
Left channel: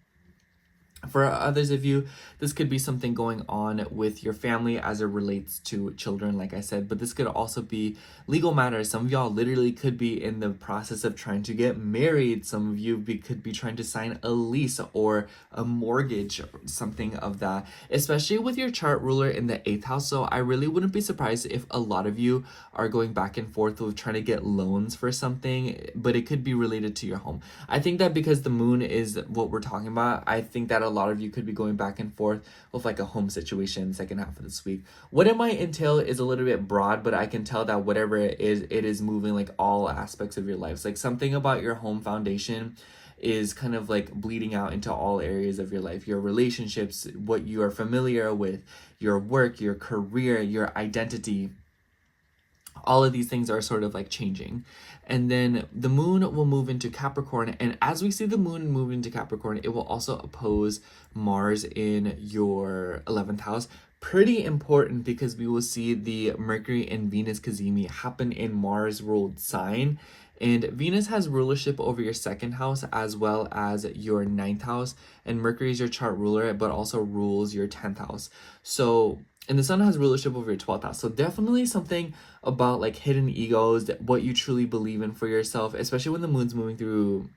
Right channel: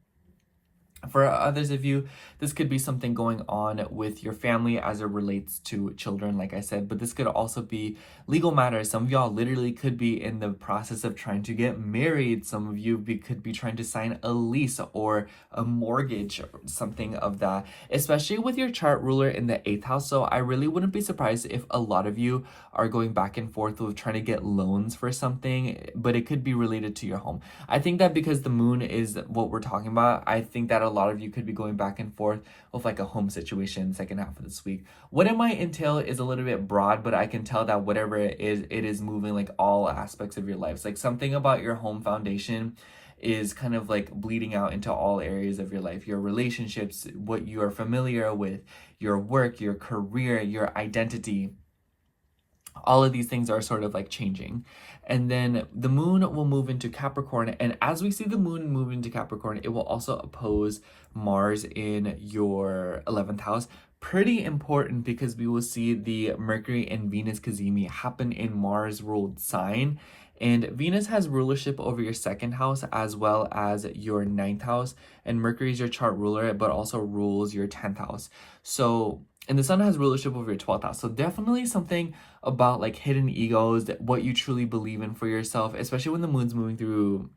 For others of you, this could be something going on with your family as it relates to children, like I said, but this could also be legal matters. Some of y'all literally could be in the process of trying to get married. Some of you could be trying to sign a lease or a mortgage, or something of that, especially with your chart ruler in the 8th house. So I really wouldn't be surprised if a lot of you are going back and forth with trying to get loans for something, but it could be related to your home. I think that because the moon is what we're talking about, I think that a lot of you could be going back and forth with like a home situation second half of this week. What it might entail is a little bit broad, but I can tell that whatever it is moving like all aspects of your life. It's like something about your home foundation is kind of like bleeding out into all areas of your life, your relationships, what you are familiar with, your work, your career, your identity. All of these things are sort of like changing. And then the moon will move into Capricorn. And as we see the moon move into Capricorn, it will also oppose Mars in your 11th house. Pretty important because we will see the Mercury and Venus cazimi happen in Mars ruled sign. And Venus has rulership over your 2nd house as well as your 9th house. And Mercury is your chart ruler, but also rules your 10th house. So, and the sun has rulership over your 12th house. So definitely something about like hidden egos, what you truly believe in for yourself, especially when the moon's moving through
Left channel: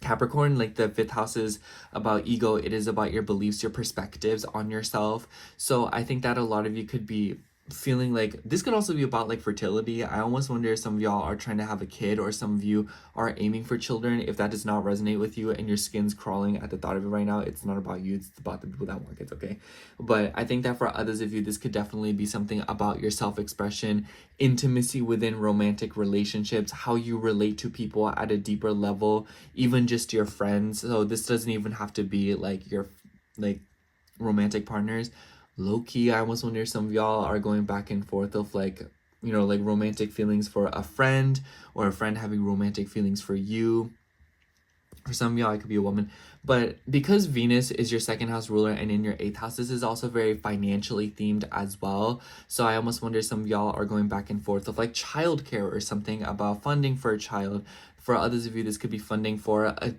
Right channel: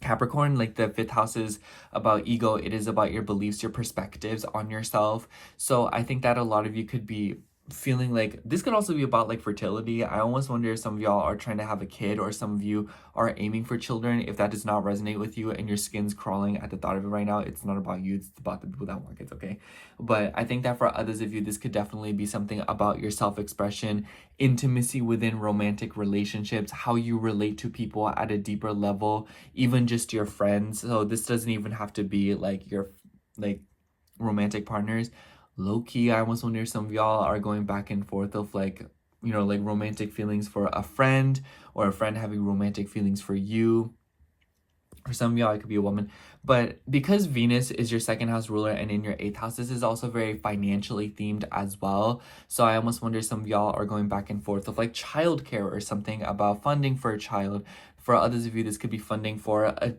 Capricorn. Like the 5th house is about ego. It is about your beliefs, your perspectives on yourself. So I think that a lot of you could be feeling like this could also be about like fertility. I almost wonder if some of y'all are trying to have a kid, or some of you are aiming for children. If that does not resonate with you and your skin's crawling at the thought of it right now, it's not about you, it's about the people that want kids, okay? But I think that for others of you, this could definitely be something about your self-expression, intimacy within romantic relationships, how you relate to people at a deeper level, even just your friends. So this doesn't even have to be like your like romantic partners. Low key, I almost wonder if some of y'all are going back and forth of like, you know, like romantic feelings for a friend, or a friend having romantic feelings for you. For some of y'all, it could be a woman. But because Venus is your second house ruler and in your eighth house, this is also very financially themed as well. So I almost wonder some of y'all are going back and forth of like childcare or something about funding for a child. For others of you, this could be funding for a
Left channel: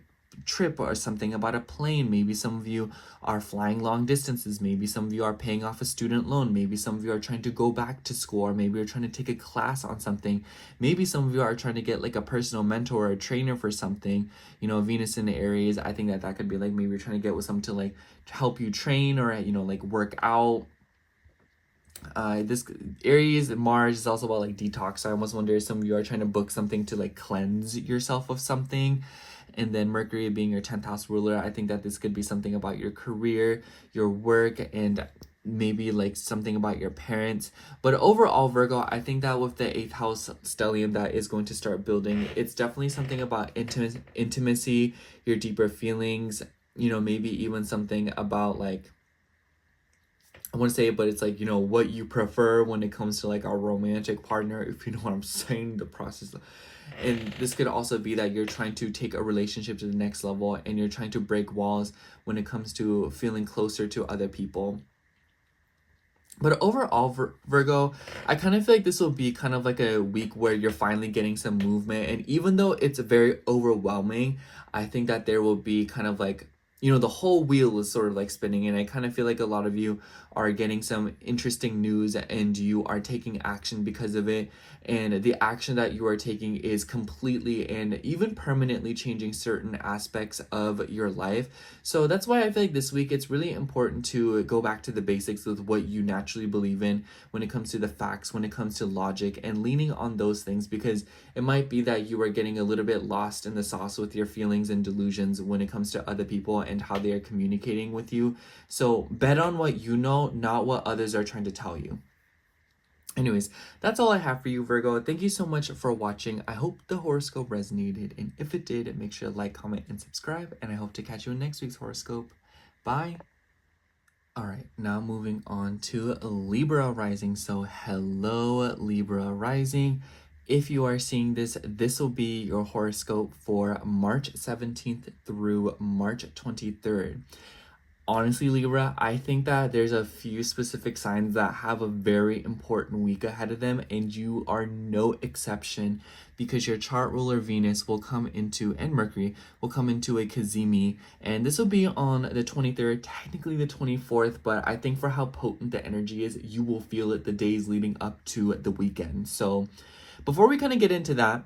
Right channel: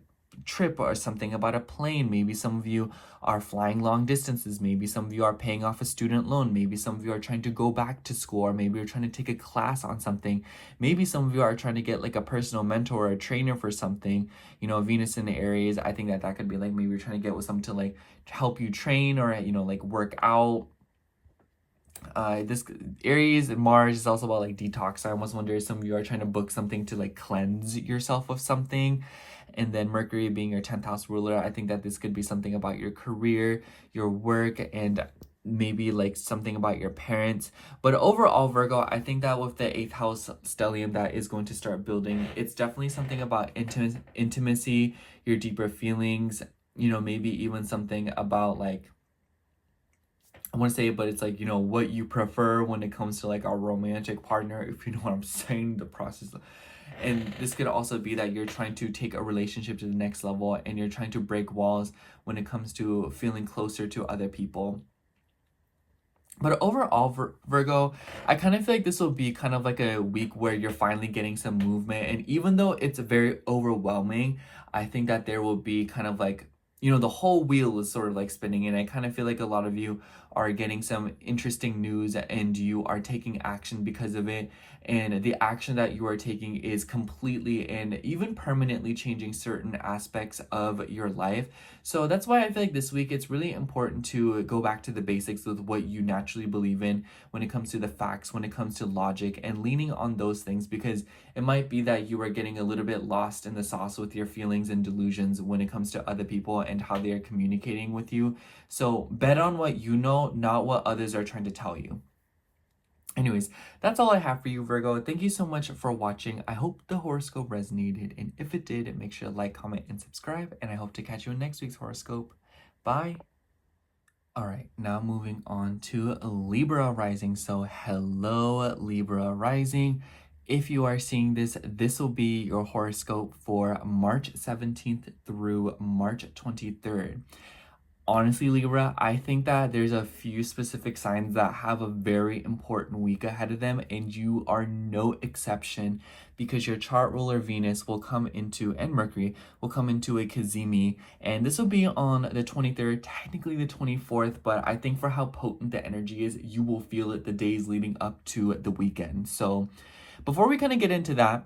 trip or something about a plane. Maybe some of you are flying long distances. Maybe some of you are paying off a student loan. Maybe some of you are trying to go back to school, or maybe you're trying to take a class on something. Maybe some of you are trying to get like a personal mentor or a trainer for something. You know, Venus in the Aries, I think that could be like, maybe you're trying to get with someone to like help you train, or, you know, like work out. This Aries and Mars is also about like detox. I almost wonder if some of you are trying to book something to like cleanse yourself of something. And then Mercury being your 10th house ruler, I think that this could be something about your career, your work, and maybe like something about your parents. But overall, Virgo, I think that with the 8th house stellium that is going to start building, it's definitely something about intimacy, your deeper feelings, you know, maybe even something about like, I want to say it, but it's like, you know, what you prefer when it comes to like a romantic partner, if you know what I'm saying, the process. And this could also be that you're trying to take a relationship to the next level, and you're trying to break walls when it comes to feeling closer to other people. But overall, Virgo, I kind of feel like this will be kind of like a week where you're finally getting some movement. And even though it's very overwhelming, I think that there will be kind of like, you know, the whole wheel is sort of like spinning. And I kind of feel like a lot of you are getting some interesting news, and you are taking action because of it. And the action that you are taking is completely and even permanently changing certain aspects of your life. So that's why I feel like this week it's really important to go back to the basics of what you naturally believe in when it comes to the facts, when it comes to logic, and leaning on those things, because it might be that you are getting a little bit lost in the sauce with your feelings and delusions when it comes to other people and how they are communicating with you. So bet on what you know, not what others are trying to tell you. Anyways, that's all I have for you, Virgo. Thank you so much for watching. I hope the horoscope resonated, and if it did, make sure to like, comment, and subscribe, and I hope to catch you in next week's horoscope. Bye! Alright, now moving on to Libra rising. So hello, Libra rising. If you are seeing this, this will be your horoscope for March 17th through March 23rd. Honestly, Libra, I think that there's a few specific signs that have a very important week ahead of them, and you are no exception, because your chart ruler Venus will come into, and Mercury will come into a Cazimi, and this will be on the 23rd, technically the 24th, but I think for how potent the energy is, you will feel it the days leading up to the weekend. So before we kind of get into that,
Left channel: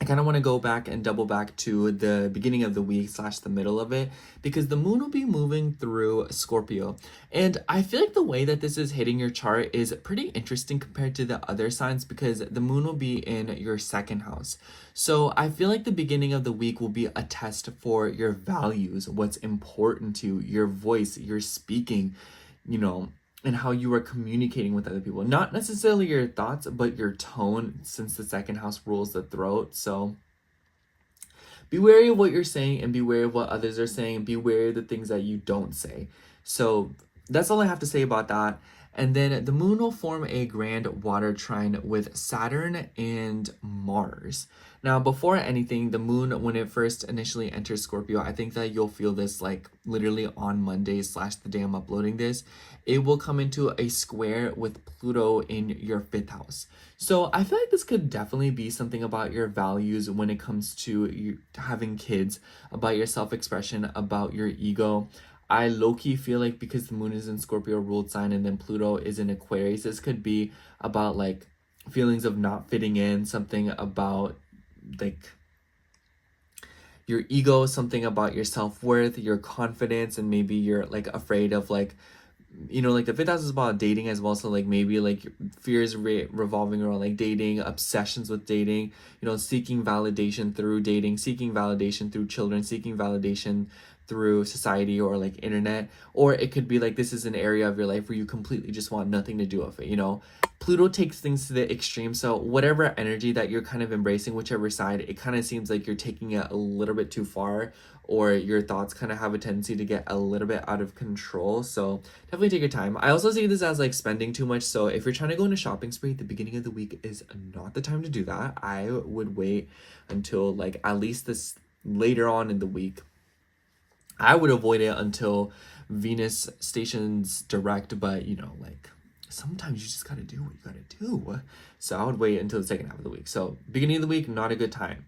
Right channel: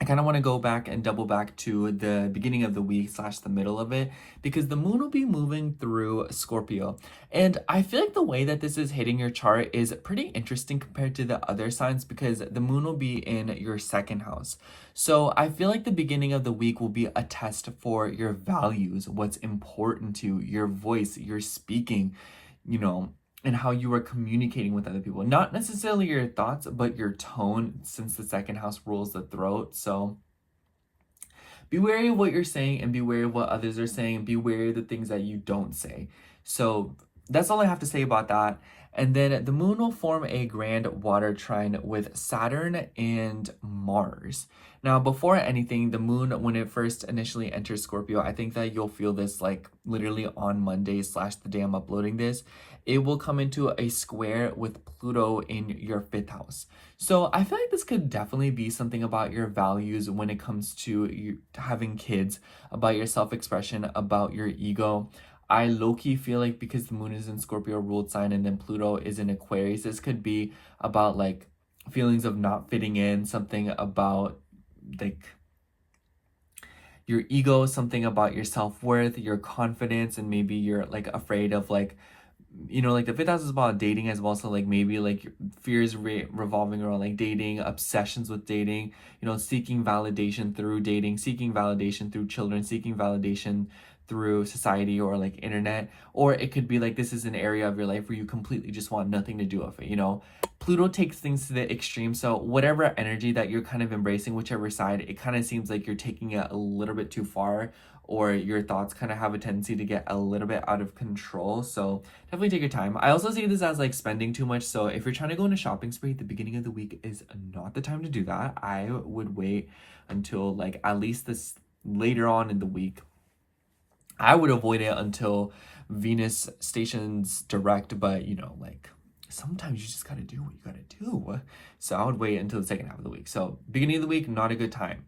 I kind of want to go back and double back to the beginning of the week / the middle of it, because the moon will be moving through Scorpio. And I feel like the way that this is hitting your chart is pretty interesting compared to the other signs, because the moon will be in your second house. So I feel like the beginning of the week will be a test for your values, what's important to you, your voice, your speaking, you know, and how you are communicating with other people. Not necessarily your thoughts, but your tone, since the second house rules the throat. So be wary of what you're saying, and be wary of what others are saying, and be wary of the things that you don't say. So that's all I have to say about that. And then the moon will form a grand water trine with Saturn and Mars. Now, before anything, the moon, when it first initially enters Scorpio, I think that you'll feel this like literally on Monday / the day I'm uploading this. It will come into a square with Pluto in your 5th house. So I feel like this could definitely be something about your values when it comes to you having kids, about your self-expression, about your ego. I low-key feel like because the moon is in Scorpio ruled sign and then Pluto is in Aquarius, this could be about like feelings of not fitting in, something about like your ego, something about your self-worth, your confidence, and maybe you're like afraid of like you know, like the fifth house is about dating as well. So like maybe like fears revolving around like dating, obsessions with dating, you know, seeking validation through dating, seeking validation through children, seeking validation through society or like internet. Or it could be like this is an area of your life where you completely just want nothing to do with it, you know. Pluto takes things to the extreme. So whatever energy that you're kind of embracing, whichever side, it kind of seems like you're taking it a little bit too far, or your thoughts kind of have a tendency to get a little bit out of control. So definitely take your time. I also see this as like spending too much. So if you're trying to go on a shopping spree at the beginning of the week is not the time to do that. I would wait until like at least this later on in the week. I would avoid it until Venus stations direct, but you know, like sometimes you just gotta do what you gotta do. So I would wait until the second half of the week. So beginning of the week, not a good time.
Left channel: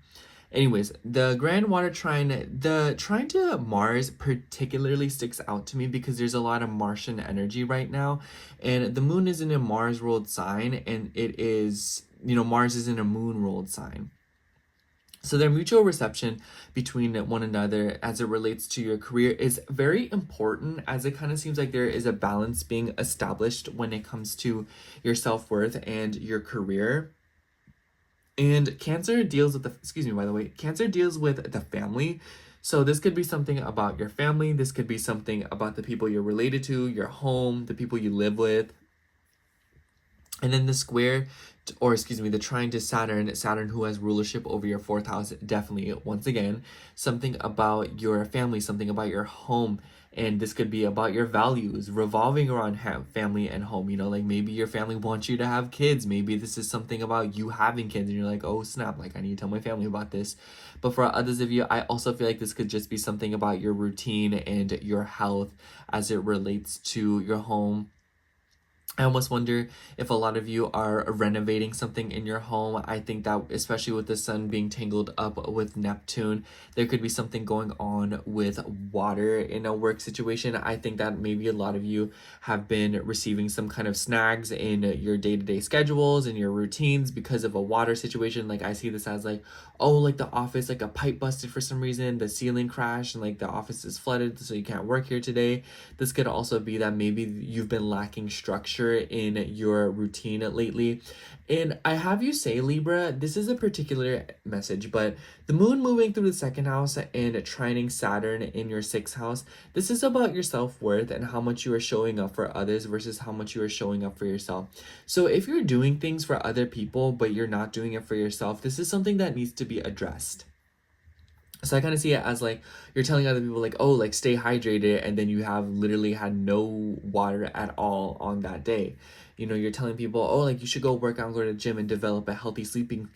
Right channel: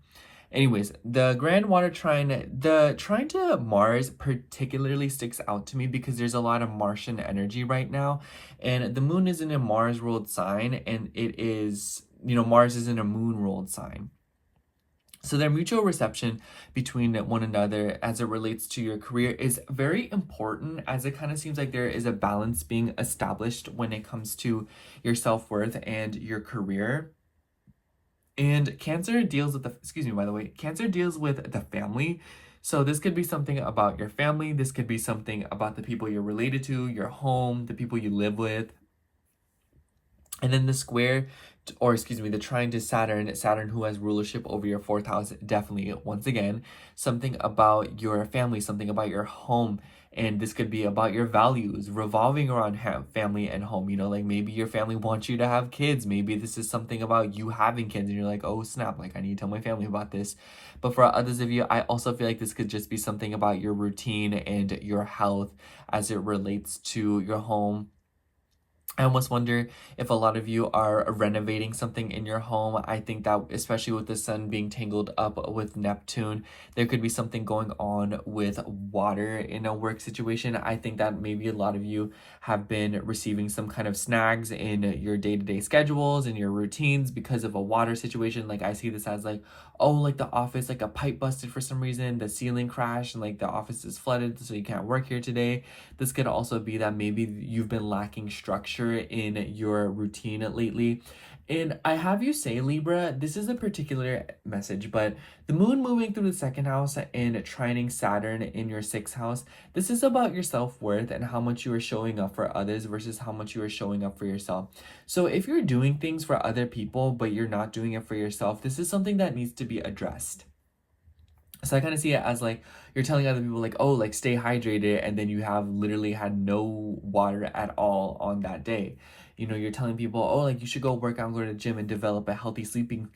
Anyways, the grand water trine, the trine to Mars particularly sticks out to me because there's a lot of Martian energy right now. And the moon is in a Mars ruled sign, and it is, you know, Mars is in a moon ruled sign. So their mutual reception between one another as it relates to your career is very important, as it kind of seems like there is a balance being established when it comes to your self-worth and your career. And Cancer deals with the, excuse me, by the way, Cancer deals with the family. So this could be something about your family. This could be something about the people you're related to, your home, the people you live with. And then the square, or excuse me, the trine to Saturn, Saturn who has rulership over your fourth house, definitely, once again, something about your family, something about your home. And this could be about your values revolving around family and home. You know, like maybe your family wants you to have kids. Maybe this is something about you having kids and you're like, oh snap, like I need to tell my family about this. But for others of you, I also feel like this could just be something about your routine and your health as it relates to your home. I almost wonder if a lot of you are renovating something in your home. I think that especially with the sun being tangled up with Neptune, there could be something going on with water in a work situation. I think that maybe a lot of you have been receiving some kind of snags in your day-to-day schedules and your routines because of a water situation. Like I see this as like, oh, like the office, like a pipe busted for some reason, the ceiling crashed and like the office is flooded so you can't work here today. This could also be that maybe you've been lacking structure in your routine lately. And I have you say, Libra, this is a particular message, but the moon moving through the second house and trining Saturn in your sixth house, this is about your self-worth and how much you are showing up for others versus how much you are showing up for yourself. So if you're doing things for other people, but you're not doing it for yourself, this is something that needs to be addressed. So I kind of see it as like you're telling other people like, oh, like stay hydrated, and then you have literally had no water at all on that day. You know, you're telling people, oh, like you should go work out, go to the gym and develop a healthy sleeping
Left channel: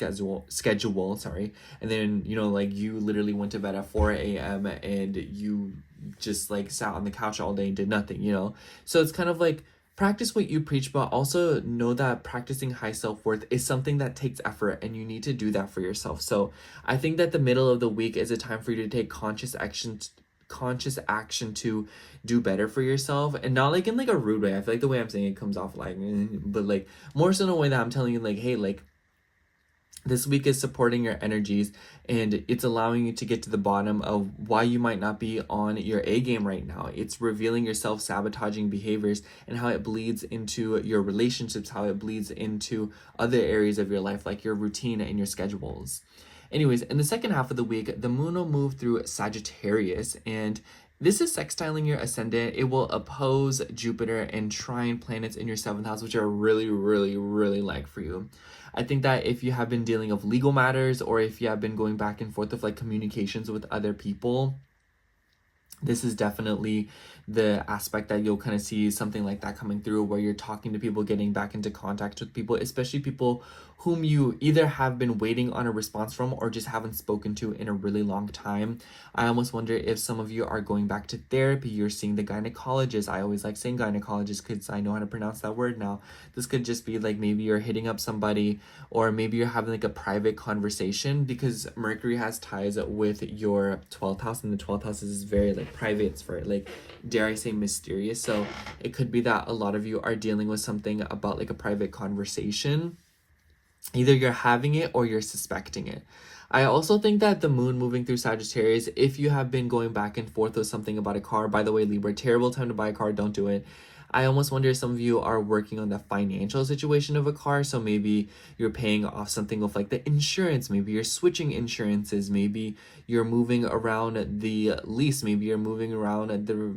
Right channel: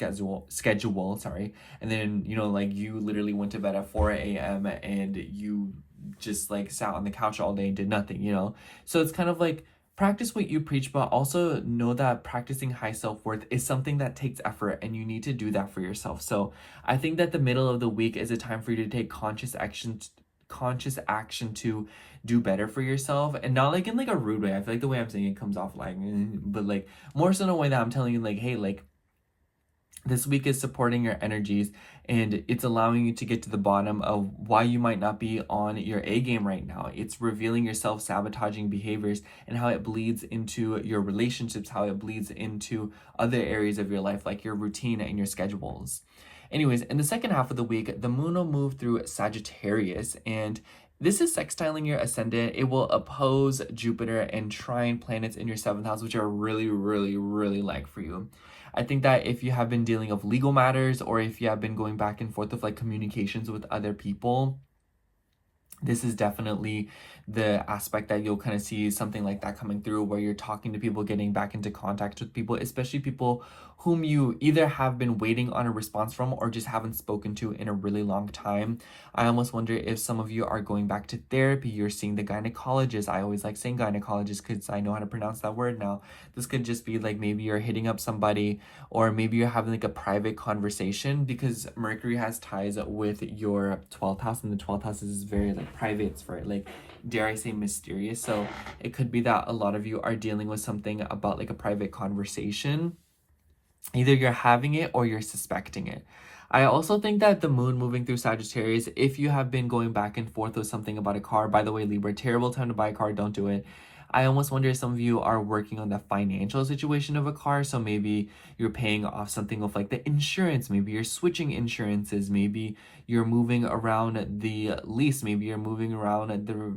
schedule, sorry. And then, you know, like you literally went to bed at 4 a.m. and you just like sat on the couch all day and did nothing, you know? So it's kind of like, practice what you preach, but also know that practicing high self-worth is something that takes effort and you need to do that for yourself. So I think that the middle of the week is a time for you to take conscious action to do better for yourself, and not like in like a rude way. I feel like the way I'm saying it comes off like, but like more so in a way that I'm telling you like, hey, like this week is supporting your energies and it's allowing you to get to the bottom of why you might not be on your A game right now. It's revealing your self-sabotaging behaviors and how it bleeds into your relationships, how it bleeds into other areas of your life, like your routine and your schedules. Anyways, in the second half of the week, the moon will move through Sagittarius, and this is sextiling your ascendant. It will oppose Jupiter and trine planets in your seventh house, which are really, really, really like for you. I think that if you have been dealing with legal matters, or if you have been going back and forth with like communications with other people, this is definitely the aspect that you'll kind of see something like that coming through, where you're talking to people, getting back into contact with people, especially people whom you either have been waiting on a response from or just haven't spoken to in a really long time. I almost wonder if some of you are going back to therapy, you're seeing the gynecologist. I always like saying gynecologist because I know how to pronounce that word now. This could just be like maybe you're hitting up somebody, or maybe you're having like a private conversation, because Mercury has ties with your 12th house, and the 12th house is very like private. It's very like, dare I say, mysterious. So it could be that a lot of you are dealing with something about like a private conversation. Either you're having it or you're suspecting it. I also think that the moon moving through Sagittarius, if you have been going back and forth with something about a car, by the way, Libra, terrible time to buy a car, don't do it. I almost wonder if some of you are working on the financial situation of a car. So maybe you're paying off something with like the insurance, maybe you're switching insurances, maybe you're moving around the lease, maybe you're moving around the,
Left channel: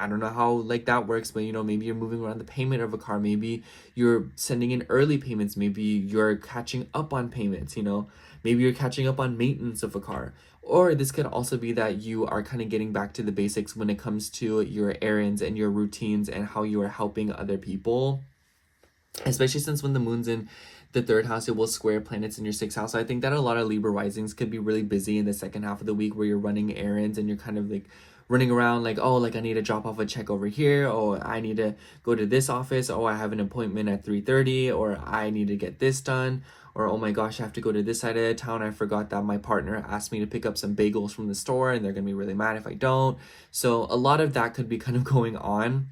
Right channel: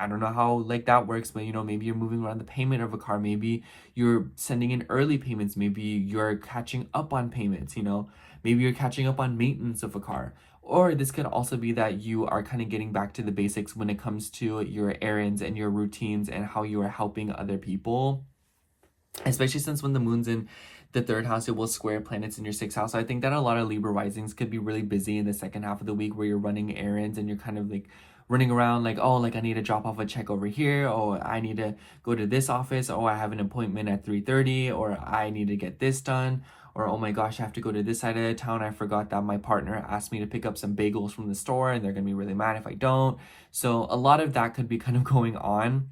I don't know how like that works, but you know, maybe you're moving around the payment of a car, maybe you're sending in early payments, maybe you're catching up on payments, you know, maybe you're catching up on maintenance of a car. Or this could also be that you are kind of getting back to the basics when it comes to your errands and your routines and how you are helping other people. Especially since when the moon's in the third house, it will square planets in your sixth house. So I think that a lot of Libra risings could be really busy in the second half of the week where you're running errands and you're kind of like running around like, oh, like I need to drop off a check over here, or I need to go to this office, oh, I have an appointment at 3:30, or I need to get this done, or oh my gosh, I have to go to this side of the town. I forgot that my partner asked me to pick up some bagels from the store and they're gonna be really mad if I don't. So a lot of that could be kind of going on,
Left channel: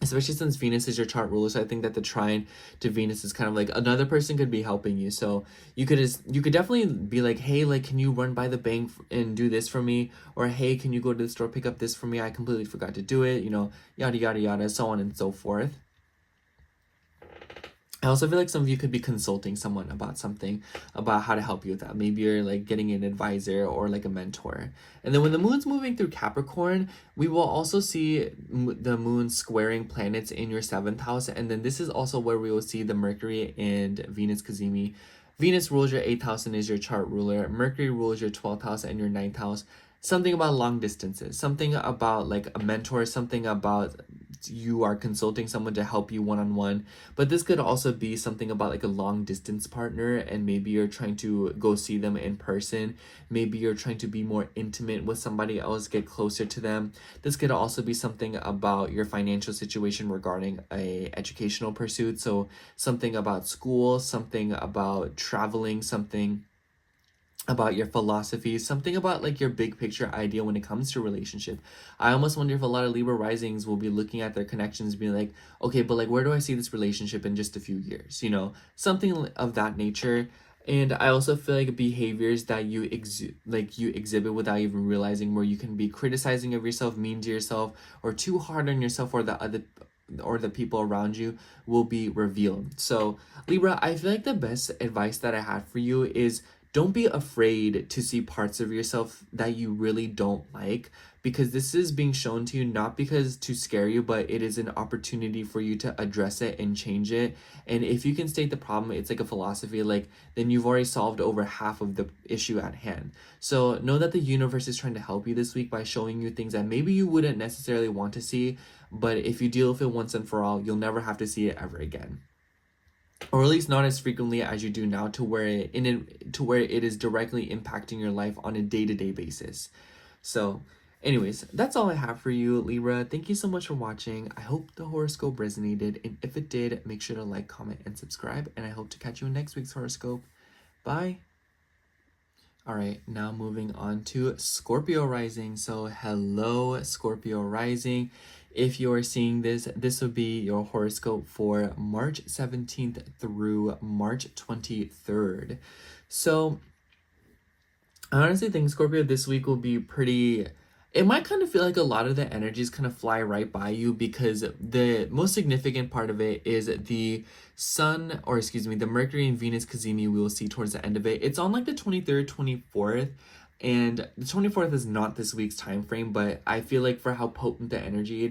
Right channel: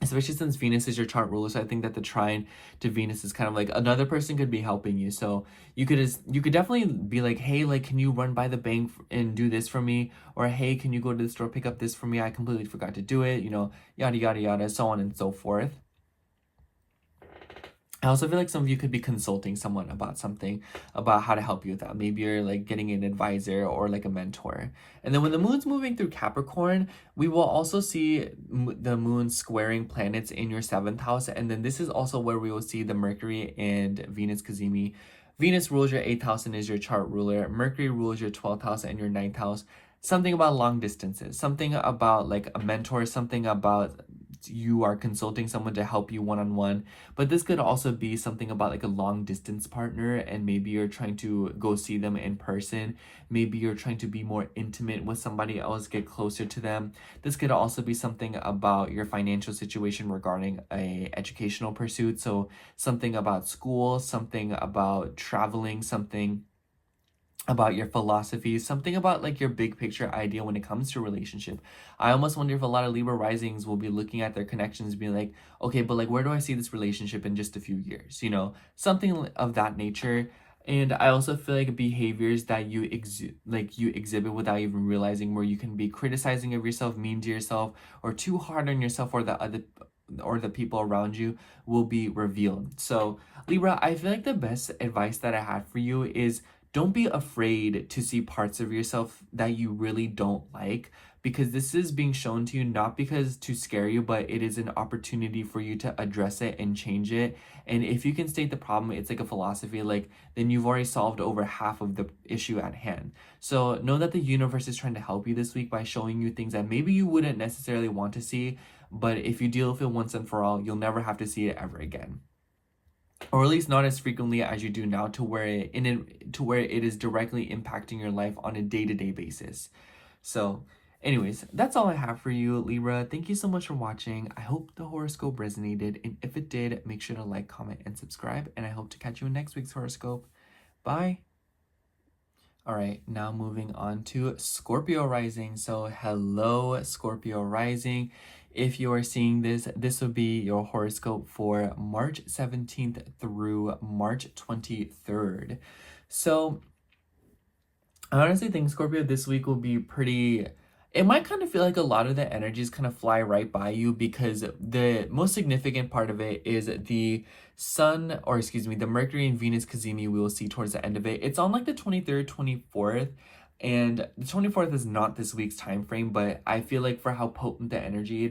especially since Venus is your chart ruler. So I think that the trine to Venus is kind of like another person could be helping you. So you could definitely be like, hey, like, can you run by the bank and do this for me? Or hey, can you go to the store, pick up this for me? I completely forgot to do it, you know, yada, yada, yada, so on and so forth. I also feel like some of you could be consulting someone about something, about how to help you with that. Maybe you're like getting an advisor or like a mentor. And then when the moon's moving through Capricorn, we will also see the moon squaring planets in your 7th house. And then this is also where we will see the Mercury and Venus cazimi. Venus rules your 8th house and is your chart ruler. Mercury rules your 12th house and your 9th house. Something about long distances, something about like a mentor, something about you are consulting someone to help you one-on-one. But this could also be something about like a long distance partner, and maybe you're trying to go see them in person. Maybe you're trying to be more intimate with somebody else, get closer to them. This could also be something about your financial situation regarding a educational pursuit. So something about school, something about traveling, something about your philosophy, something about like your big picture idea when it comes to relationship. I almost wonder if a lot of Libra risings will be looking at their connections, being like, okay, but like, where do I see this relationship in just a few years? You know, something of that nature. And I also feel like behaviors that you exhibit without even realizing, where you can be criticizing of yourself, mean to yourself, or too hard on yourself or the people around you, will be revealed. So Libra, I feel like the best advice that I have for you is don't be afraid to see parts of yourself that you really don't like, because this is being shown to you not because to scare you, but it is an opportunity for you to address it and change it. And if you can state the problem, it's like a philosophy, like, then you've already solved over half of the issue at hand. So know that the universe is trying to help you this week by showing you things that maybe you wouldn't necessarily want to see, but if you deal with it once and for all, you'll never have to see it ever again. Or at least not as frequently as you do now, to where it is directly impacting your life on a day-to-day basis. So anyways, that's all I have for you, Libra. Thank you so much for watching. I hope the horoscope resonated, and if it did, make sure to like, comment, and subscribe, and I hope to catch you in next week's horoscope. Bye. All right, now moving on to Scorpio rising. So hello, Scorpio rising. If you are seeing this, this will be your horoscope for March 17th through March 23rd. So I honestly think Scorpio this week will be pretty, it might kind of feel like a lot of the energies kind of fly right by you, because the most significant part of it is the sun, or excuse me, the Mercury and Venus cazimi we will see towards the end of it. It's on like the 23rd, 24th. And the 24th is not this week's time frame, but I feel like for how potent the energy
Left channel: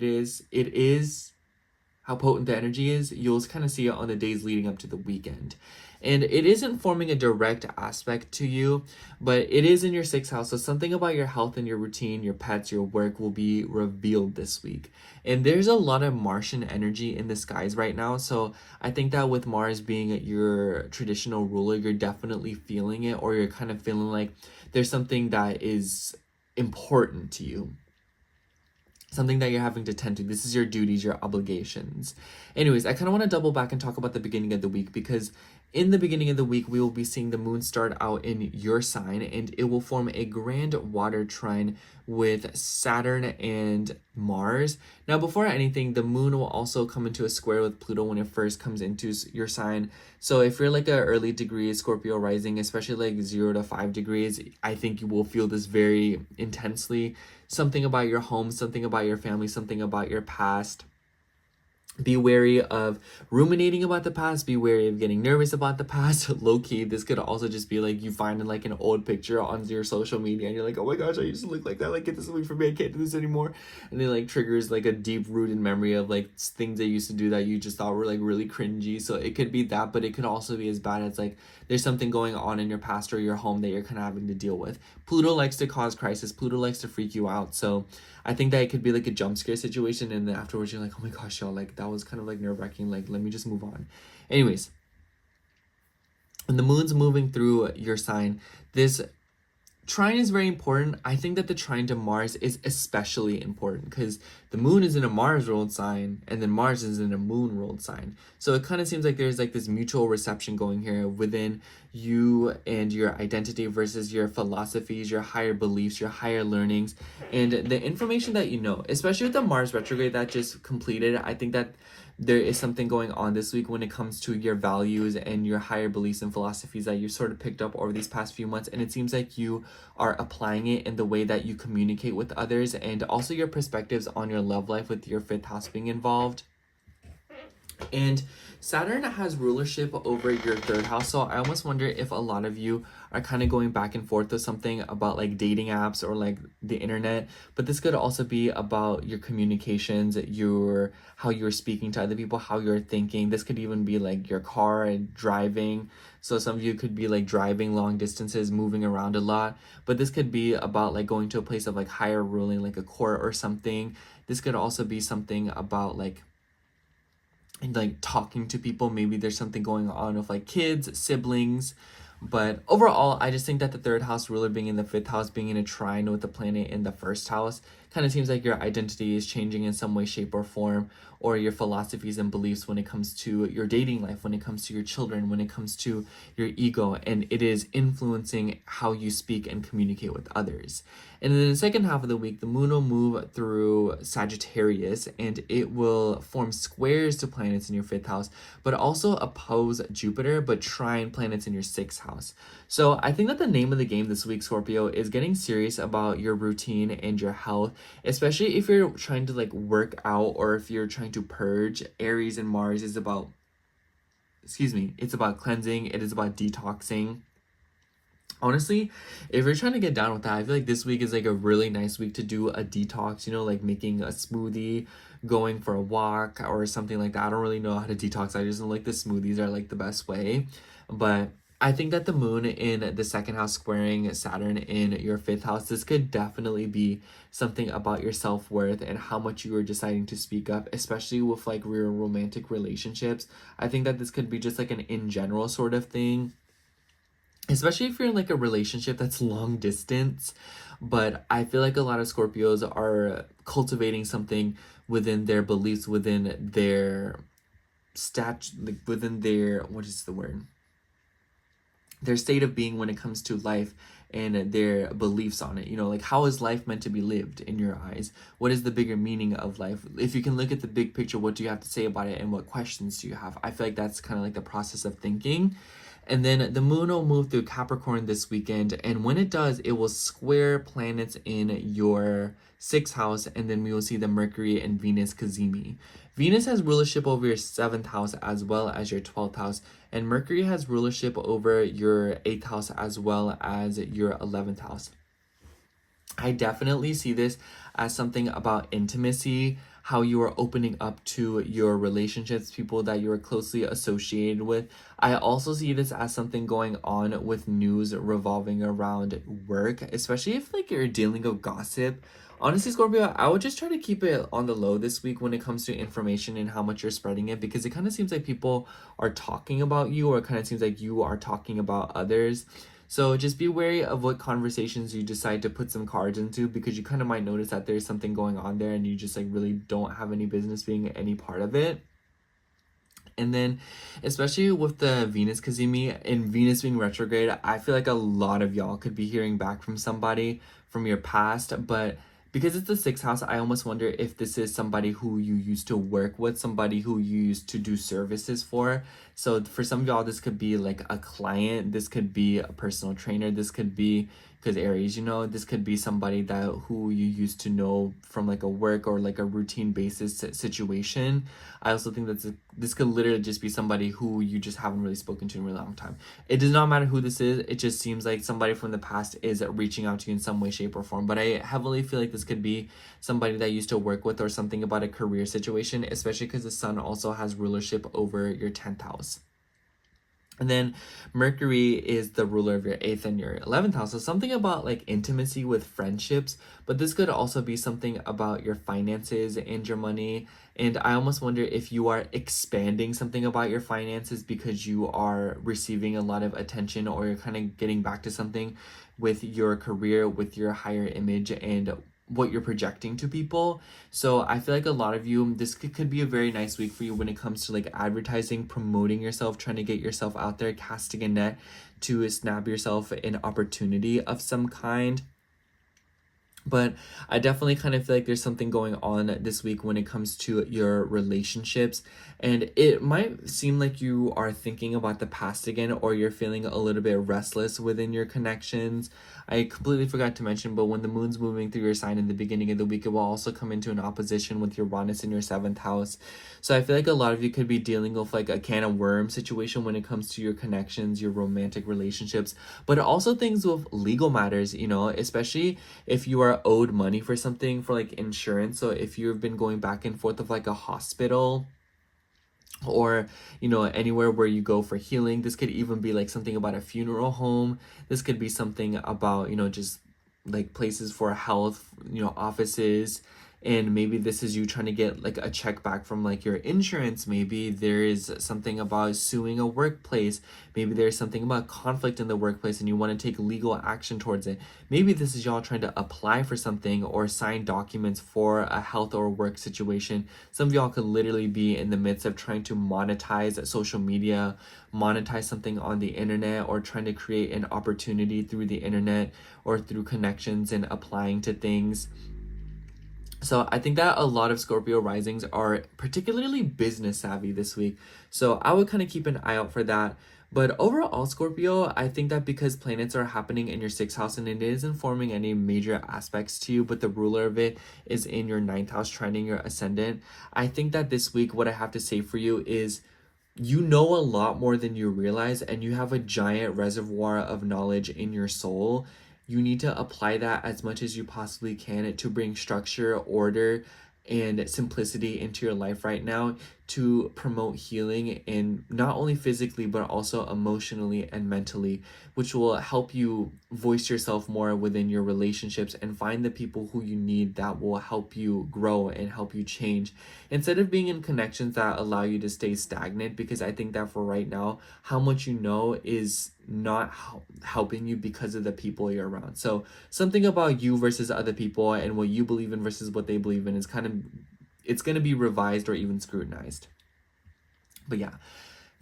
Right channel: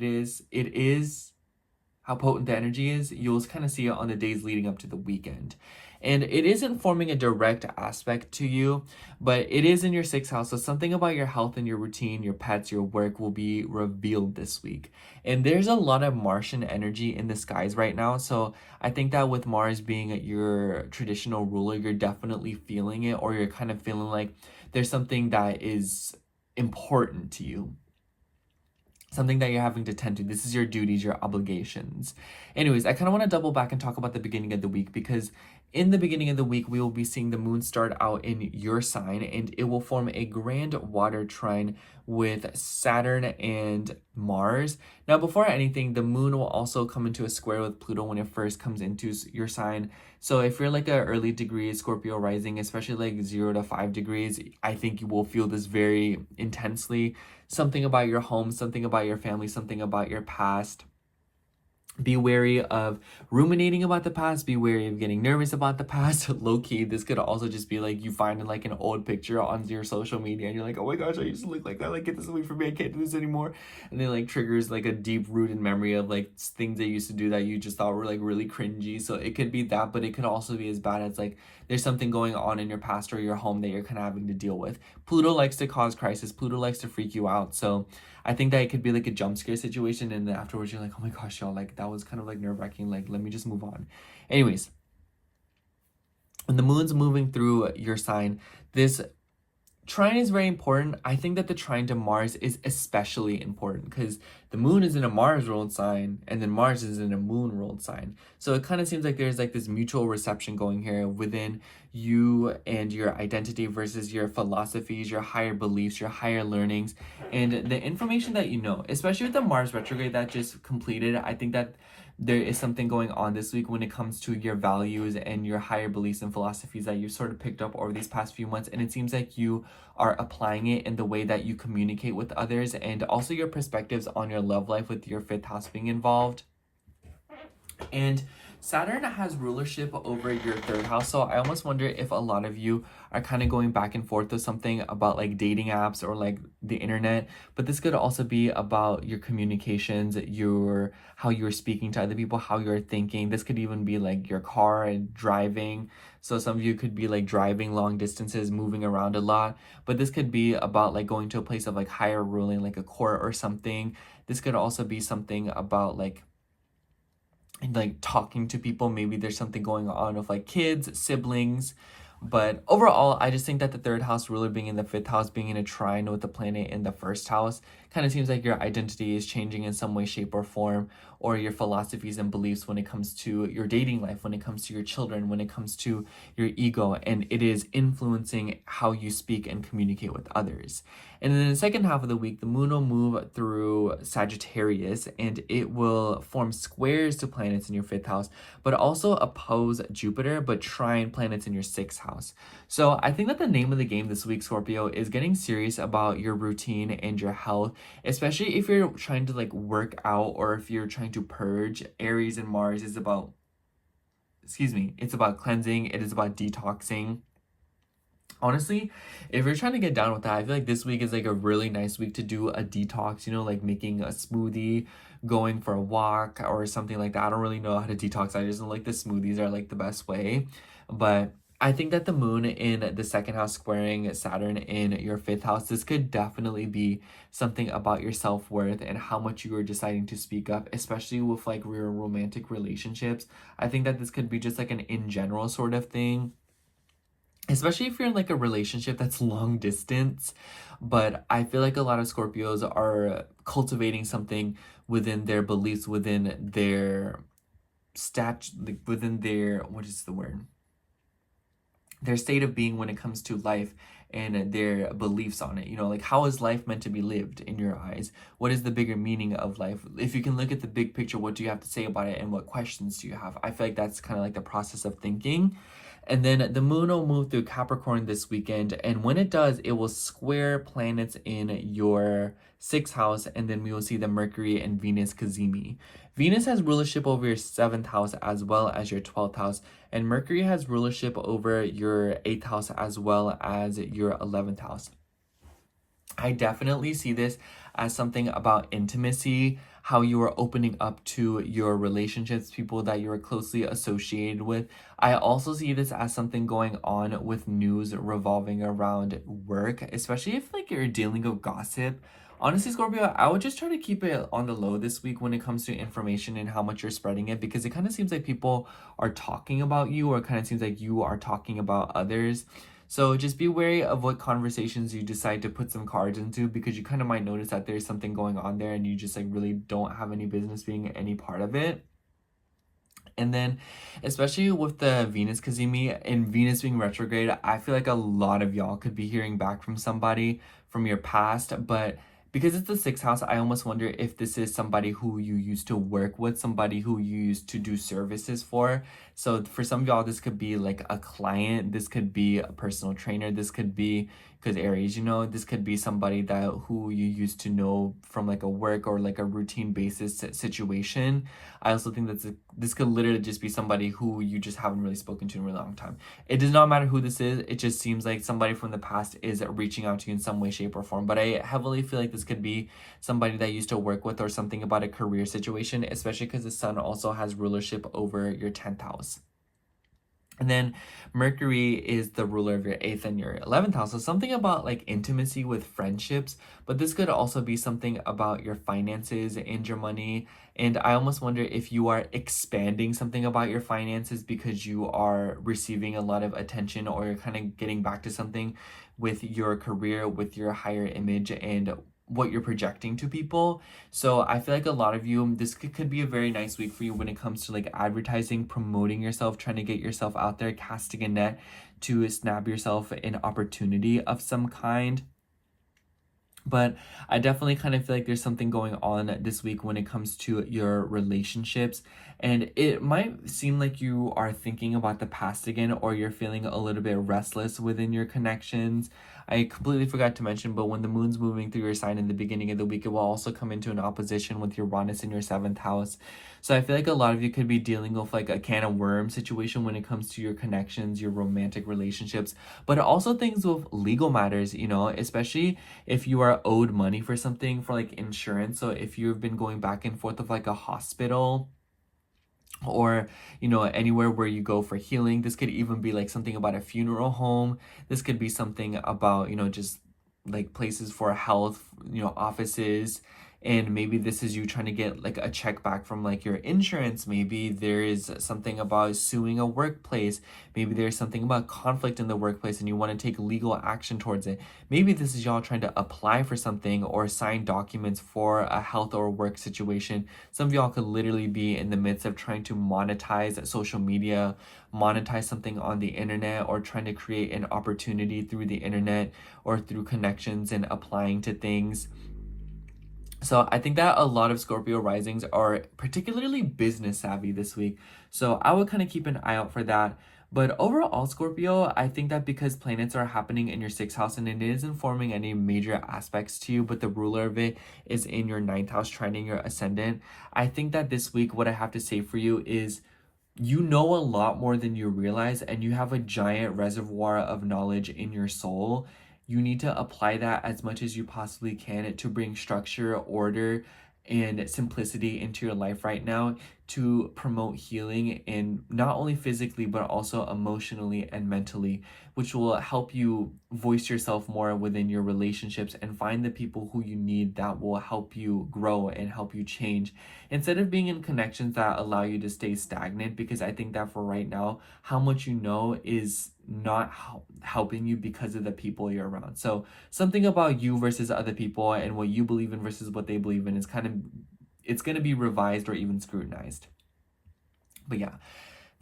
how potent the energy is, you'll kind of see it on the days leading up to the weekend. And it isn't forming a direct aspect to you, but it is in your 6th house. So something about your health and your routine, your pets, your work will be revealed this week. And there's a lot of Martian energy in the skies right now. So I think that with Mars being your traditional ruler, you're definitely feeling it, or you're kind of feeling like there's something that is important to you, something that you're having to tend to. This is your duties, your obligations. Anyways, I kind of want to double back and talk about the beginning of the week, because in the beginning of the week, we will be seeing the moon start out in your sign, and it will form a grand water trine with Saturn and Mars. Now, before anything, the moon will also come into a square with Pluto when it first comes into your sign. So if you're like an early degree Scorpio rising, especially like 0 to 5 degrees, I think you will feel this very intensely. Something about your home, something about your family, something about your past, Be wary of ruminating about the past. Be wary of getting nervous about the past. Low key, this could also just be like you finding like an old picture on your social media and you're like, oh my gosh, I used to look like that. Like, get this away from me. I can't do this anymore. And then like triggers like a deep rooted memory of like things they used to do that you just thought were like really cringy. So it could be that, but it could also be as bad as like there's something going on in your past or your home that you're kind of having to deal with. Pluto likes to cause crisis. Pluto likes to freak you out. So I think that it could be like a jump scare situation, and then afterwards you're like, oh my gosh, y'all, like that was kind of like nerve-wracking, like let me just move on. Anyways, when the moon's moving through your sign, this trine is very important. I think that the trine to Mars is especially important because the moon is in a Mars ruled sign and then Mars is in a moon ruled sign. So it kind of seems like there's like this mutual reception going here within you and your identity versus your philosophies, your higher beliefs, your higher learnings, and the information that you know, especially with the Mars retrograde that just completed. I think that there is something going on this week when it comes to your values and your higher beliefs and philosophies that you sort of picked up over these past few months. And it seems like you are applying it in the way that you communicate with others and also your perspectives on your love life with your fifth house being involved. And Saturn has rulership over your third house. So I almost wonder if a lot of you are kind of going back and forth with something about like dating apps or like the internet. But this could also be about your communications, your how you're speaking to other people, how you're thinking. This could even be like your car and driving. So some of you could be like driving long distances, moving around a lot. But this could be about like going to a place of like higher ruling, like a court or something. This could also be something about like talking to people. Maybe there's something going on with like kids, siblings. But overall, I just think that the third house ruler being in the fifth house, being in a trine with the planet in the first house, kind of seems like your identity is changing in some way, shape, or form, or your philosophies and beliefs when it comes to your dating life, when it comes to your children, when it comes to your ego, and it is influencing how you speak and communicate with others. And then in the second half of the week, the moon will move through Sagittarius and it will form squares to planets in your fifth house, but also oppose Jupiter, but trine planets in your sixth house. So I think that the name of the game this week, Scorpio, is getting serious about your routine and your health, especially if you're trying to like work out or if you're trying to purge. Aries and Mars is about, it's about cleansing, it is about detoxing. Honestly, if you're trying to get down with that, I feel like this week is like a really nice week to do a detox, like making a smoothie, going for a walk or something like that. I don't really know how to detox. I just don't like the smoothies are like the best way. But I think that the moon in the second house squaring Saturn in your fifth house, this could definitely be something about your self-worth and how much you are deciding to speak up, especially with like real romantic relationships. I think that this could be just like an in general sort of thing, especially if you're in like a relationship that's long distance. But I feel like a lot of Scorpios are cultivating something within their beliefs, within their within their, what is the word? Their state of being when it comes to life and their beliefs on it. Like how is life meant to be lived in your eyes? What is the bigger meaning of life? If you can look at the big picture, what do you have to say about it and what questions do you have? I feel like that's kind of like the process of thinking. And then the moon will move through Capricorn this weekend. And when it does, it will square planets in your sixth house. And then we will see the Mercury and Venus Cazimi. Venus has rulership over your seventh house as well as your 12th house. And Mercury has rulership over your 8th house as well as your 11th house. I definitely see this as something about intimacy, how you are opening up to your relationships, people that you are closely associated with. I also see this as something going on with news revolving around work, especially if like you're dealing with gossip. Honestly, Scorpio, I would just try to keep it on the low this week when it comes to information and how much you're spreading it, because it kind of seems like people are talking about you, or it kind of seems like you are talking about others. So just be wary of what conversations you decide to put some cards into, because you kind of might notice that there's something going on there and you just like really don't have any business being any part of it. And then, especially with the Venus Cazimi and Venus being retrograde, I feel like a lot of y'all could be hearing back from somebody from your past. But because it's the sixth house, I almost wonder if this is somebody who you used to work with, somebody who you used to do services for, So for some of y'all, this could be like a client, this could be a personal trainer, this could be, because Aries, you know, this could be somebody that who you used to know from like a work or like a routine basis situation. I also think that this could literally just be somebody who you just haven't really spoken to in a really long time. It does not matter who this is. It just seems like somebody from the past is reaching out to you in some way, shape, or form. But I heavily feel like this could be somebody that you used to work with or something about a career situation, especially because the sun also has rulership over your 10th house. And then Mercury is the ruler of your 8th and your 11th house. So something about like intimacy with friendships, but this could also be something about your finances and your money. And I almost wonder if you are expanding something about your finances because you are receiving a lot of attention, or you're kind of getting back to something with your career, with your higher image and what you're projecting to people. So I feel like a lot of you, this could be a very nice week for you when it comes to like advertising, promoting yourself, trying to get yourself out there, casting a net to snap yourself an opportunity of some kind. But I definitely kind of feel like there's something going on this week when it comes to your relationships. And it might seem like you are thinking about the past again, or you're feeling a little bit restless within your connections. I completely forgot to mention, but when the moon's moving through your sign in the beginning of the week, it will also come into an opposition with Uranus in your 7th house. So I feel like a lot of you could be dealing with like a can of worms situation when it comes to your connections, your romantic relationships, but also things with legal matters, you know, especially if you are owed money for something, for like insurance. So if you've been going back and forth of like a hospital, or you know, anywhere where you go for healing. This could even be like something about a funeral home. This could be something about, you know, just like places for health, you know, offices. And maybe this is you trying to get like a check back from like your insurance. Maybe there is something about suing a workplace. Maybe there's something about conflict in the workplace and you want to take legal action towards it. Maybe this is y'all trying to apply for something or sign documents for a health or work situation. Some of y'all could literally be in the midst of trying to monetize social media, monetize something on the internet, or trying to create an opportunity through the internet or through connections and applying to things. So I think that a lot of Scorpio risings are particularly business savvy this week. So I would kind of keep an eye out for that. But overall, Scorpio, I think that because planets are happening in your 6th house and it isn't forming any major aspects to you, but the ruler of it is in your 9th house, trining your ascendant. I think that this week, what I have to say for you is you know a lot more than you realize, and you have a giant reservoir of knowledge in your soul. You need to apply that as much as you possibly can to bring structure, order, and simplicity into your life right now, to promote healing, and not only physically but also emotionally and mentally, which will help you voice yourself more within your relationships and find the people who you need that will help you grow and help you change, instead of being in connections that allow you to stay stagnant. Because I think that for right now, how much you know is not helping you because of the people you're around. So something about you versus other people and what you believe in versus what they believe in is kind of, it's going to be revised or even scrutinized. But yeah,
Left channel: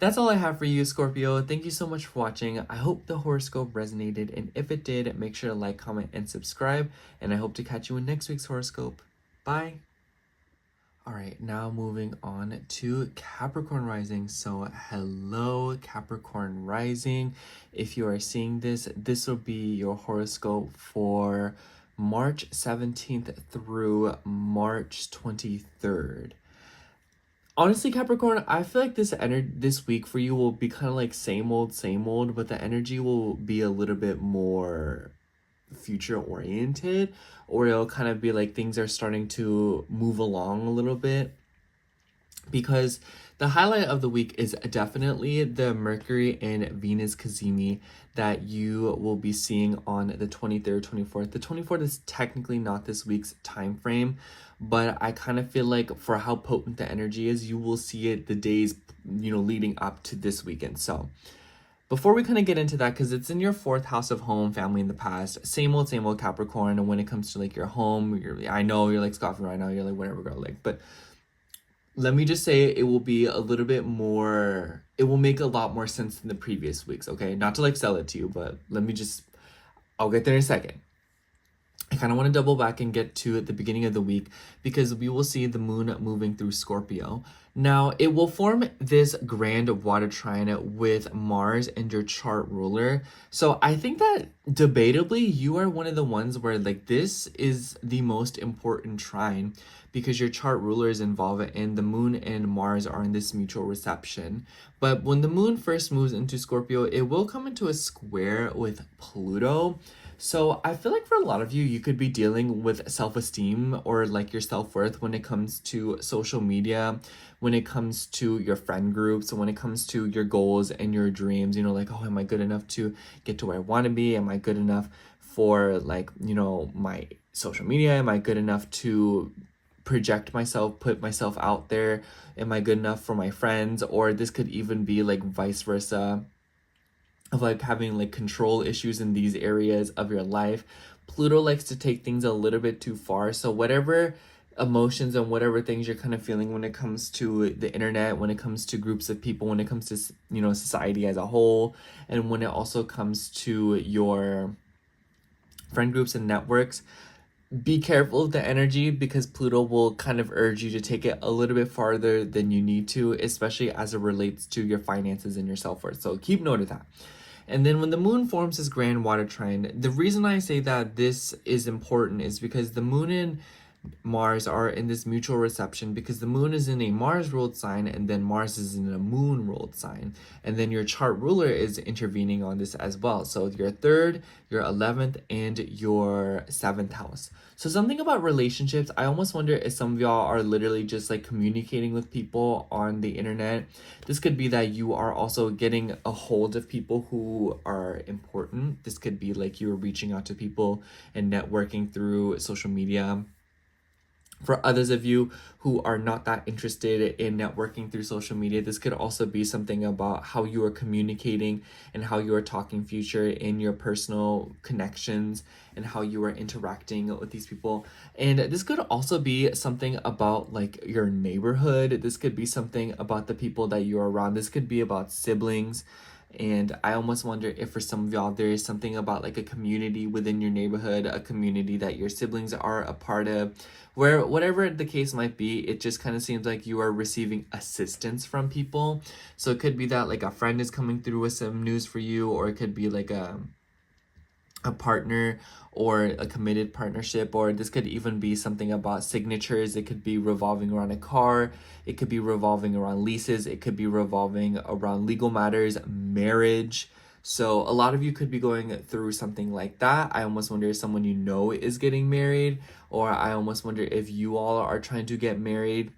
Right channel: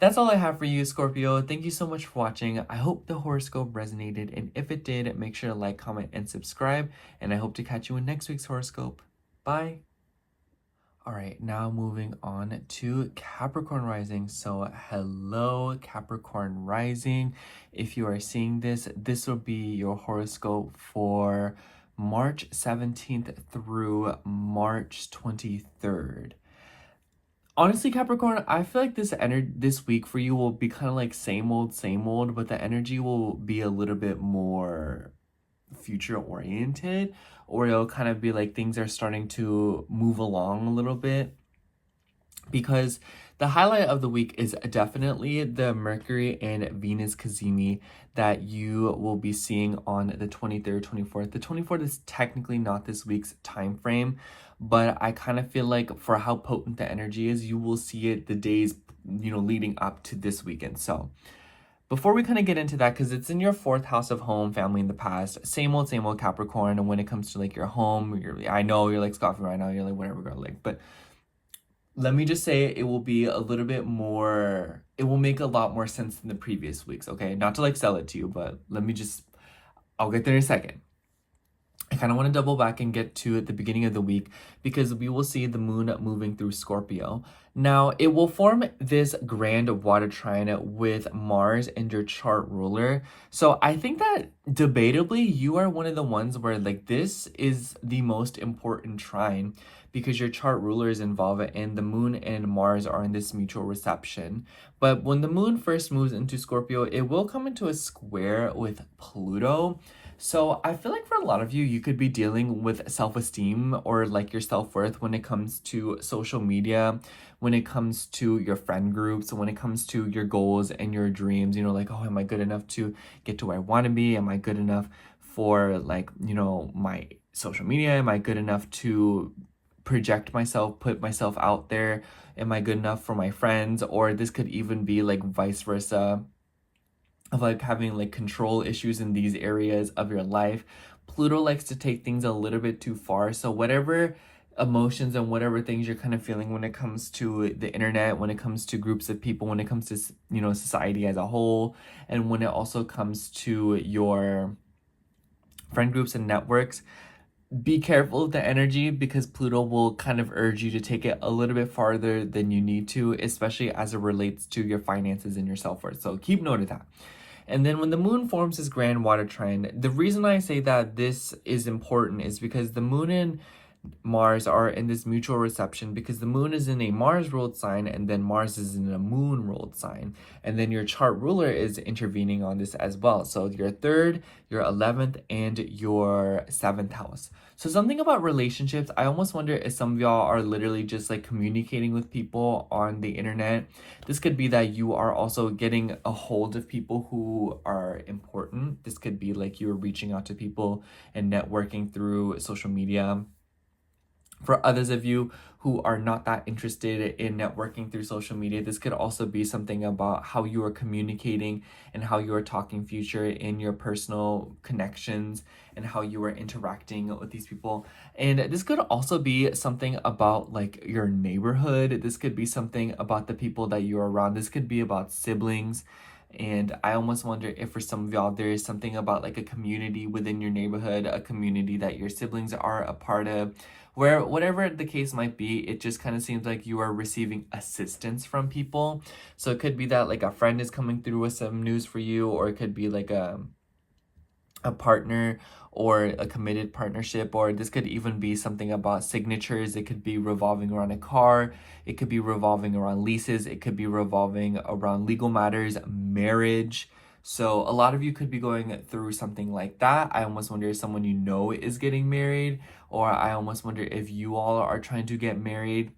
that's all I have for you, Scorpio. Thank you so much for watching. I hope the horoscope resonated, and if it did, make sure to like, comment, and subscribe, and I hope to catch you in next week's horoscope. Bye. All right, now moving on to Capricorn rising. So hello, Capricorn rising. If you are seeing this, this will be your horoscope for March 17th through March 23rd. Honestly, Capricorn, I feel like this week for you will be kind of like same old, but the energy will be a little bit more future oriented, or it'll kind of be like things are starting to move along a little bit, because the highlight of the week is definitely the Mercury and Venus cazimi that you will be seeing on the 23rd, 24th. The 24th is technically not this week's time frame, but I kind of feel like for how potent the energy is, you will see it the days, you know, leading up to this weekend. So before we kind of get into that, because it's in your 4th house of home, family, in the past, same old Capricorn. And when it comes to like your home, I know you're like scoffing right now, you're like, whatever, girl, like, but let me just say it will be a little bit more, it will make a lot more sense than the previous weeks, okay? Not to like sell it to you, but I'll get there in a second. kind of want to double back and get to the beginning of the week because we will see the moon moving through Scorpio. Now, it will form this grand water trine with Mars and your chart ruler. So I think that debatably, you are one of the ones where like this is the most important trine because your chart ruler is involved and the moon and Mars are in this mutual reception. But when the moon first moves into Scorpio, it will come into a square with Pluto. So I feel like for a lot of you, you could be dealing with self-esteem or like your self-worth when it comes to social media, when it comes to your friend groups, when it comes to your goals and your dreams, you know, like, oh, am I good enough to get to where I want to be? Am I good enough for like, you know, my social media? Am I good enough to project myself, put myself out there? Am I good enough for my friends? Or this could even be like vice versa, of like having like control issues in these areas of your life. Pluto likes to take things a little bit too far. So whatever emotions and whatever things you're kind of feeling when it comes to the internet, when it comes to groups of people, when it comes to, you know, society as a whole, and when it also comes to your friend groups and networks, be careful of the energy because Pluto will kind of urge you to take it a little bit farther than you need to, especially as it relates to your finances and your self-worth. So keep note of that. And then when the moon forms this grand water trine, the reason I say that this is important is because the moon and Mars are in this mutual reception because the moon is in a Mars ruled sign and then Mars is in a moon ruled sign. And then your chart ruler is intervening on this as well. So your 3rd, your 11th, and your 7th house. So something about relationships, I almost wonder if some of y'all are literally just like communicating with people on the internet. This could be that you are also getting a hold of people who are important. This could be like you're reaching out to people and networking through social media. For others of you who are not that interested in networking through social media, this could also be something about how you are communicating and how you are talking future in your personal connections and how you are interacting with these people. And this could also be something about like your neighborhood. This could be something about the people that you're around. This could be about siblings. And I almost wonder if for some of y'all, there is something about like a community within your neighborhood, a community that your siblings are a part of, where whatever the case might be, it just kind of seems like you are receiving assistance from people. So it could be that like a friend is coming through with some news for you, or it could be like a partner or a committed partnership, or this could even be something about signatures. It could be revolving around a car, it could be revolving around leases, it could be revolving around legal matters, marriage. So a lot of you could be going through something like that. I almost wonder if someone you know is getting married, or I almost wonder if you all are trying to get married.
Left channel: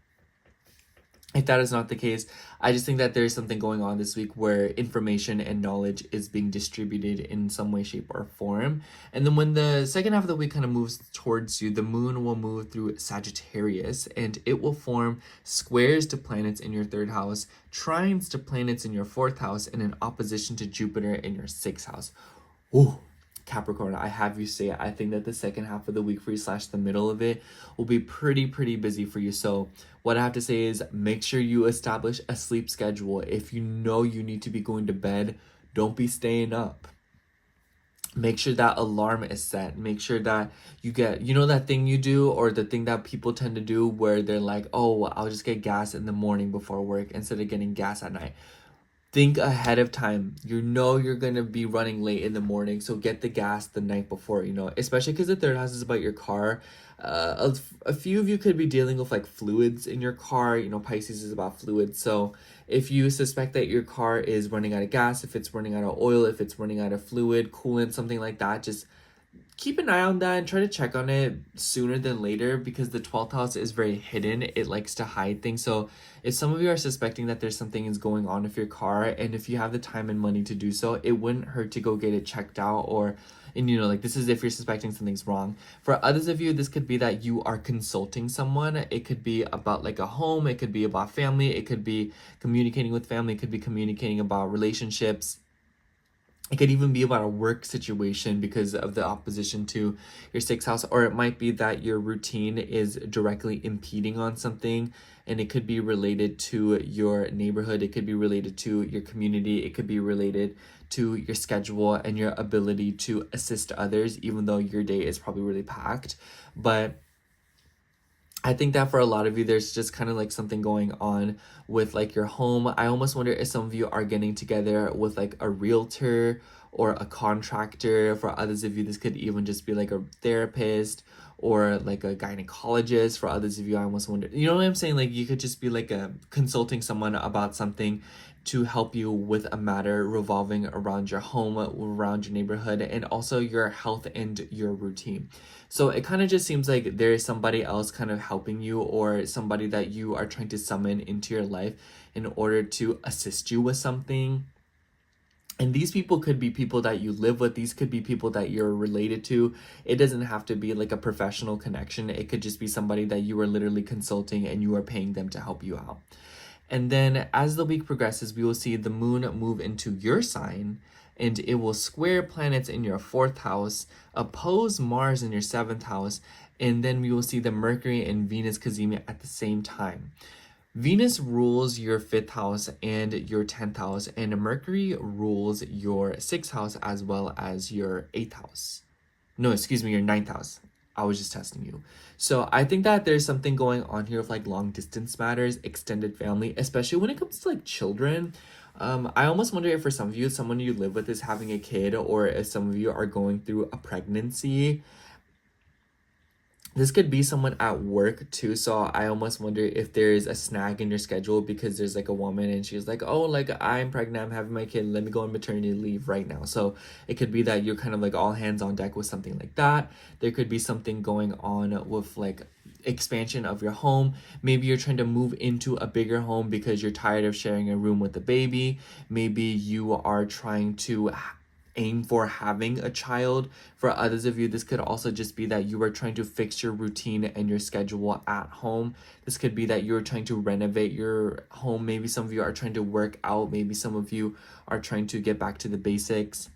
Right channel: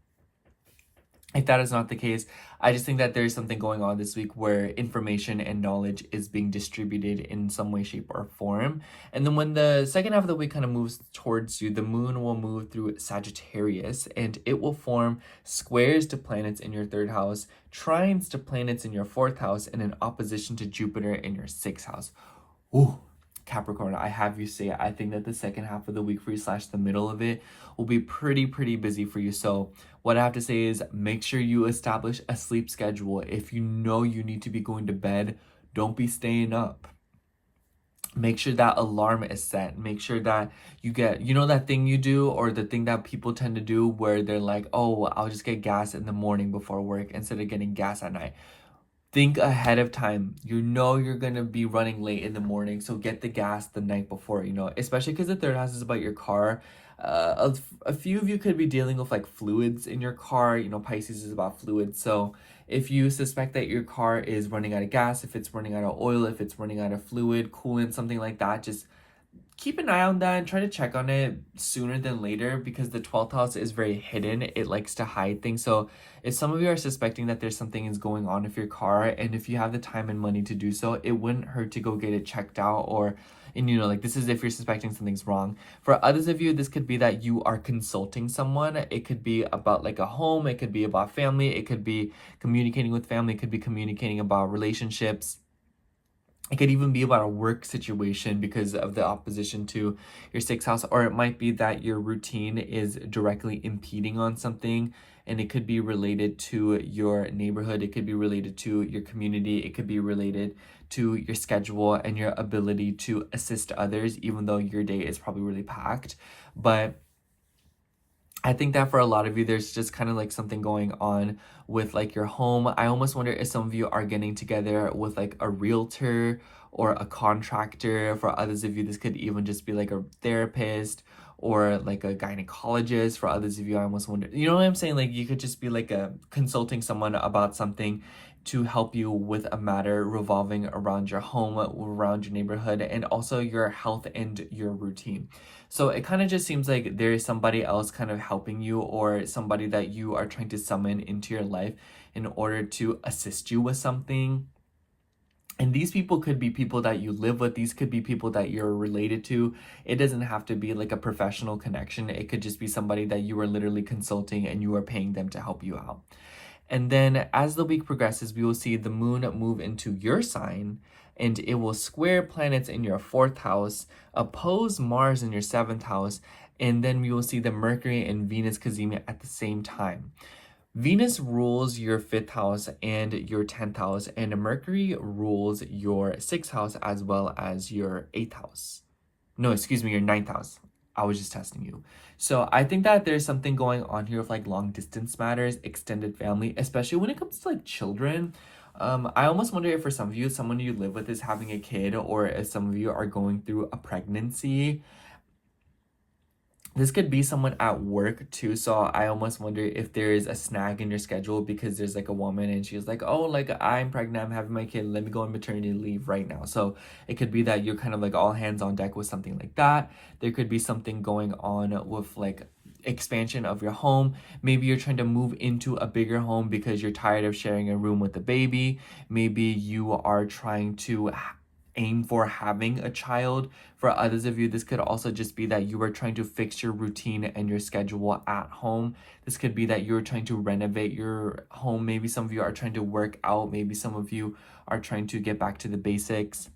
If that is not the case, I just think that there's something going on this week where information and knowledge is being distributed in some way, shape, or form. And then when the second half of the week kind of moves towards you, the moon will move through Sagittarius and it will form squares to planets in your 3rd house, trines to planets in your 4th house, and an opposition to Jupiter in your 6th house. Ooh. Capricorn, I have you say, I think that the second half of the week for you / the middle of it will be pretty busy for you. So what I have to say is make sure you establish a sleep schedule. If you know you need to be going to bed, don't be staying up. Make sure that alarm is set. Make sure that you get, you know, that thing you do, or the thing that people tend to do where they're like, oh, I'll just get gas in the morning before work instead of getting gas at night. Think ahead of time. You know you're going to be running late in the morning, so get the gas the night before, you know, especially because the 3rd house is about your car. A few of you could be dealing with like fluids in your car. You know, Pisces is about fluids. So if you suspect that your car is running out of gas, if it's running out of oil, if it's running out of fluid, coolant, something like that, just keep an eye on that and try to check on it sooner than later, because the 12th house is very hidden. It likes to hide things. So if some of you are suspecting that there's something is going on with your car, and if you have the time and money to do so, it wouldn't hurt to go get it checked out. And you know, like, this is if you're suspecting something's wrong. For others of you, this could be that you are consulting someone. It could be about like a home, it could be about family, it could be communicating with family, it could be communicating about relationships. It could even be about a work situation because of the opposition to your 6th house, or it might be that your routine is directly impeding on something and it could be related to your neighborhood, it could be related to your community, it could be related to your schedule and your ability to assist others, even though your day is probably really packed. But I think that for a lot of you, there's just kind of like something going on with like your home. I almost wonder if some of you are getting together with like a realtor or a contractor. For others of you, this could even just be like a therapist or like a gynecologist. For others of you, I almost wonder, you know what I'm saying? Like you could just be like a consulting someone about something to help you with a matter revolving around your home, around your neighborhood, and also your health and your routine. So it kind of just seems like there is somebody else kind of helping you, or somebody that you are trying to summon into your life in order to assist you with something. And these people could be people that you live with. These could be people that you're related to. It doesn't have to be like a professional connection. It could just be somebody that you are literally consulting and you are paying them to help you out. And then as the week progresses, we will see the moon move into your sign, and it will square planets in your 4th house, oppose Mars in your 7th house, and then we will see the Mercury and Venus cazimi at the same time. Venus rules your 5th house and your 10th house, and Mercury rules your 6th house as well as your 8th house. No, excuse me, your 9th house. I was just testing you. So I think that there's something going on here with like long distance matters, extended family, especially when it comes to like children. I almost wonder if for some of you, someone you live with is having a kid, or if some of you are going through a pregnancy. This could be someone at work too, so I almost wonder if there is a snag in your schedule because there's like a woman and she's like, oh, like I'm pregnant, I'm having my kid, let me go on maternity leave right now. So it could be that you're kind of like all hands on deck with something like that. There could be something going on with like expansion of your home. Maybe you're trying to move into a bigger home because you're tired of sharing a room with a baby. Maybe you are trying to aim for having a child. For others of you, this could also just be that you are trying to fix your routine and your schedule at home. This could be that you're trying to renovate your home. Maybe some of you are trying to work out. Maybe some of you are trying to get back to the basics.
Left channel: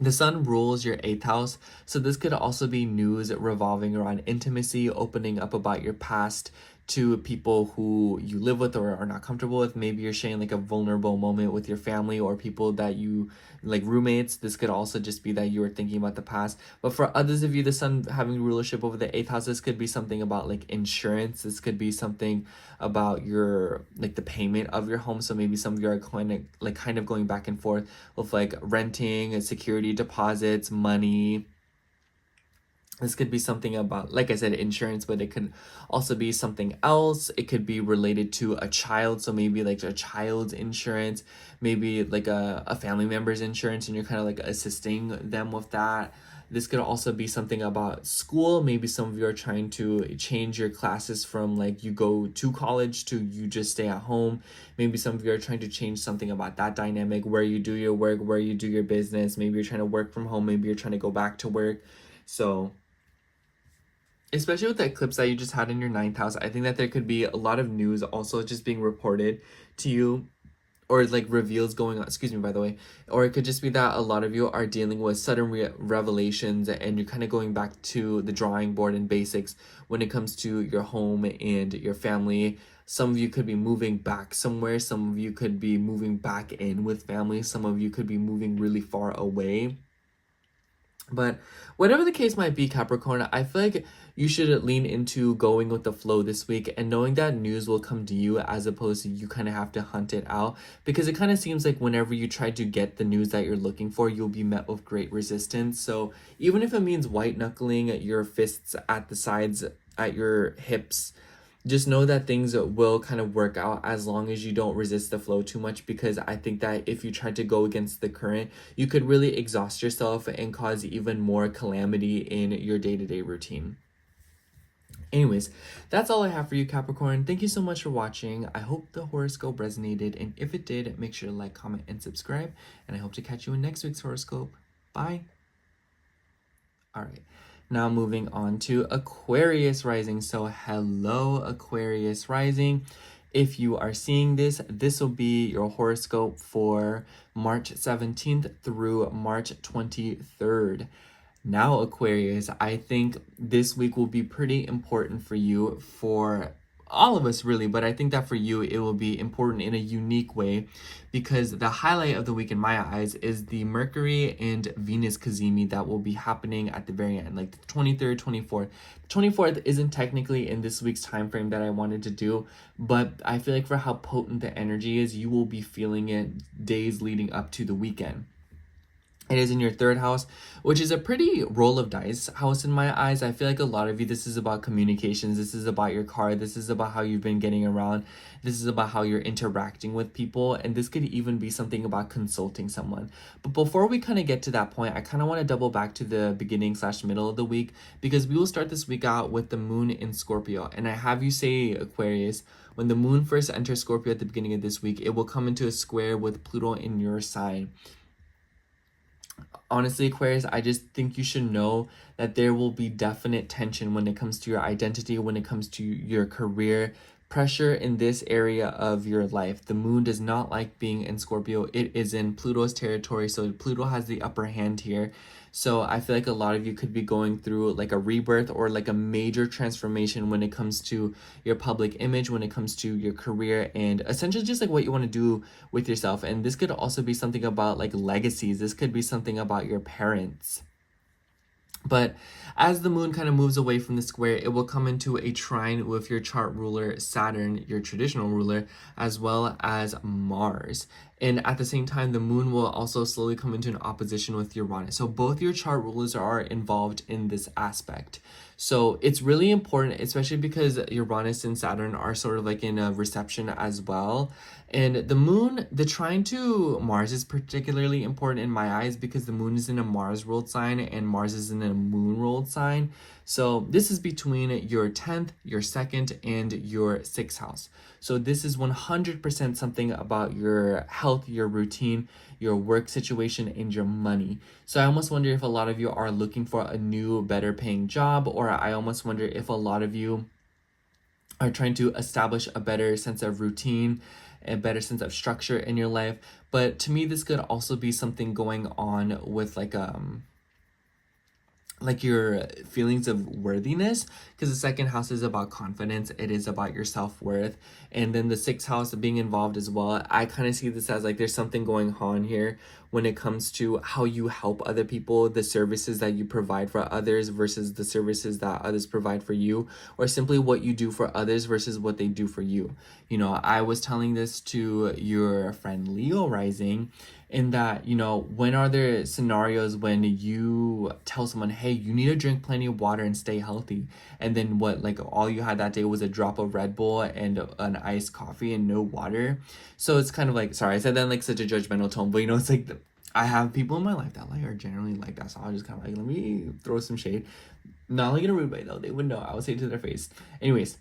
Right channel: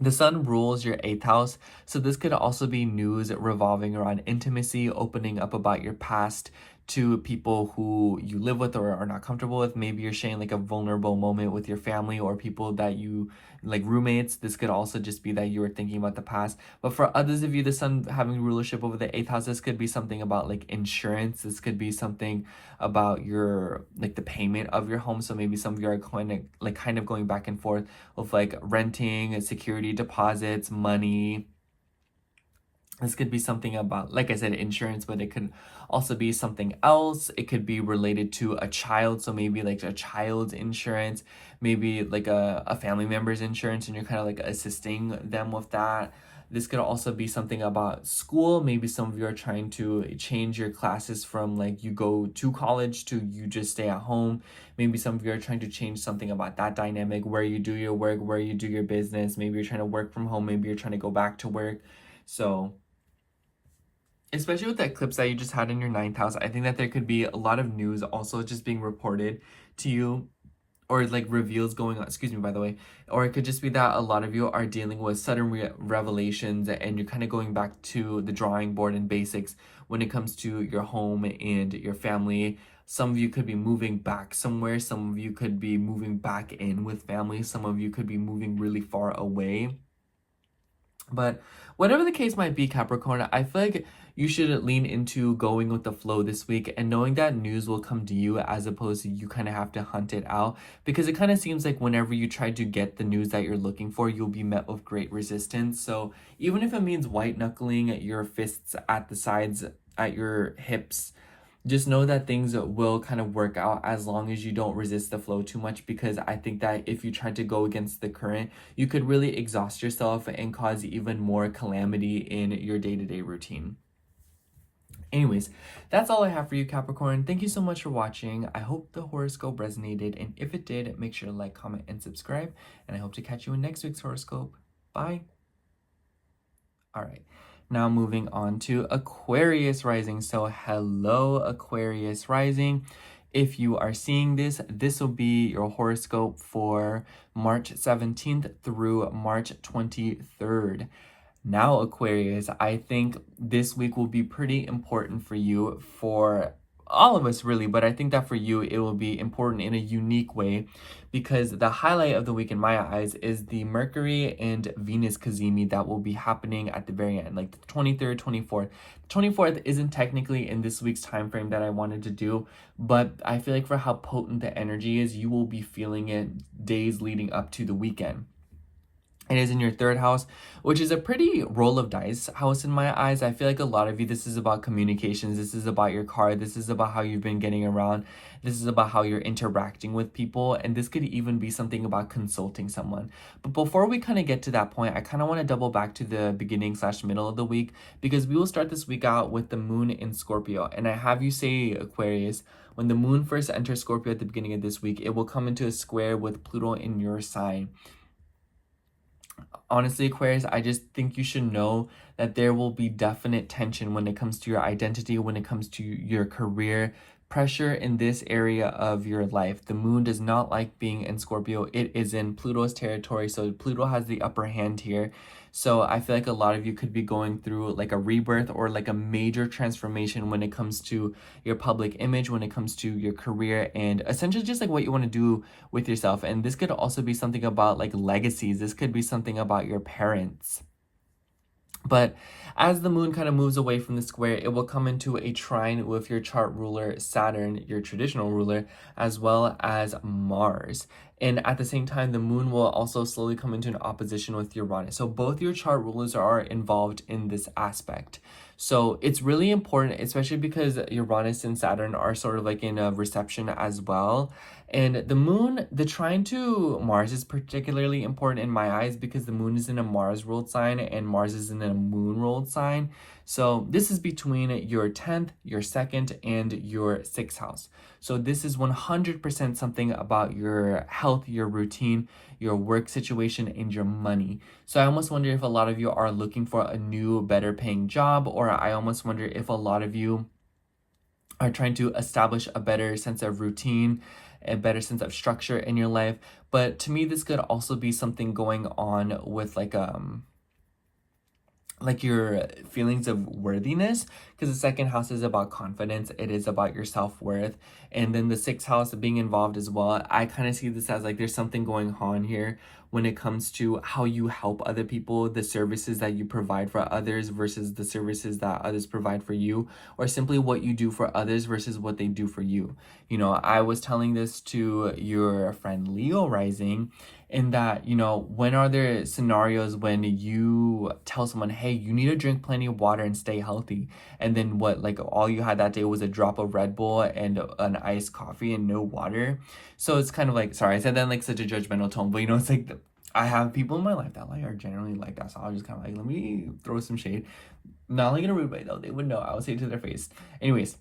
The sun rules your 8th house, so this could also be news revolving around intimacy, opening up about your past to people who you live with or are not comfortable with. Maybe you're sharing like a vulnerable moment with your family or people that you like, roommates. This could also just be that you are thinking about the past. But for others of you, the sun having rulership over the 8th house, this could be something about like insurance. This could be something about your like the payment of your home. So maybe some of you are kind of going back and forth with like renting, security deposits, money. This could be something about, like I said, insurance, but it could also be something else. It could be related to a child. So maybe like a child's insurance, maybe like a family member's insurance, and you're kind of like assisting them with that. This could also be something about school. Maybe some of you are trying to change your classes from like you go to college to you just stay at home. Maybe some of you are trying to change something about that dynamic, where you do your work, where you do your business. Maybe you're trying to work from home. Maybe you're trying to go back to work. So especially with the eclipse that you just had in your 9th house, I think that there could be a lot of news also just being reported to you, or like reveals going on, excuse me, by the way. Or it could just be that a lot of you are dealing with sudden revelations, and you're kind of going back to the drawing board and basics when it comes to your home and your family. Some of you could be moving back somewhere. Some of you could be moving back in with family. Some of you could be moving really far away. But whatever the case might be, Capricorn, I feel like you should lean into going with the flow this week and knowing that news will come to you, as opposed to you kind of have to hunt it out, because it kind of seems like whenever you try to get the news that you're looking for, you'll be met with great resistance. So even if it means white knuckling your fists at the sides, at your hips, just know that things will kind of work out as long as you don't resist the flow too much, because I think that if you try to go against the current, you could really exhaust yourself and cause even more calamity in your day-to-day routine. Anyways, that's all I have for you, Capricorn. Thank you so much for watching. I hope the horoscope resonated, and if it did, make sure to like, comment, and subscribe, and I hope to catch you in next week's horoscope. Bye. All right. Now moving on to Aquarius rising. So hello, Aquarius rising. If you are seeing this, this will be your horoscope for March 17th through March 23rd. Now, Aquarius, I think this week will be pretty important for you for all of us really, but I think that for you, it will be important in a unique way, because the highlight of the week in my eyes is the Mercury and Venus cazimi that will be happening at the very end, like the 23rd, 24th. 24th isn't technically in this week's time frame that I wanted to do, but I feel like for how potent the energy is, you will be feeling it days leading up to the weekend. It is in your third house, which is a pretty roll of dice house in my eyes. I feel like a lot of you, this is about communications. This is about your car. This is about how you've been getting around. This is about how you're interacting with people. And this could even be something about consulting someone. But before we kind of get to that point, I kind of want to double back to the beginning / middle of the week, because we will start this week out with the moon in Scorpio. And I have you say, Aquarius, when the moon first enters Scorpio at the beginning of this week, it will come into a square with Pluto in your sign. Honestly, Aquarius, I just think you should know that there will be definite tension when it comes to your identity, when it comes to your career, pressure in this area of your life. The moon does not like being in Scorpio. It is in Pluto's territory, so Pluto has the upper hand here. So I feel like a lot of you could be going through like a rebirth or like a major transformation when it comes to your public image, when it comes to your career, and essentially just like what you want to do with yourself. And this could also be something about like legacies. This could be something about your parents. But as the moon kind of moves away from the square, it will come into a trine with your chart ruler, Saturn, your traditional ruler, as well as Mars. And at the same time, the moon will also slowly come into an opposition with Uranus. So both your chart rulers are involved in this aspect. So it's really important, especially because Uranus and Saturn are sort of like in a reception as well. And the moon, the trine to Mars is particularly important in my eyes because the moon is in a Mars ruled sign and Mars is in a moon ruled sign. So this is between your 10th, your 2nd, and your 6th house. So this is 100% something about your health, your routine, your work situation, and your money. So I almost wonder if a lot of you are looking for a new, better paying job, or I almost wonder if a lot of you are trying to establish a better sense of routine, a better sense of structure in your life. But to me, this could also be something going on with like your feelings of worthiness, because the 2nd house is about confidence. It is about your self-worth. And then the 6th house being involved as well. I kind of see this as like there's something going on here when it comes to how you help other people, the services that you provide for others versus the services that others provide for you, or simply what you do for others versus what they do for you. You know, I was telling this to your friend Leo rising, in that, you know, when are there scenarios when you tell someone, hey, you need to drink plenty of water and stay healthy, and then what, like all you had that day was a drop of Red Bull and an iced coffee and no water? So it's kind of like, sorry, I said that in like such a judgmental tone, but you know, it's like I have people in my life that like are generally like that, so I'll just kind of like, let me throw some shade. Not like in a rude way though, they would know, I would say it to their face. Anyways,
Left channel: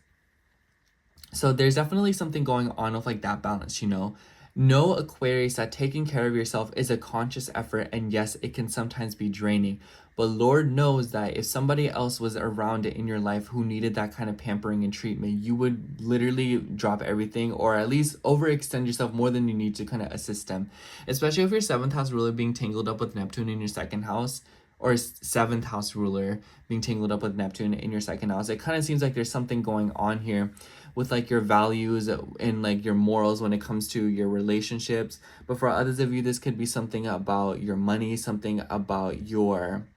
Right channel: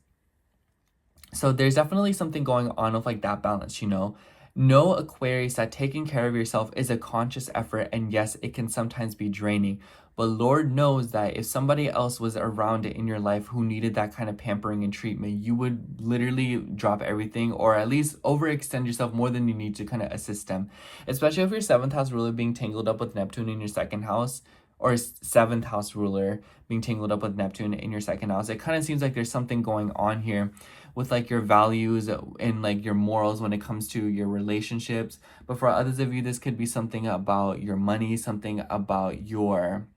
so there's definitely something going on with like that balance, you know. Know, Aquarius, that taking care of yourself is a conscious effort, and yes, it can sometimes be draining. But Lord knows that if somebody else was around it in your life who needed that kind of pampering and treatment, you would literally drop everything, or at least overextend yourself more than you need to kind of assist them. Especially if your 7th house ruler being tangled up with Neptune in your 2nd house, or 7th house ruler being tangled up with Neptune in your 2nd house. It kind of seems like there's something going on here with like your values and like your morals when it comes to your relationships. But for others of you, this could be something about your money, something about your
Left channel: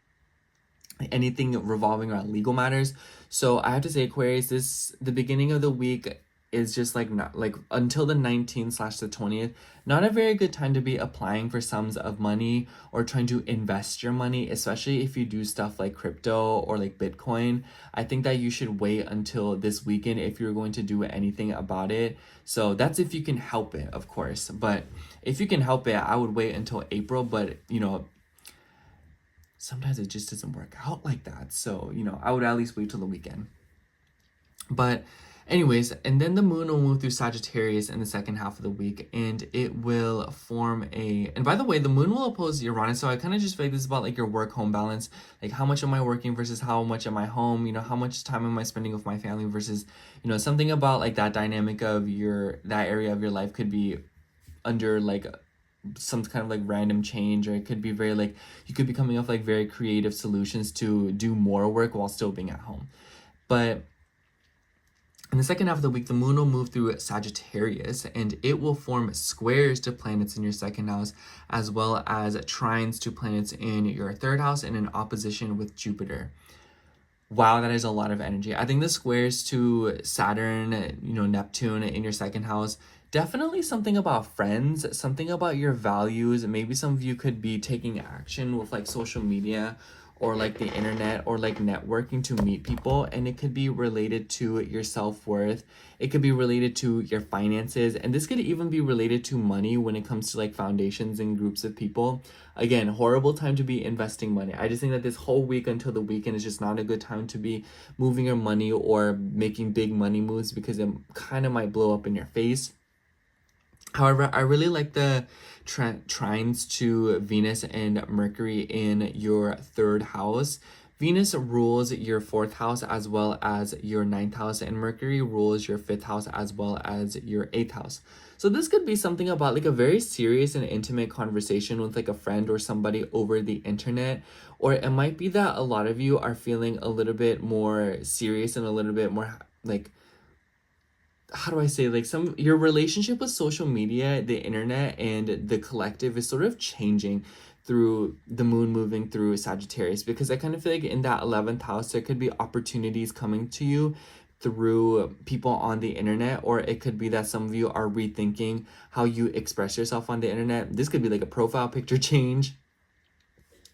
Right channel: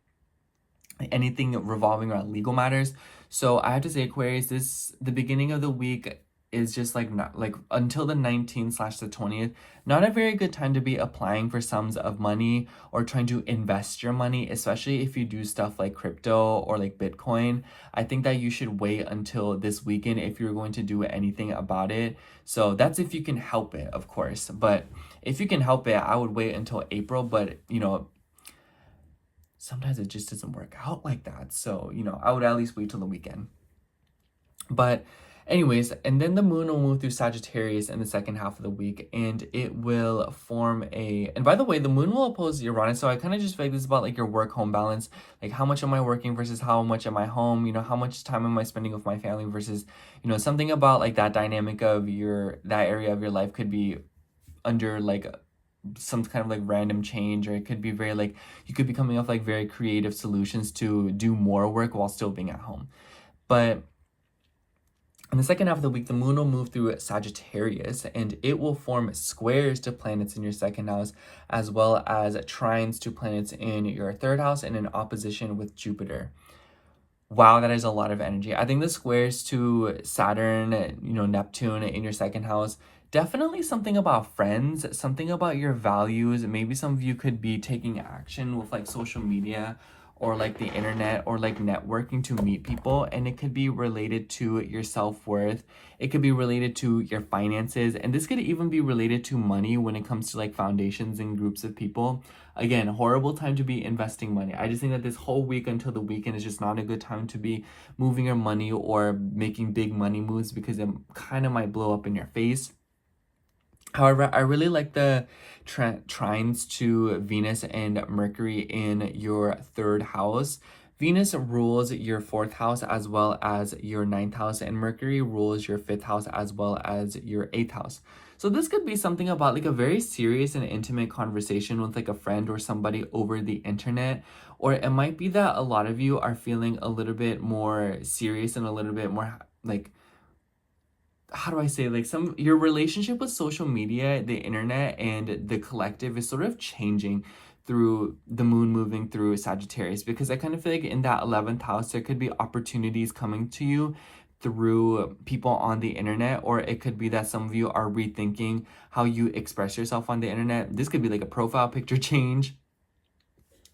anything revolving around legal matters. So I have to say, Aquarius, the beginning of the week is just like not like until the 19th / the 20th, not a very good time to be applying for sums of money or trying to invest your money, especially if you do stuff like crypto or like Bitcoin. I think that you should wait until this weekend if you're going to do anything about it. So that's if you can help it, of course. But if you can help it, I would wait until April. But you know, sometimes it just doesn't work out like that. So, you know, I would at least wait till the weekend. But anyways, and then the moon will move through Sagittarius in the 2nd half of the week, and it will form a, and by the way, the moon will oppose Uranus. So I kind of just feel like this is about like your work-home balance. Like how much am I working versus how much am I home? You know, how much time am I spending with my family versus, you know, something about like that dynamic of that area of your life could be under like some kind of like random change, or it could be very like you could be coming up like very creative solutions to do more work while still being at home. But In the second half of the week, the moon will move through Sagittarius and it will form squares to planets in your second house, as well as trines to planets in your third house and in opposition with Jupiter. Wow, that is a lot of energy. I think the squares to Saturn, Neptune in your second house, definitely something about friends, something about your values. Maybe some of you could be taking action with like social media or like the internet or like networking to meet people, and it could be related to your self-worth. It could be related to your finances, and this could even be related to money when it comes to like foundations and groups of people. Again, horrible time to be investing money. I just think that this whole week until the weekend is just not a good time to be moving your money or making big money moves, because it kind of might blow up in your face. However, I really like the trines to Venus and Mercury in your third house. Venus rules your fourth house as well as your ninth house, and Mercury rules your fifth house as well as your eighth house. So this could be something about like a very serious and intimate conversation with like a friend or somebody over the internet. Or it might be that a lot of you are feeling a little bit more serious and a little bit more like, how do I say, like your relationship with social media, the internet, and the collective is sort of changing through the moon moving through Sagittarius, because I kind of feel like in that 11th house, there could be opportunities coming to you through people on the internet, or it could be that some of you are rethinking how you express yourself on the internet. This could be like a profile picture change,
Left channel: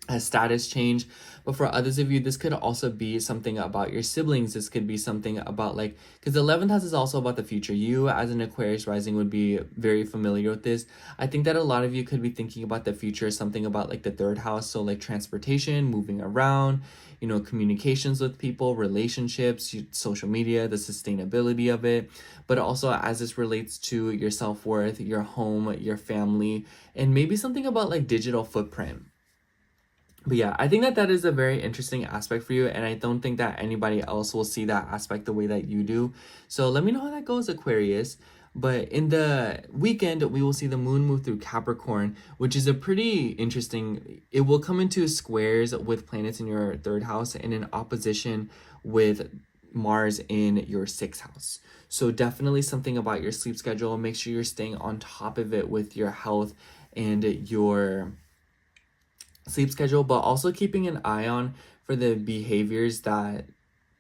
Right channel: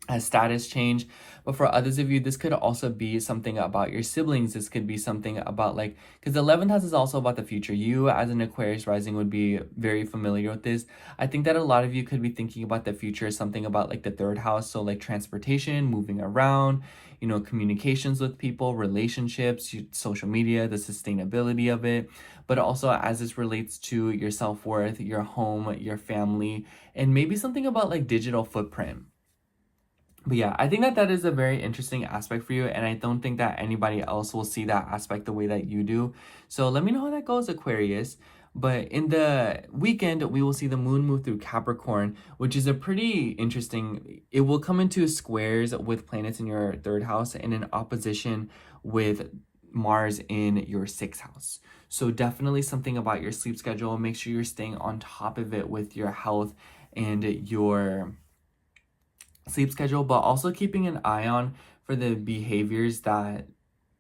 a status change. But for others of you, this could also be something about your siblings. This could be something about like, because the 11th house is also about the future. You as an Aquarius rising would be very familiar with this. I think that a lot of you could be thinking about the future, something about like the third house. So like transportation, moving around, communications with people, relationships, social media, the sustainability of it, but also as this relates to your self-worth, your home, your family, and maybe something about like digital footprint. But yeah, I think that that is a very interesting aspect for you, and I don't think that anybody else will see that aspect the way that you do. So let me know how that goes, Aquarius. But in the weekend, we will see the moon move through Capricorn, which is a pretty interesting, it will come into squares with planets in your third house and in opposition with Mars in your sixth house. So definitely something about your sleep schedule. Make sure you're staying on top of it with your health and your sleep schedule, but also keeping an eye on for the behaviors that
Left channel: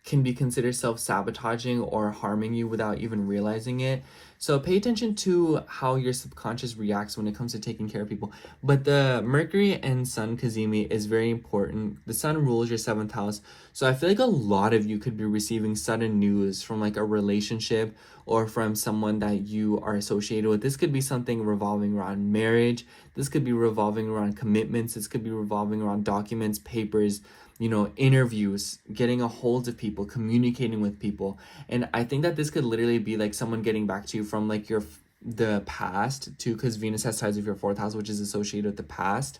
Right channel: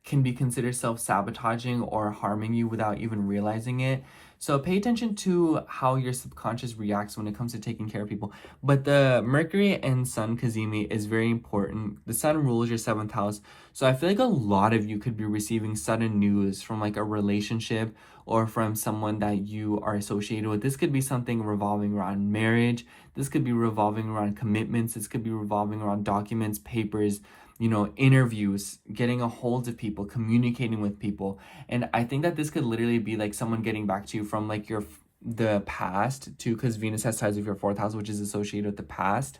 can be considered self-sabotaging or harming you without even realizing it. So pay attention to how your subconscious reacts when it comes to taking care of people. But the Mercury and Sun Kazemi is very important. The Sun rules your seventh house. So I feel like a lot of you could be receiving sudden news from like a relationship or from someone that you are associated with. This could be something revolving around marriage. This could be revolving around commitments. This could be revolving around documents, papers, interviews, getting a hold of people, communicating with people. And I think that this could literally be like someone getting back to you from like the past too, because Venus has ties with your fourth house, which is associated with the past.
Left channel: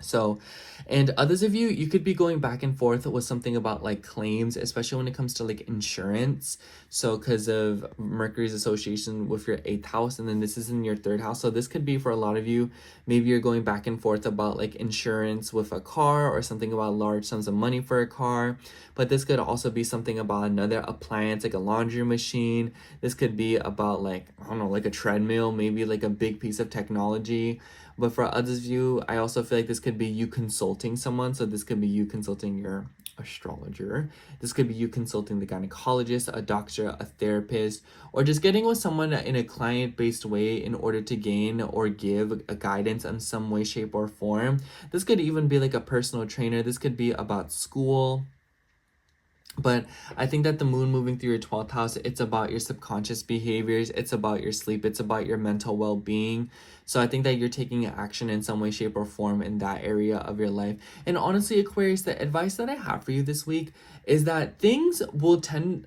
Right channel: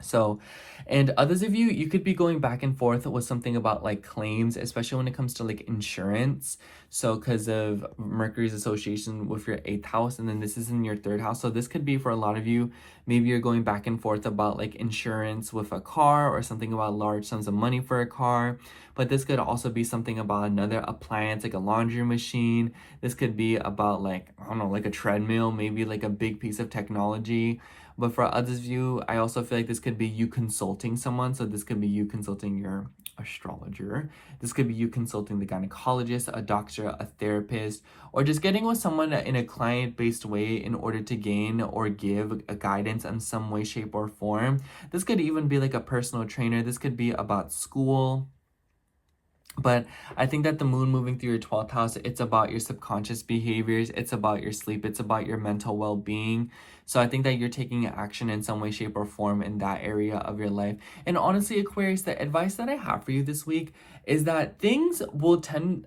So, and others of you, you could be going back and forth with something about like claims, especially when it comes to like insurance. So because of Mercury's association with your eighth house, and then this is in your third house. So this could be for a lot of you, maybe you're going back and forth about like insurance with a car or something about large sums of money for a car. But this could also be something about another appliance, like a laundry machine. This could be about like, I don't know, like a treadmill, maybe like a big piece of technology. But for others of you, I also feel like this could be you consulting someone. So this could be you consulting your astrologer. This could be you consulting the gynecologist, a doctor, a therapist, or just getting with someone in a client-based way in order to gain or give a guidance in some way, shape, or form. This could even be like a personal trainer. This could be about school. But I think that the moon moving through your 12th house, it's about your subconscious behaviors. It's about your sleep. It's about your mental well-being. So I think that you're taking action in some way, shape, or form in that area of your life. And honestly, Aquarius, the advice that I have for you this week is that things will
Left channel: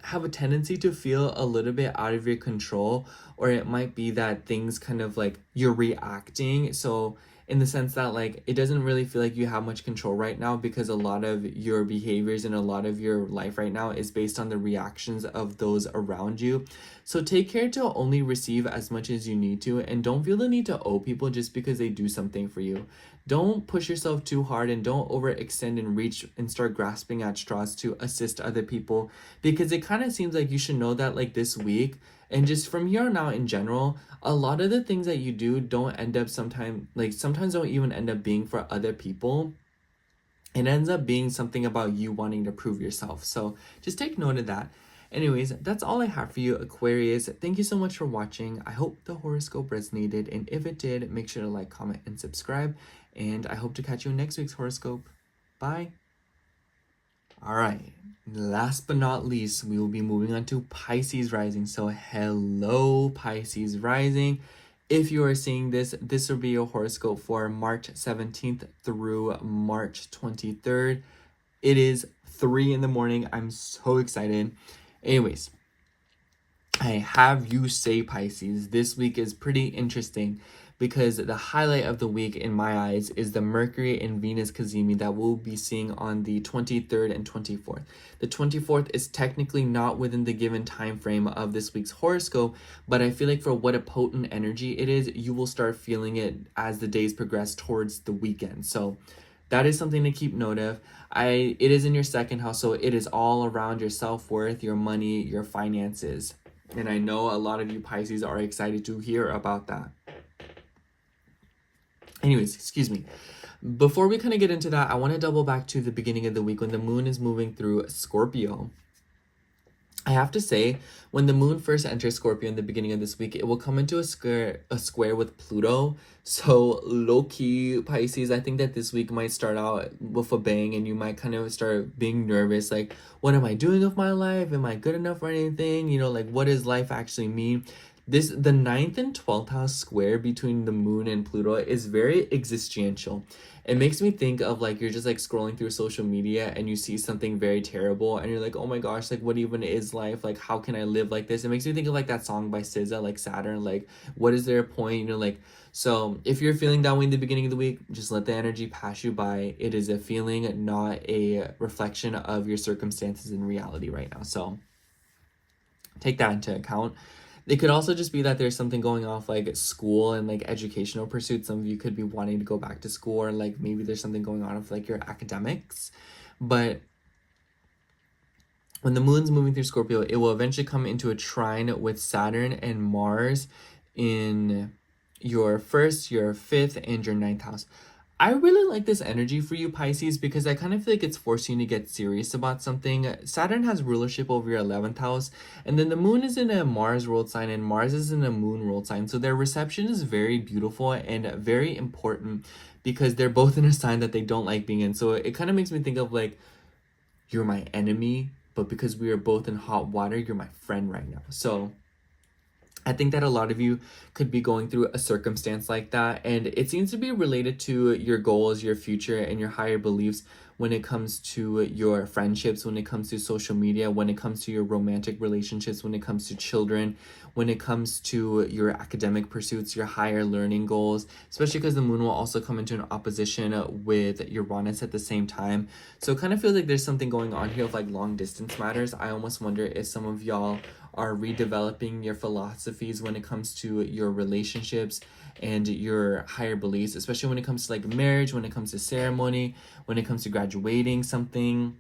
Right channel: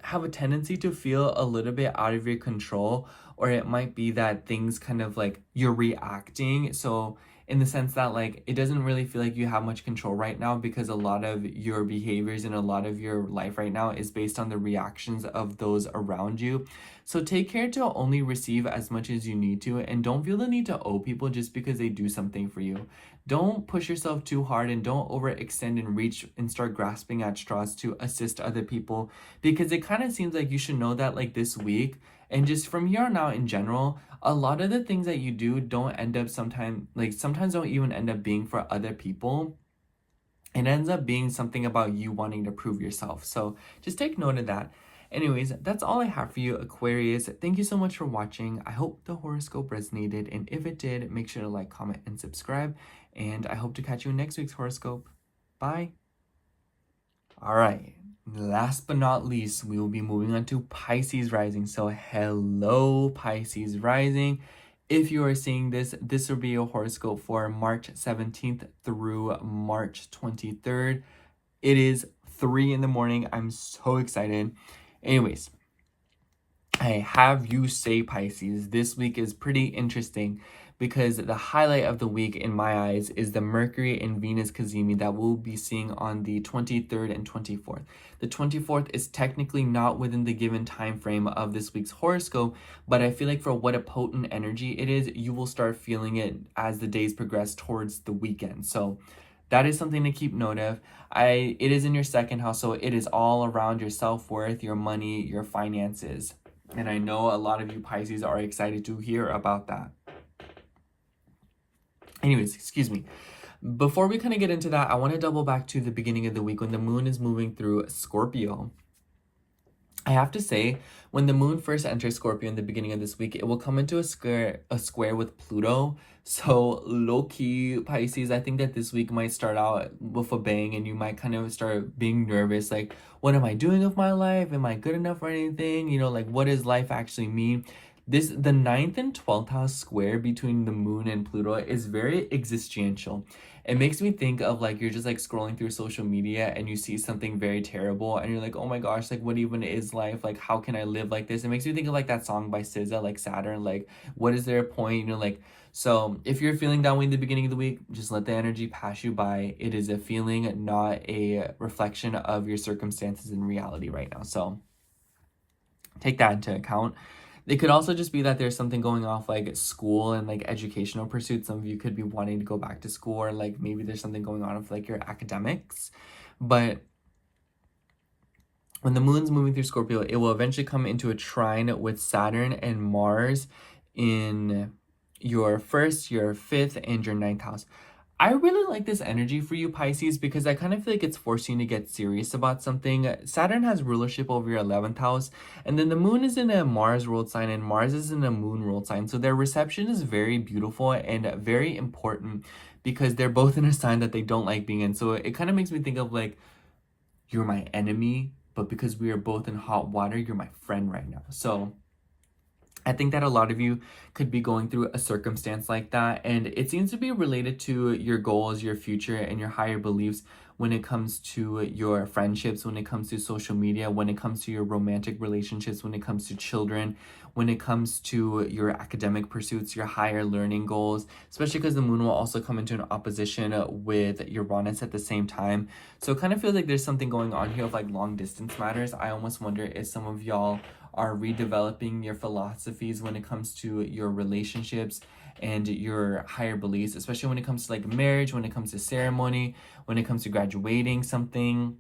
have a tendency to feel a little bit out of your control, or it might be that things kind of like you're reacting. So in the sense that like it doesn't really feel like you have much control right now, because a lot of your behaviors and a lot of your life right now is based on the reactions of those around you. So take care to only receive as much as you need to, and don't feel the need to owe people just because they do something for you. Don't push yourself too hard, and don't overextend and reach and start grasping at straws to assist other people, because it kind of seems like you should know that like this week and just from here on out in general, a lot of the things that you do don't end up sometimes don't even end up being for other people. It ends up being something about you wanting to prove yourself. So just take note of that. Anyways, that's all I have for you, Aquarius. Thank you so much for watching. I hope the horoscope resonated, and if it did, make sure to like, comment, and subscribe. And I hope to catch you in next week's horoscope. Bye. All right, last but not least, we will be moving on to Pisces rising. So hello, Pisces rising. If you are seeing this, this will be a horoscope for March 17th through March 23rd. It is 3 in the morning. I'm so excited. Anyways, I have you say, Pisces, this week is pretty interesting, because the highlight of the week in my eyes is the Mercury and Venus cazimi that we'll be seeing on the 23rd and 24th. The 24th is technically not within the given time frame of this week's horoscope, but I feel like for what a potent energy it is, you will start feeling it as the days progress towards the weekend. So that is something to keep note of. It is in your second house, so it is all around your self-worth, your money, your finances. And I know a lot of you Pisces are excited to hear about that. Anyways, excuse me. Before we kind of get into that, I want to double back to the beginning of the week when the moon is moving through Scorpio. I have to say, when the moon first enters Scorpio in the beginning of this week, it will come into a square with Pluto. So low-key, Pisces, I think that this week might start out with a bang, and you might kind of start being nervous. Like, what am I doing with my life? Am I good enough for anything? You know, like, what does life actually mean? The 9th and 12th house square between the moon and Pluto is very existential. It makes me think of like you're just like scrolling through social media and you see something very terrible and you're like, oh my gosh, like what even is life? Like how can I live like this? It makes me think of like that song by SZA, like Saturn, like what is there a point? You know, like, so if you're feeling that way in the beginning of the week, just let the energy pass you by. It is a feeling, not a reflection of your circumstances in reality right now. So take that into account. It could also just be that there's something going off like school and like educational pursuits. Some of you could be wanting to go back to school, or like maybe there's something going on with like your academics. But when the moon's moving through Scorpio, it will eventually come into a trine with Saturn and Mars in your 1st, your 5th, and your 9th house. I really like this energy for you, Pisces, because I kind of feel like it's forcing you to get serious about something. Saturn has rulership over your 11th house, and then the moon is in a Mars ruled sign, and Mars is in a moon ruled sign. So their reception is very beautiful and very important, because they're both in a sign that they don't like being in. So it kind of makes me think of like, you're my enemy, but because we are both in hot water, you're my friend right now. So I think that a lot of you could be going through a circumstance like that, and it seems to be related to your goals, your future, and your higher beliefs when it comes to your friendships, when it comes to social media, when it comes to your romantic relationships, when it comes to children, when it comes to your academic pursuits, your higher learning goals, especially because the moon will also come into an opposition with Uranus at the same time. So it kind of feels like there's something going on here of like long distance matters. I almost wonder if some of y'all are redeveloping your philosophies when it comes to your relationships and your higher beliefs, especially when it comes to like marriage, when it comes to ceremony, when it comes to graduating something,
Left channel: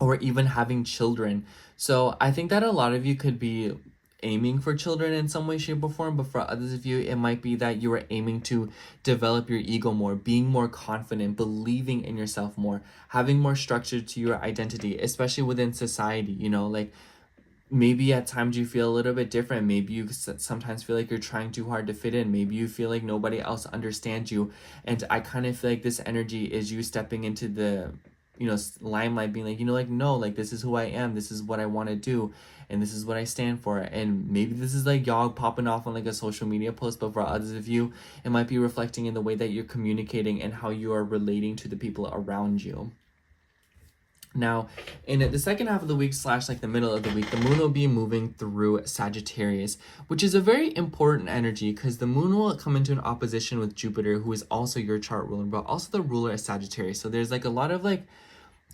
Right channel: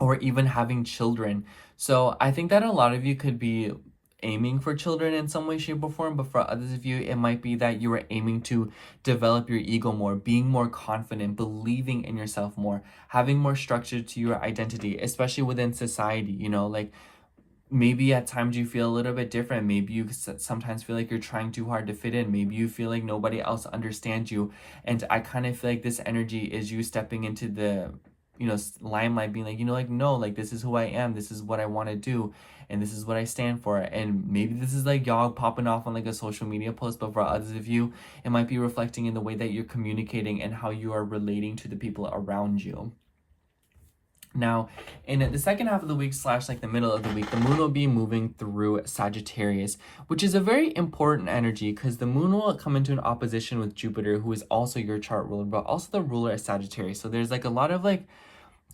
or even having children. So I think that a lot of you could be aiming for children in some way, shape, or form, but for others of you, it might be that you are aiming to develop your ego more, being more confident, believing in yourself more, having more structure to your identity, especially within society, you know, like maybe at times you feel a little bit different. Maybe you sometimes feel like you're trying too hard to fit in. Maybe you feel like nobody else understands you. And I kind of feel like this energy is you stepping into the, you know, limelight, being like, you know, like, no, like, this is who I am. This is what I want to do. And this is what I stand for. And maybe this is like y'all popping off on like a social media post, but for others of you, it might be reflecting in the way that you're communicating and how you are relating to the people around you. Now, in the second half of the week slash like the middle of the week, the moon will be moving through Sagittarius, which is a very important energy because the moon will come into an opposition with Jupiter, who is also your chart ruler, but also the ruler of Sagittarius. So there's like a lot of like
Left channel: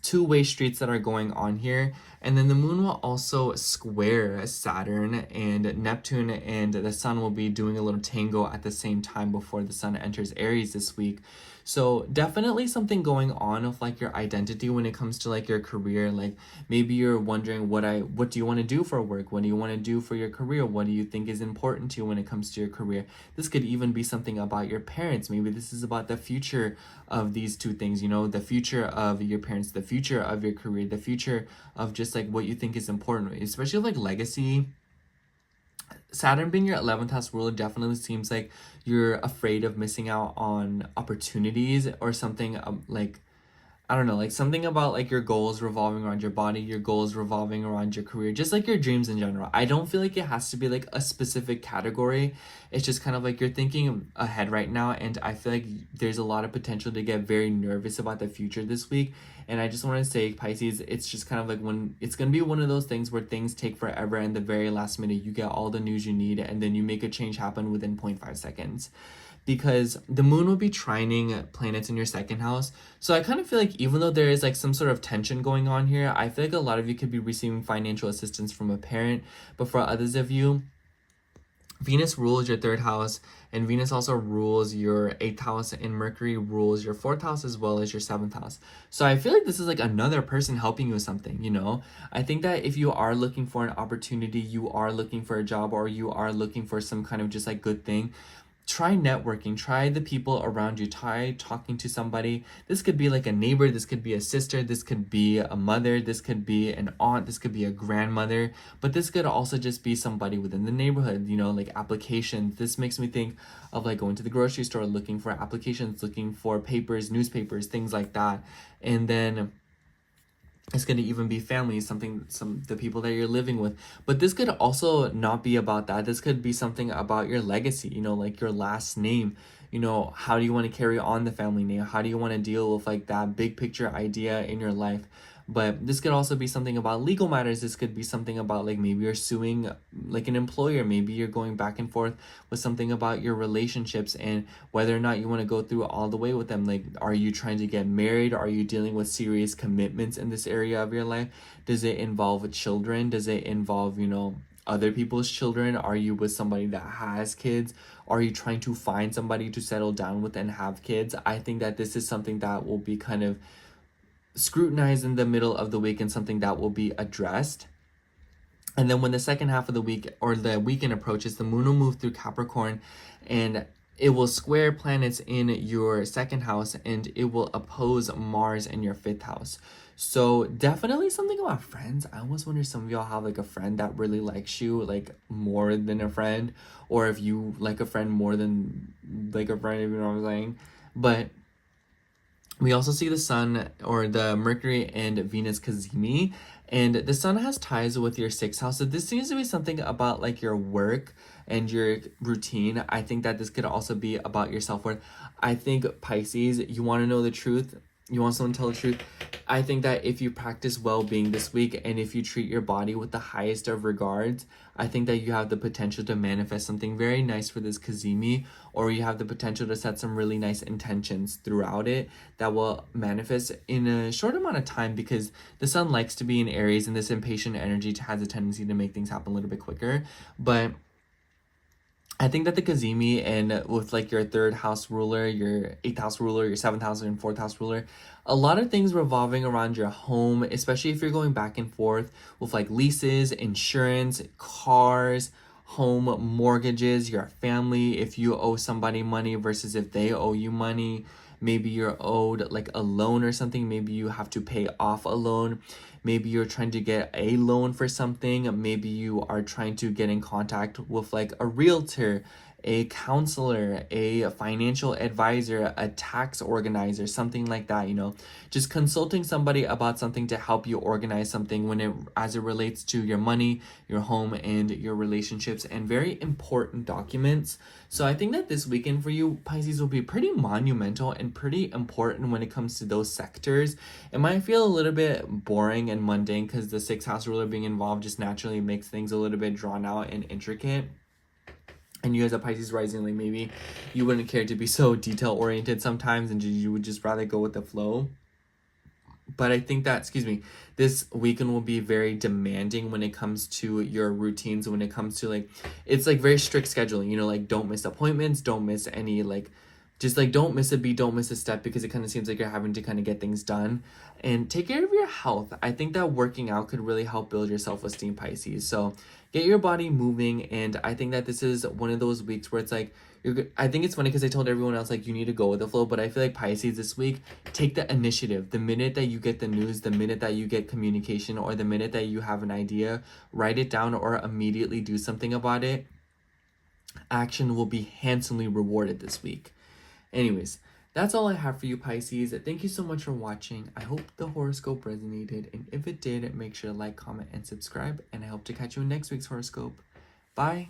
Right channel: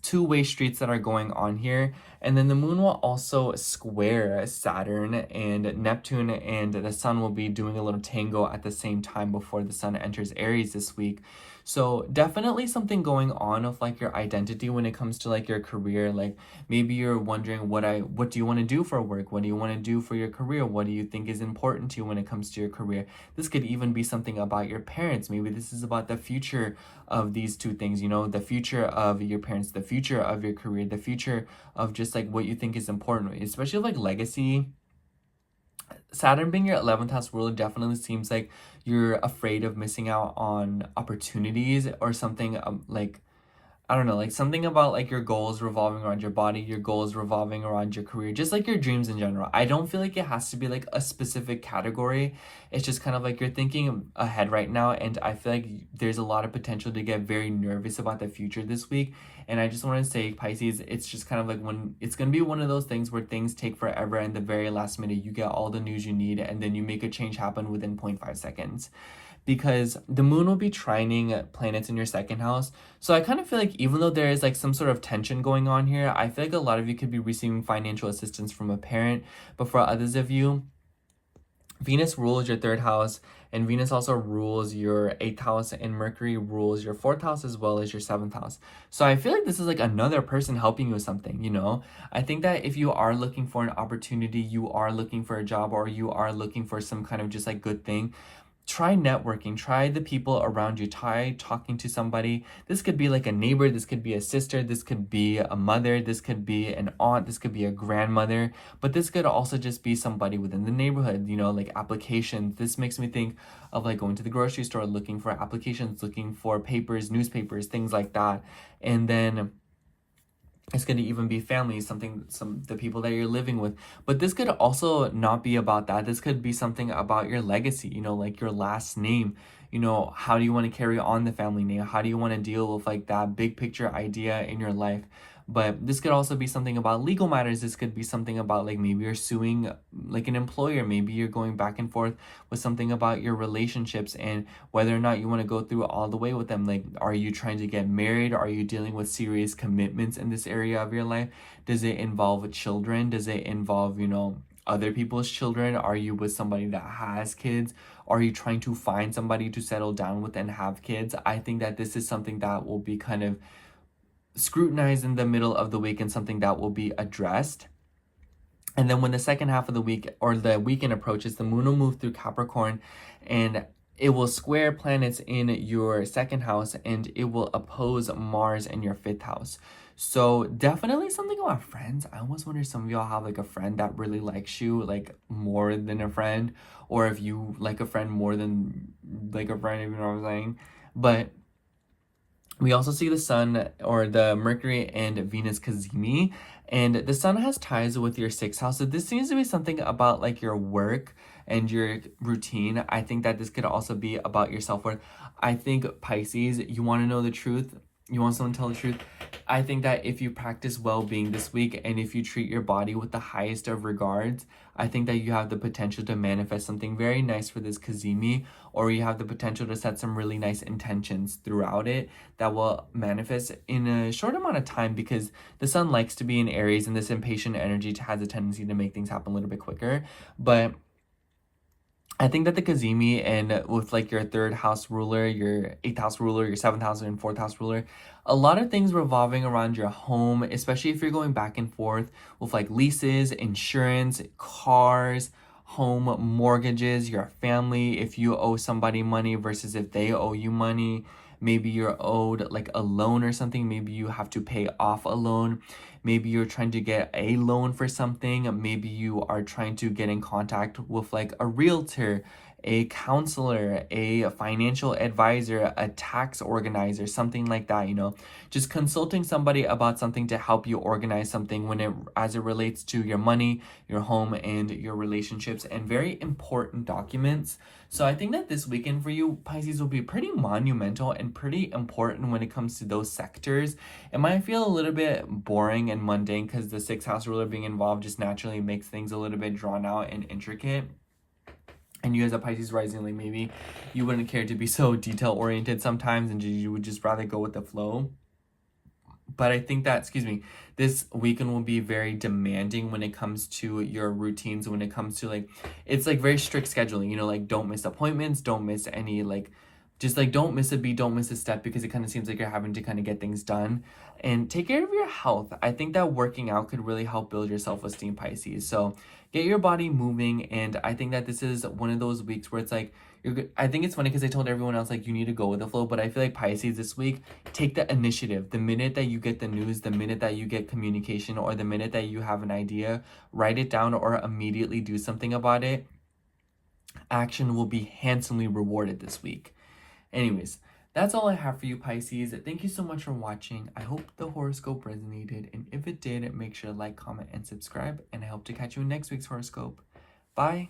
two-way streets that are going on here. And then the moon will also square Saturn and Neptune, and the sun will be doing a little tango at the same time before the sun enters Aries this week. So definitely something going on of like your identity when it comes to like your career. Like maybe you're wondering what do you want to do for work? What do you want to do for your career? What do you think is important to you when it comes to your career? This could even be something about your parents. Maybe this is about the future of these two things, you know, the future of your parents, the future of your career, the future of just like what you think is important, especially like legacy. Saturn being your 11th house ruler definitely seems like you're afraid of missing out on opportunities or something, like, I don't know, like something about like your goals revolving around your body, your goals revolving around your career, just like your dreams in general. I don't feel like it has to be like a specific category. It's just kind of like you're thinking ahead right now, and I feel like there's a lot of potential to get very nervous about the future this week. And I just want to say, Pisces, it's just kind of like when it's going to be one of those things where things take forever, and the very last minute you get all the news you need, and then you make a change happen within 0.5 seconds. Because the moon will be trining planets in your second house. So I kind of feel like even though there is like some sort of tension going on here, I feel like a lot of you could be receiving financial assistance from a parent. But for others of you, Venus rules your third house, and Venus also rules your 8th house, and Mercury rules your 4th house as well as your 7th house. So I feel like this is like another person helping you with something, you know? I think that if you are looking for an opportunity, you are looking for a job, or you are looking for some kind of just like good thing, try networking, try the people around you, try talking to somebody. This could be like a neighbor, this could be a sister, this could be a mother, this could be an aunt, this could be a grandmother, but this could also just be somebody within the neighborhood, you know, like applications. This makes me think of like going to the grocery store, looking for applications, looking for papers, newspapers, things like that. And then it's going to even be family, the people that you're living with. But this could also not be about that. This could be something about your legacy, you know, like your last name. You know, how do you want to carry on the family name? How do you want to deal with like that big picture idea in your life? But this could also be something about legal matters. This could be something about like maybe you're suing like an employer. Maybe you're going back and forth with something about your relationships and whether or not you want to go through all the way with them. Like, are you trying to get married? Are you dealing with serious commitments in this area of your life? Does it involve children? Does it involve, you know, other people's children? Are you with somebody that has kids? Are you trying to find somebody to settle down with and have kids? I think that this is something that will be kind of scrutinized in the middle of the week and something that will be addressed. And then when the second half of the week or the weekend approaches, the moon will move through Capricorn, and it will square planets in your second house, and it will oppose Mars in your 5th house. So definitely something about friends. I almost wonder if some of y'all have like a friend that really likes you, like more than a friend, or if you like a friend more than like a friend, if you know what I'm saying. But we also see the sun or the Mercury and Venus cazimi, and the sun has ties with your 6th house. So this seems to be something about like your work and your routine. I think that this could also be about your self-worth. I think Pisces, you want to know the truth. You want someone to tell the truth. I think that if you practice well-being this week and if you treat your body with the highest of regards, I think that you have the potential to manifest something very nice for this cazimi, or you have the potential to set some really nice intentions throughout it that will manifest in a short amount of time, because the sun likes to be in Aries, and this impatient energy has a tendency to make things happen a little bit quicker. But I think that the cazimi, and with like your 3rd house ruler, your 8th house ruler, your 7th house and 4th house ruler, a lot of things revolving around your home, especially if you're going back and forth with like leases, insurance, cars, home mortgages, your family, if you owe somebody money versus if they owe you money. Maybe you're owed like a loan or something. Maybe you have to pay off a loan. Maybe you're trying to get a loan for something. Maybe you are trying to get in contact with like a realtor a counselor, a financial advisor, a tax organizer, something like that, you know, just consulting somebody about something to help you organize something as it relates to your money, your home, and your relationships, and very important documents. So I think that this weekend for you, Pisces, will be pretty monumental and pretty important when it comes to those sectors. It might feel a little bit boring and mundane because the sixth house ruler being involved just naturally makes things a little bit drawn out and intricate. And you as a Pisces rising, like maybe you wouldn't care to be so detail oriented sometimes and you would just rather go with the flow. But I think that, this weekend will be very demanding when it comes to your routines, when it comes to it's like very strict scheduling, you know, like don't miss appointments, don't miss any, don't miss a beat, don't miss a step, because it kind of seems like you're having to kind of get things done. And take care of your health. I think that working out could really help build your self-esteem, Pisces. So get your body moving. And I think that this is one of those weeks where it's like, I think it's funny because I told everyone else, you need to go with the flow. But I feel like Pisces this week, take the initiative. The minute that you get the news, the minute that you get communication, or the minute that you have an idea, write it down or immediately do something about it. Action will be handsomely rewarded this week. Anyways, that's all I have for you, Pisces. Thank you so much for watching. I hope the horoscope resonated, and if it did, make sure to like, comment, and subscribe, and I hope to catch you in next week's horoscope. Bye!